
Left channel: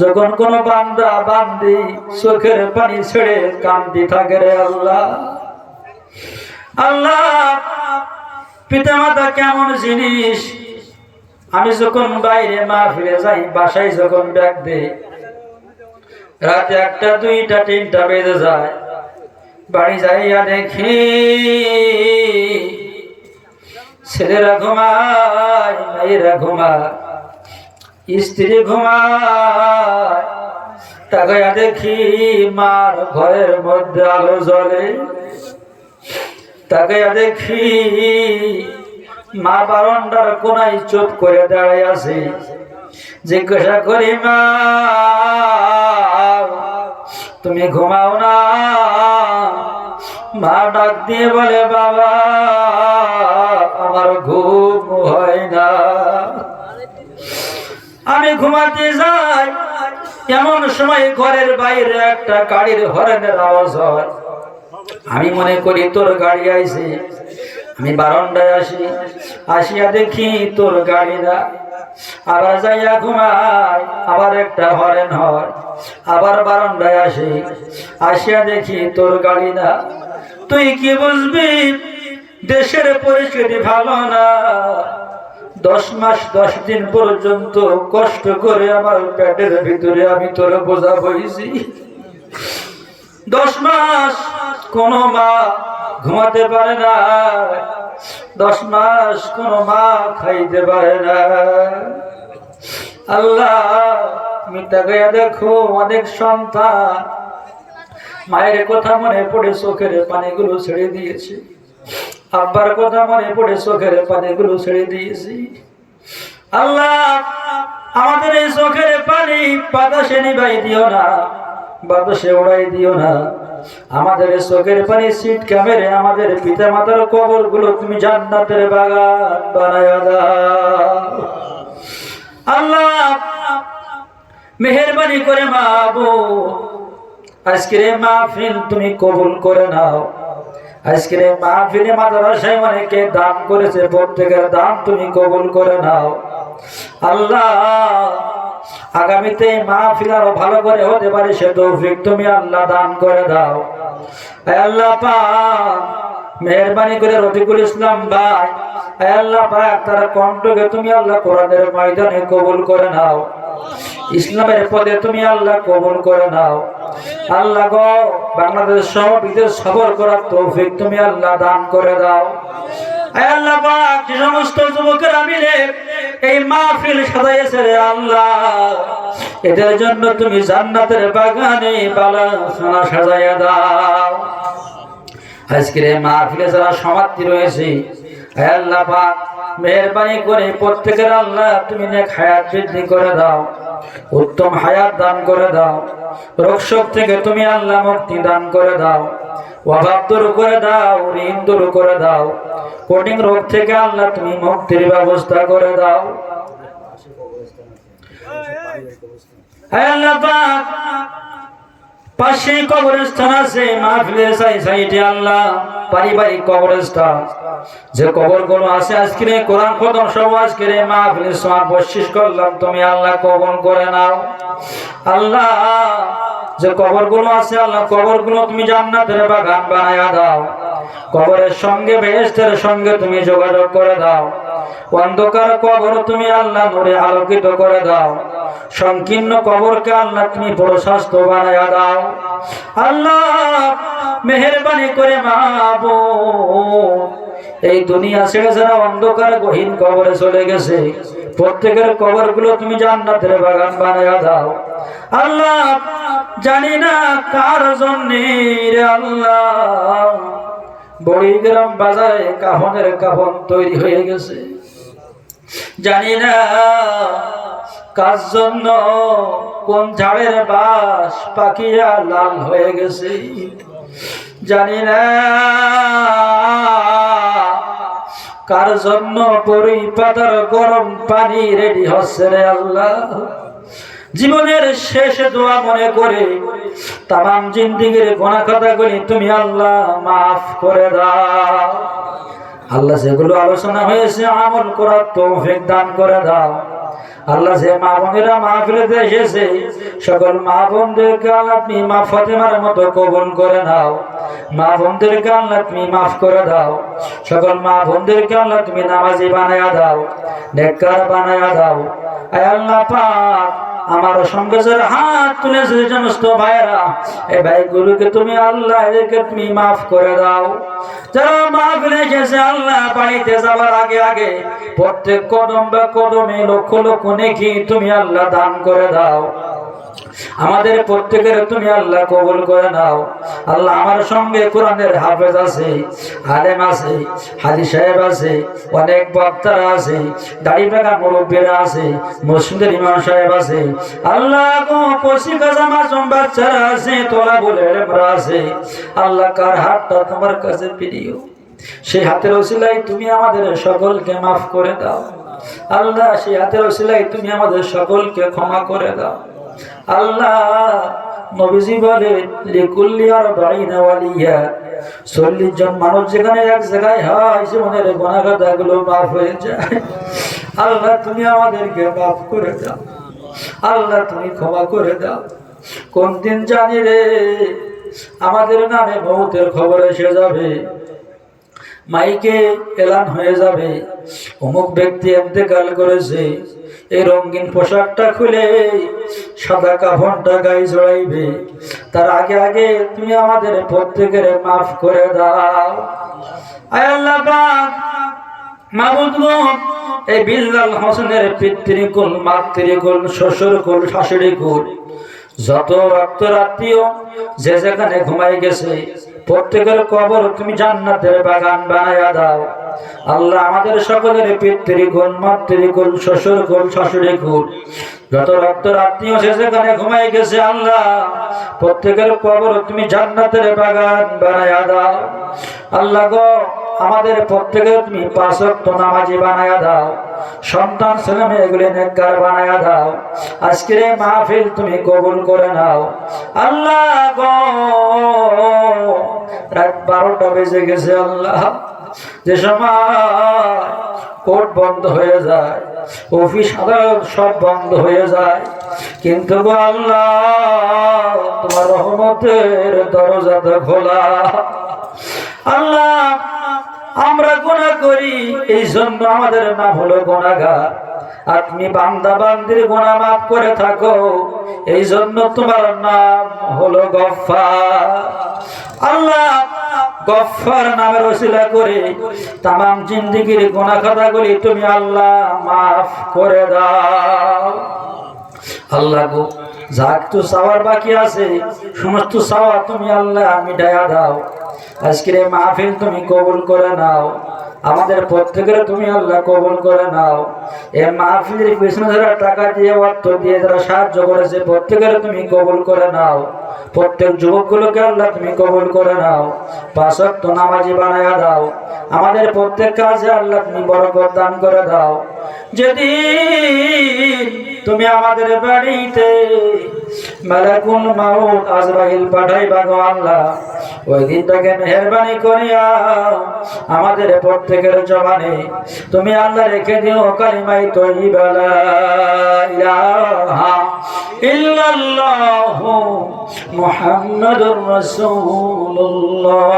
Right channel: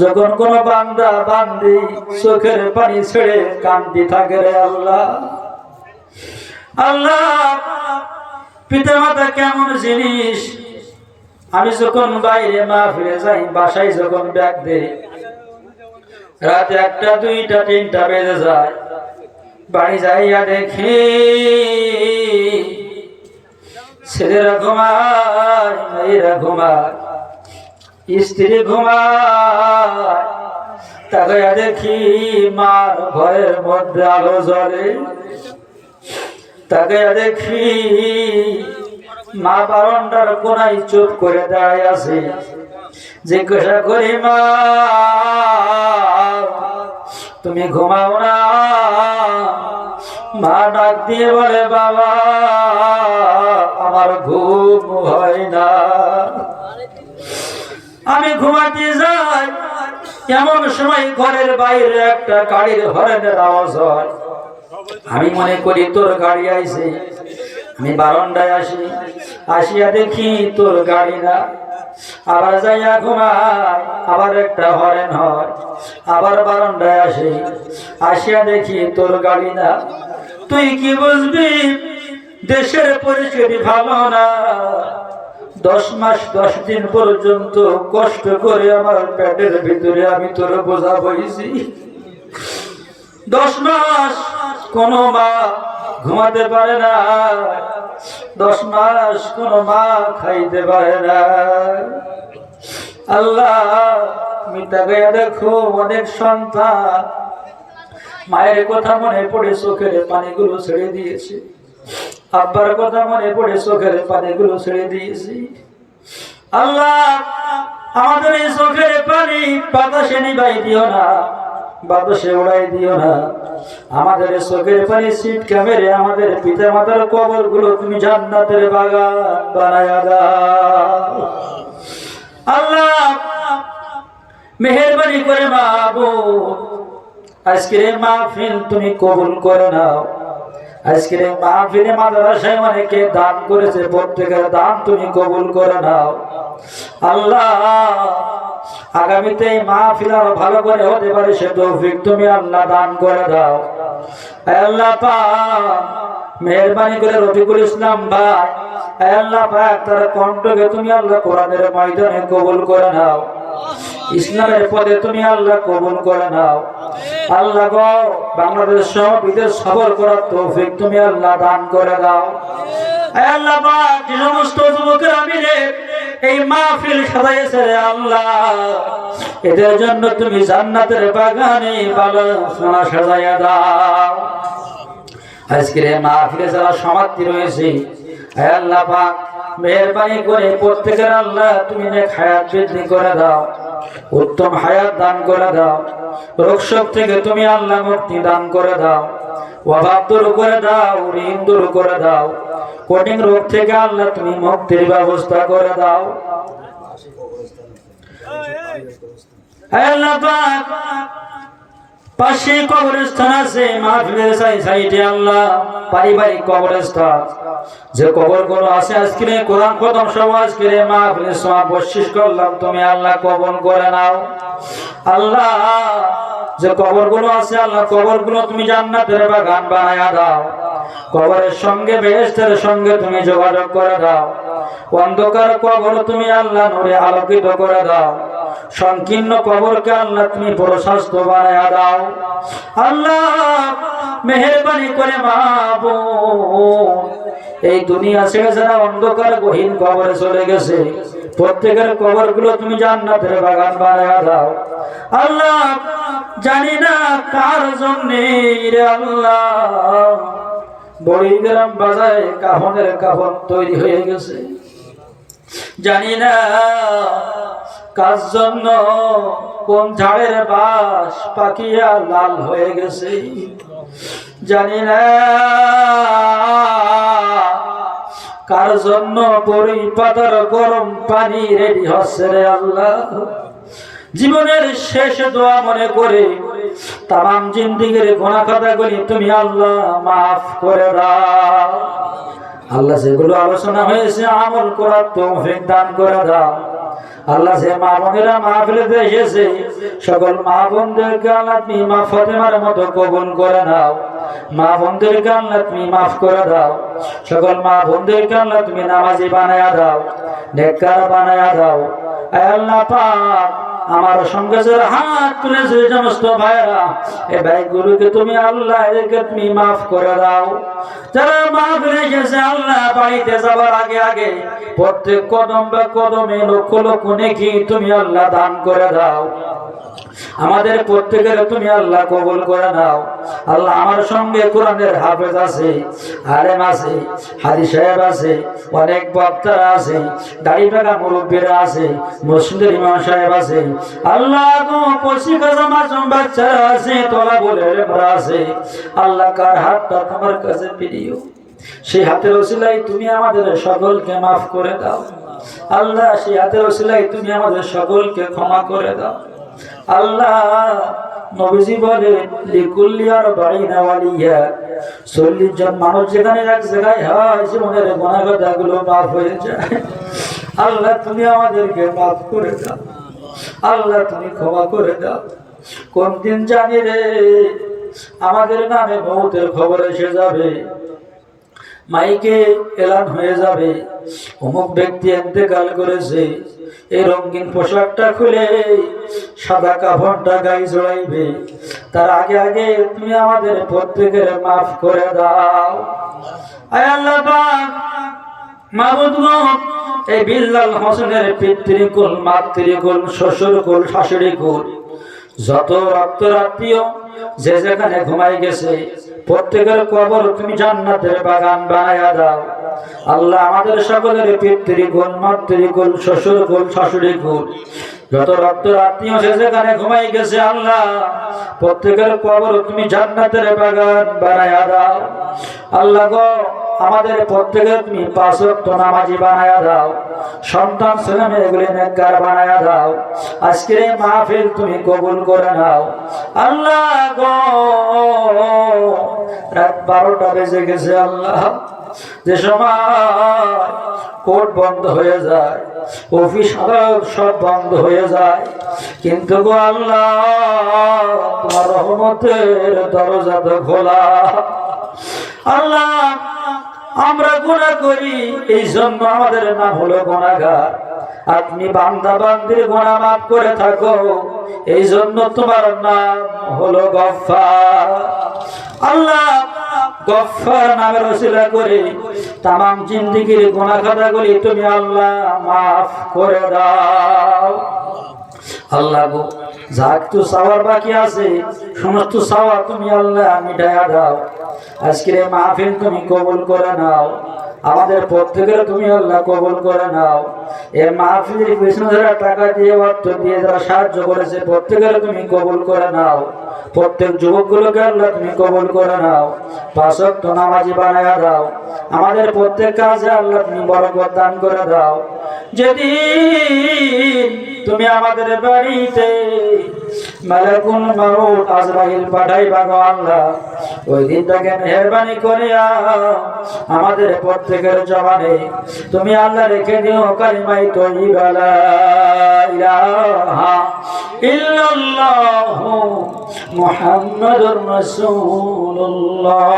যখন কোন বান্দা বান্দি চোখের পানি ছেড়ে কান্দি থাকে রে আল্লাহ আল্লাহ পিতা মাতা কেমন জিনিস আমি যখন বাইরে মাহফিলে যাই বাসায় যখন ব্যাগ দেই রাতে 1টা 2টা 3টা বেজে যায় বাড়ি যাইয়া দেখি ছেলেরা ঘুমায় মেয়েরা ঘুমায় স্ত্রী ঘুমায় তাকায়া দেখি মার ঘরের মধ্যে আলো জ্বলে, তাকায়া দেখি মা বারান্দার কোনায় চুপ করে দাঁড়ায় আছে। জিজ্ঞাসা করি, মা তুমি ঘুমাও না? মা ডাক দিয়ে বলে, বাবা আমার ঘুম হয় না। আমি ঘুমাতে যাই, এমন সময় ঘরের বাইরে একটা গাড়ির হর্নের আওয়াজ হয়। আমি মনে করি তোর গাড়ি আইছে। আমি বারান্দায় আসি, আসিয়া দেখি তোর গাড়ি না। আবার যাইয়া ঘুমাই, আবার একটা হরেন হয়। আবার বারান্দায় আসি, আসিয়া দেখি তোর গাড়ি না। তুই কি বুঝবি দেশের পরিস্থিতি ভালো না। 10 মাস 10 দিন পর্যন্ত কষ্ট করে আমার পেটের ভিতরে আমি তোর বোঝা বইছি। 10 মাস কোন মা ঘুমাতে পারে না, 10 মাস কোন মা খাইতে পারে না। আল্লাহ তুমি তাকাইয়া দেখো, অনেক সন্তান মায়ের কথা মনে পড়ে চোখের পানিগুলো ছেড়ে দিয়েছে, আব্বার কথা মনে পড়ে চোখের পানিগুলো ছেড়ে দিয়েছি। আল্লাহ আমাদের এই চোখের পানি বাতাসে নিভাই দিও না, বাতাসে উড়াই দিও না। আমাদের এই চোখের পানি ছিটকে মেরে আমাদের পিতা মাতার কবর গুলো তুমি জান্নাতের বাগান বানায়া দাও। আল্লাহ মেহেরবানি করে মাবুদ আজকের এই মাহফিল তুমি কবুল করে নাও। আজকের এই মাহফিলে মাদ্রাসায় অনেকে দান করেছে, প্রত্যেকের দান তুমি কবুল করে নাও। আল্লাহ আগামীতে এই মাহফিল আরো ভালো করে হতে পারে সে তৌফিক তুমি আল্লাহ দান করে দাও। আল্লাহ পাক মেহেরবানি করে রফিকুল ইসলাম ভাই, আল্লাহ পাক তার কণ্ঠকে তুমি আল্লাহ কোরআনের ময়দানে কবুল করে নাও, ইসলামের পথে তুমি আল্লাহ কবুল করে নাও। আল্লাহ গো বাংলাদেশ সহ বিদেশ সফর করার তৌফিক তুমি আল্লাহ দান করে দাও। আল্লাহ পাক যে সমস্ত যুবকেরা মিলে এই মাহফিল সাজাইছে রে আল্লাহ, এদের জন্য তুমি জান্নাতের বাগানে বালাখানা সাজাইয়া দাও। আজকের এই মাহফিলে যারা সমাপ্তি রয়েছে আল্লাহ পাক মেহেরবানি করে প্রত্যেকের আল্লাহ তুমি নেক হায়াত বৃদ্ধি করে দাও, উত্তম হায়াত দান করে দাও। রোগ শোক থেকে তুমি আল্লাহ মুক্তি দান করে দাও, অভাব দূর করে দাও, ঋণ দূর করে দাও, কঠিন রোগ থেকে আল্লাহ তুমি মুক্তির ব্যবস্থা করে দাও। আল্লাহ পাক পাশে কবরস্থান আছে, মাহফিলের সাইডে আল্লাহ পারিবারিক কবরস্থান, যে কবরগুলো আছে আজকে কোরআন খতম সহ আজকে মাহফিলের সওয়াব বখশিশ করলাম তুমি আল্লাহ কবুল করে নাও। আল্লাহ যে কবরগুলো আছে আল্লাহ কবরগুলো তুমি জান্নাতের বাগান বানায়া দাও, কবরের সঙ্গে বেহেশতের সঙ্গে তুমি যোগাযোগ করে দাও। অন্ধকার কবর তুমি আল্লাহ নূরে আলোকিত করে দাও, সংকীর্ণ কবরকে আল্লাহ তুমি প্রশস্ত বানায়া দাও। আল্লাহ মেহেরবানি করে মাবুদ এই দুনিয়া ছেড়ে যারা অন্ধকার গহীন কবরে চলে গেছে প্রত্যেকের কবরগুলো তুমি জান্নাতের বাগান বানায়া দাও। আল্লাহ জানি না কার জন্যে রে আল্লাহ বড়িগ্রাম বাজারে কাফনের কাফন তৈরি হয়ে গেছে, জানি না কার জন্য কোন ঝাড়ের বাস পাকিয়া লাল হয়ে গেছে, জানি না কার জন্য বড়ি পাতার গরম পানি রেডি হচ্ছে রে আল্লাহ। জীবনের শেষ দোয়া মনে করে তাম জিন্দিগির গোনা খাতাগুলি তুমি আল্লাহ মাফ করে দাও। আল্লাহ যেগুলো আলোচনা হয়েছে আমল করার তৌফিক দান করে দাও। আল্লাহ যে মা বোনেরা মাহফিলে এসেছে সকল মা বোনদেরকে আল্লাহ তুমি মা ফাতেমার মতো কবুল করে নাও, মা বোনদেরকে আল্লাহ তুমি মাফ করে দাও। সকল মা বোনদেরকে আল্লাহ তুমি নামাজি বানায়া দাও, নেককার বানায়া দাও। আয় আল্লাহ পাক আমার সঙ্গে যারা হাত তুলেছে সমস্ত ভাইরা এই ভাইগুলোকে তুমি আল্লাহ এদেরকে তুমি মাফ করে দাও। যারা মাহফিলে এসেছে আল্লাহ বাড়িতে যাবার আগে আগে প্রত্যেক কদম বা কদমে লক্ষ লক্ষ নেকি তুমি আল্লাহ দান করে দাও। আমাদের প্রত্যেকের তুমি আল্লাহ কবুল করে নাও। আল্লাহ আমার সঙ্গে কোরআনের হাফেজ আছে, আলেম আছে, হাজি সাহেব আছে, অনেক বক্তারা আছে, দাড়ি পাকা মুরব্বীরা আছে, মসজিদের ইমাম সাহেব আছে, আল্লাহ গো কচি কাজা মাসুম বাচ্চারা আছে, তোলা বলে আছে। আল্লাহ কার হাতটা তোমার কাছে প্রিয়, সেই হাতের ওসিলায় তুমি আমাদের সকলকে মাফ করে দাও। আল্লাহ সেই হাতের ওসিলায় তুমি আমাদের সকলকে ক্ষমা করে দাও। আল্লাহ নবীজি বলে লিকুল্লি আরবাঈনা ওয়ালিয়া, 40 জন মানুষ যেখানে এক জায়গায় হয় জীবনের গুনাহগুলো মাফ হয়ে যায়। আল্লাহ তুমি আমাদেরকে মাফ করে দাও, আল্লাহ তুমি ক্ষমা করে দাও। কোন দিন জানি রে আমাদের নামে মৌতের খবর এসে যাবে, মাইকে এলান হয়ে যাবে অমুক ব্যক্তি ইন্তেকাল করেছে। এই রঙিন পোশাকটা খুলে সাদা কাফনটা গায়ে জড়াইবে, তার আগে আগে তুমি আমাদের প্রত্যেকের মাফ করে দাও। আয় আল্লাহ পাক মাবুদ গো, এই বিল্লাল হোসেনের পিতৃকুল মাতৃকুল শ্বশুরকুল শাশুড়িকুল যত রক্তের আত্মীয় যে যেখানে ঘুমাই গেছে প্রত্যেকের কবর তুমি জান্নাতের বাগান বানায়া দাও। আল্লাহ আমাদের সকলের পিতৃকুল মাতৃকুল শ্বশুরকুল শাশুড়িকুল যত রক্তের আত্মীয় যে যেখানে ঘুমাই গেছে আল্লাহ প্রত্যেকের কবর তুমি জান্নাতের বাগান বানায়া দাও। আল্লাহ গো আমাদের প্রত্যেকের তুমি 5 ওয়াক্ত নামাজি বানায়া দাও, সন্তান ছেলে মেয়েগুলি নেককার বানায়া দাও। আজকের এই মাহফিল তুমি কবুল করে নাও। আল্লাহ গো রাত 12টা বেজে গেছে আল্লাহ, যে সময় কোর্ট বন্ধ হয়ে যায়, অফিস আদালত সব বন্ধ হয়ে যায়, কিন্তু গো আল্লাহ তোমার রহমতের দরজা তো খোলা। আল্লাহ আমরা গুনাহ করি এই জন্য আমাদের নাম হলো গুনাহগার, আপনি বান্দা বান্দির গুনাহ মাফ করে থাকো এই জন্য তোমার নাম হলো গফফার। আল্লাহ গফফার নামের ওসিলা করে তামাম জিন্দেগীর গুনাহ খাতাগুলি তুমি আল্লাহ মাফ করে দাও। আল্লাহ গো যা একটু চাওয়ার বাকি আছে সমস্ত চাওয়া তুমি আল্লাহ মিটাইয়া দাও। আজকের এই মাহফিল তুমি কবুল করে নাও, আমাদের প্রত্যেকের তুমি আল্লাহ কবুল করে নাও। এই মাহফিলের পিছনে যারা টাকা দিয়ে অর্থ দিয়ে যারা সাহায্য করেছে প্রত্যেকের তুমি কবুল করে নাও। প্রত্যেক যুবকগুলোকে আল্লাহ তুমি কবুল করে নাও, 5 ওয়াক্ত নামাজি বানায়া দাও। আমাদের প্রত্যেক কাজে আল্লাহ তুমি বরকত দান করে দাও। যেদিন তুমি আমাদের বাড়িতে মালাকুল মাউত আজরাইল পাঠাইবা গো আল্লাহ, ওই দিনটাকে মেহেরবানি করিয়া আমাদের প্রত্যেকের জবানে তুমি আল্লাহ রেখে দিও কালিমায়ে তাইয়্যিবা লা ইলাহা ইল্লাল্লাহু মুহাম্মাদুর রাসূলুল্লাহ।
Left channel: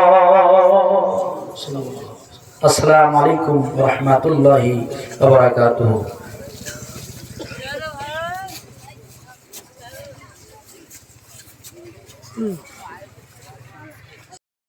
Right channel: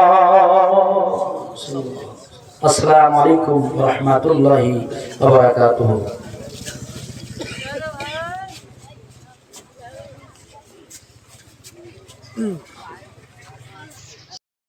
আসসালামু আলাইকুম ওয়া রাহমাতুল্লাহি ওয়া বারাকাতুহু।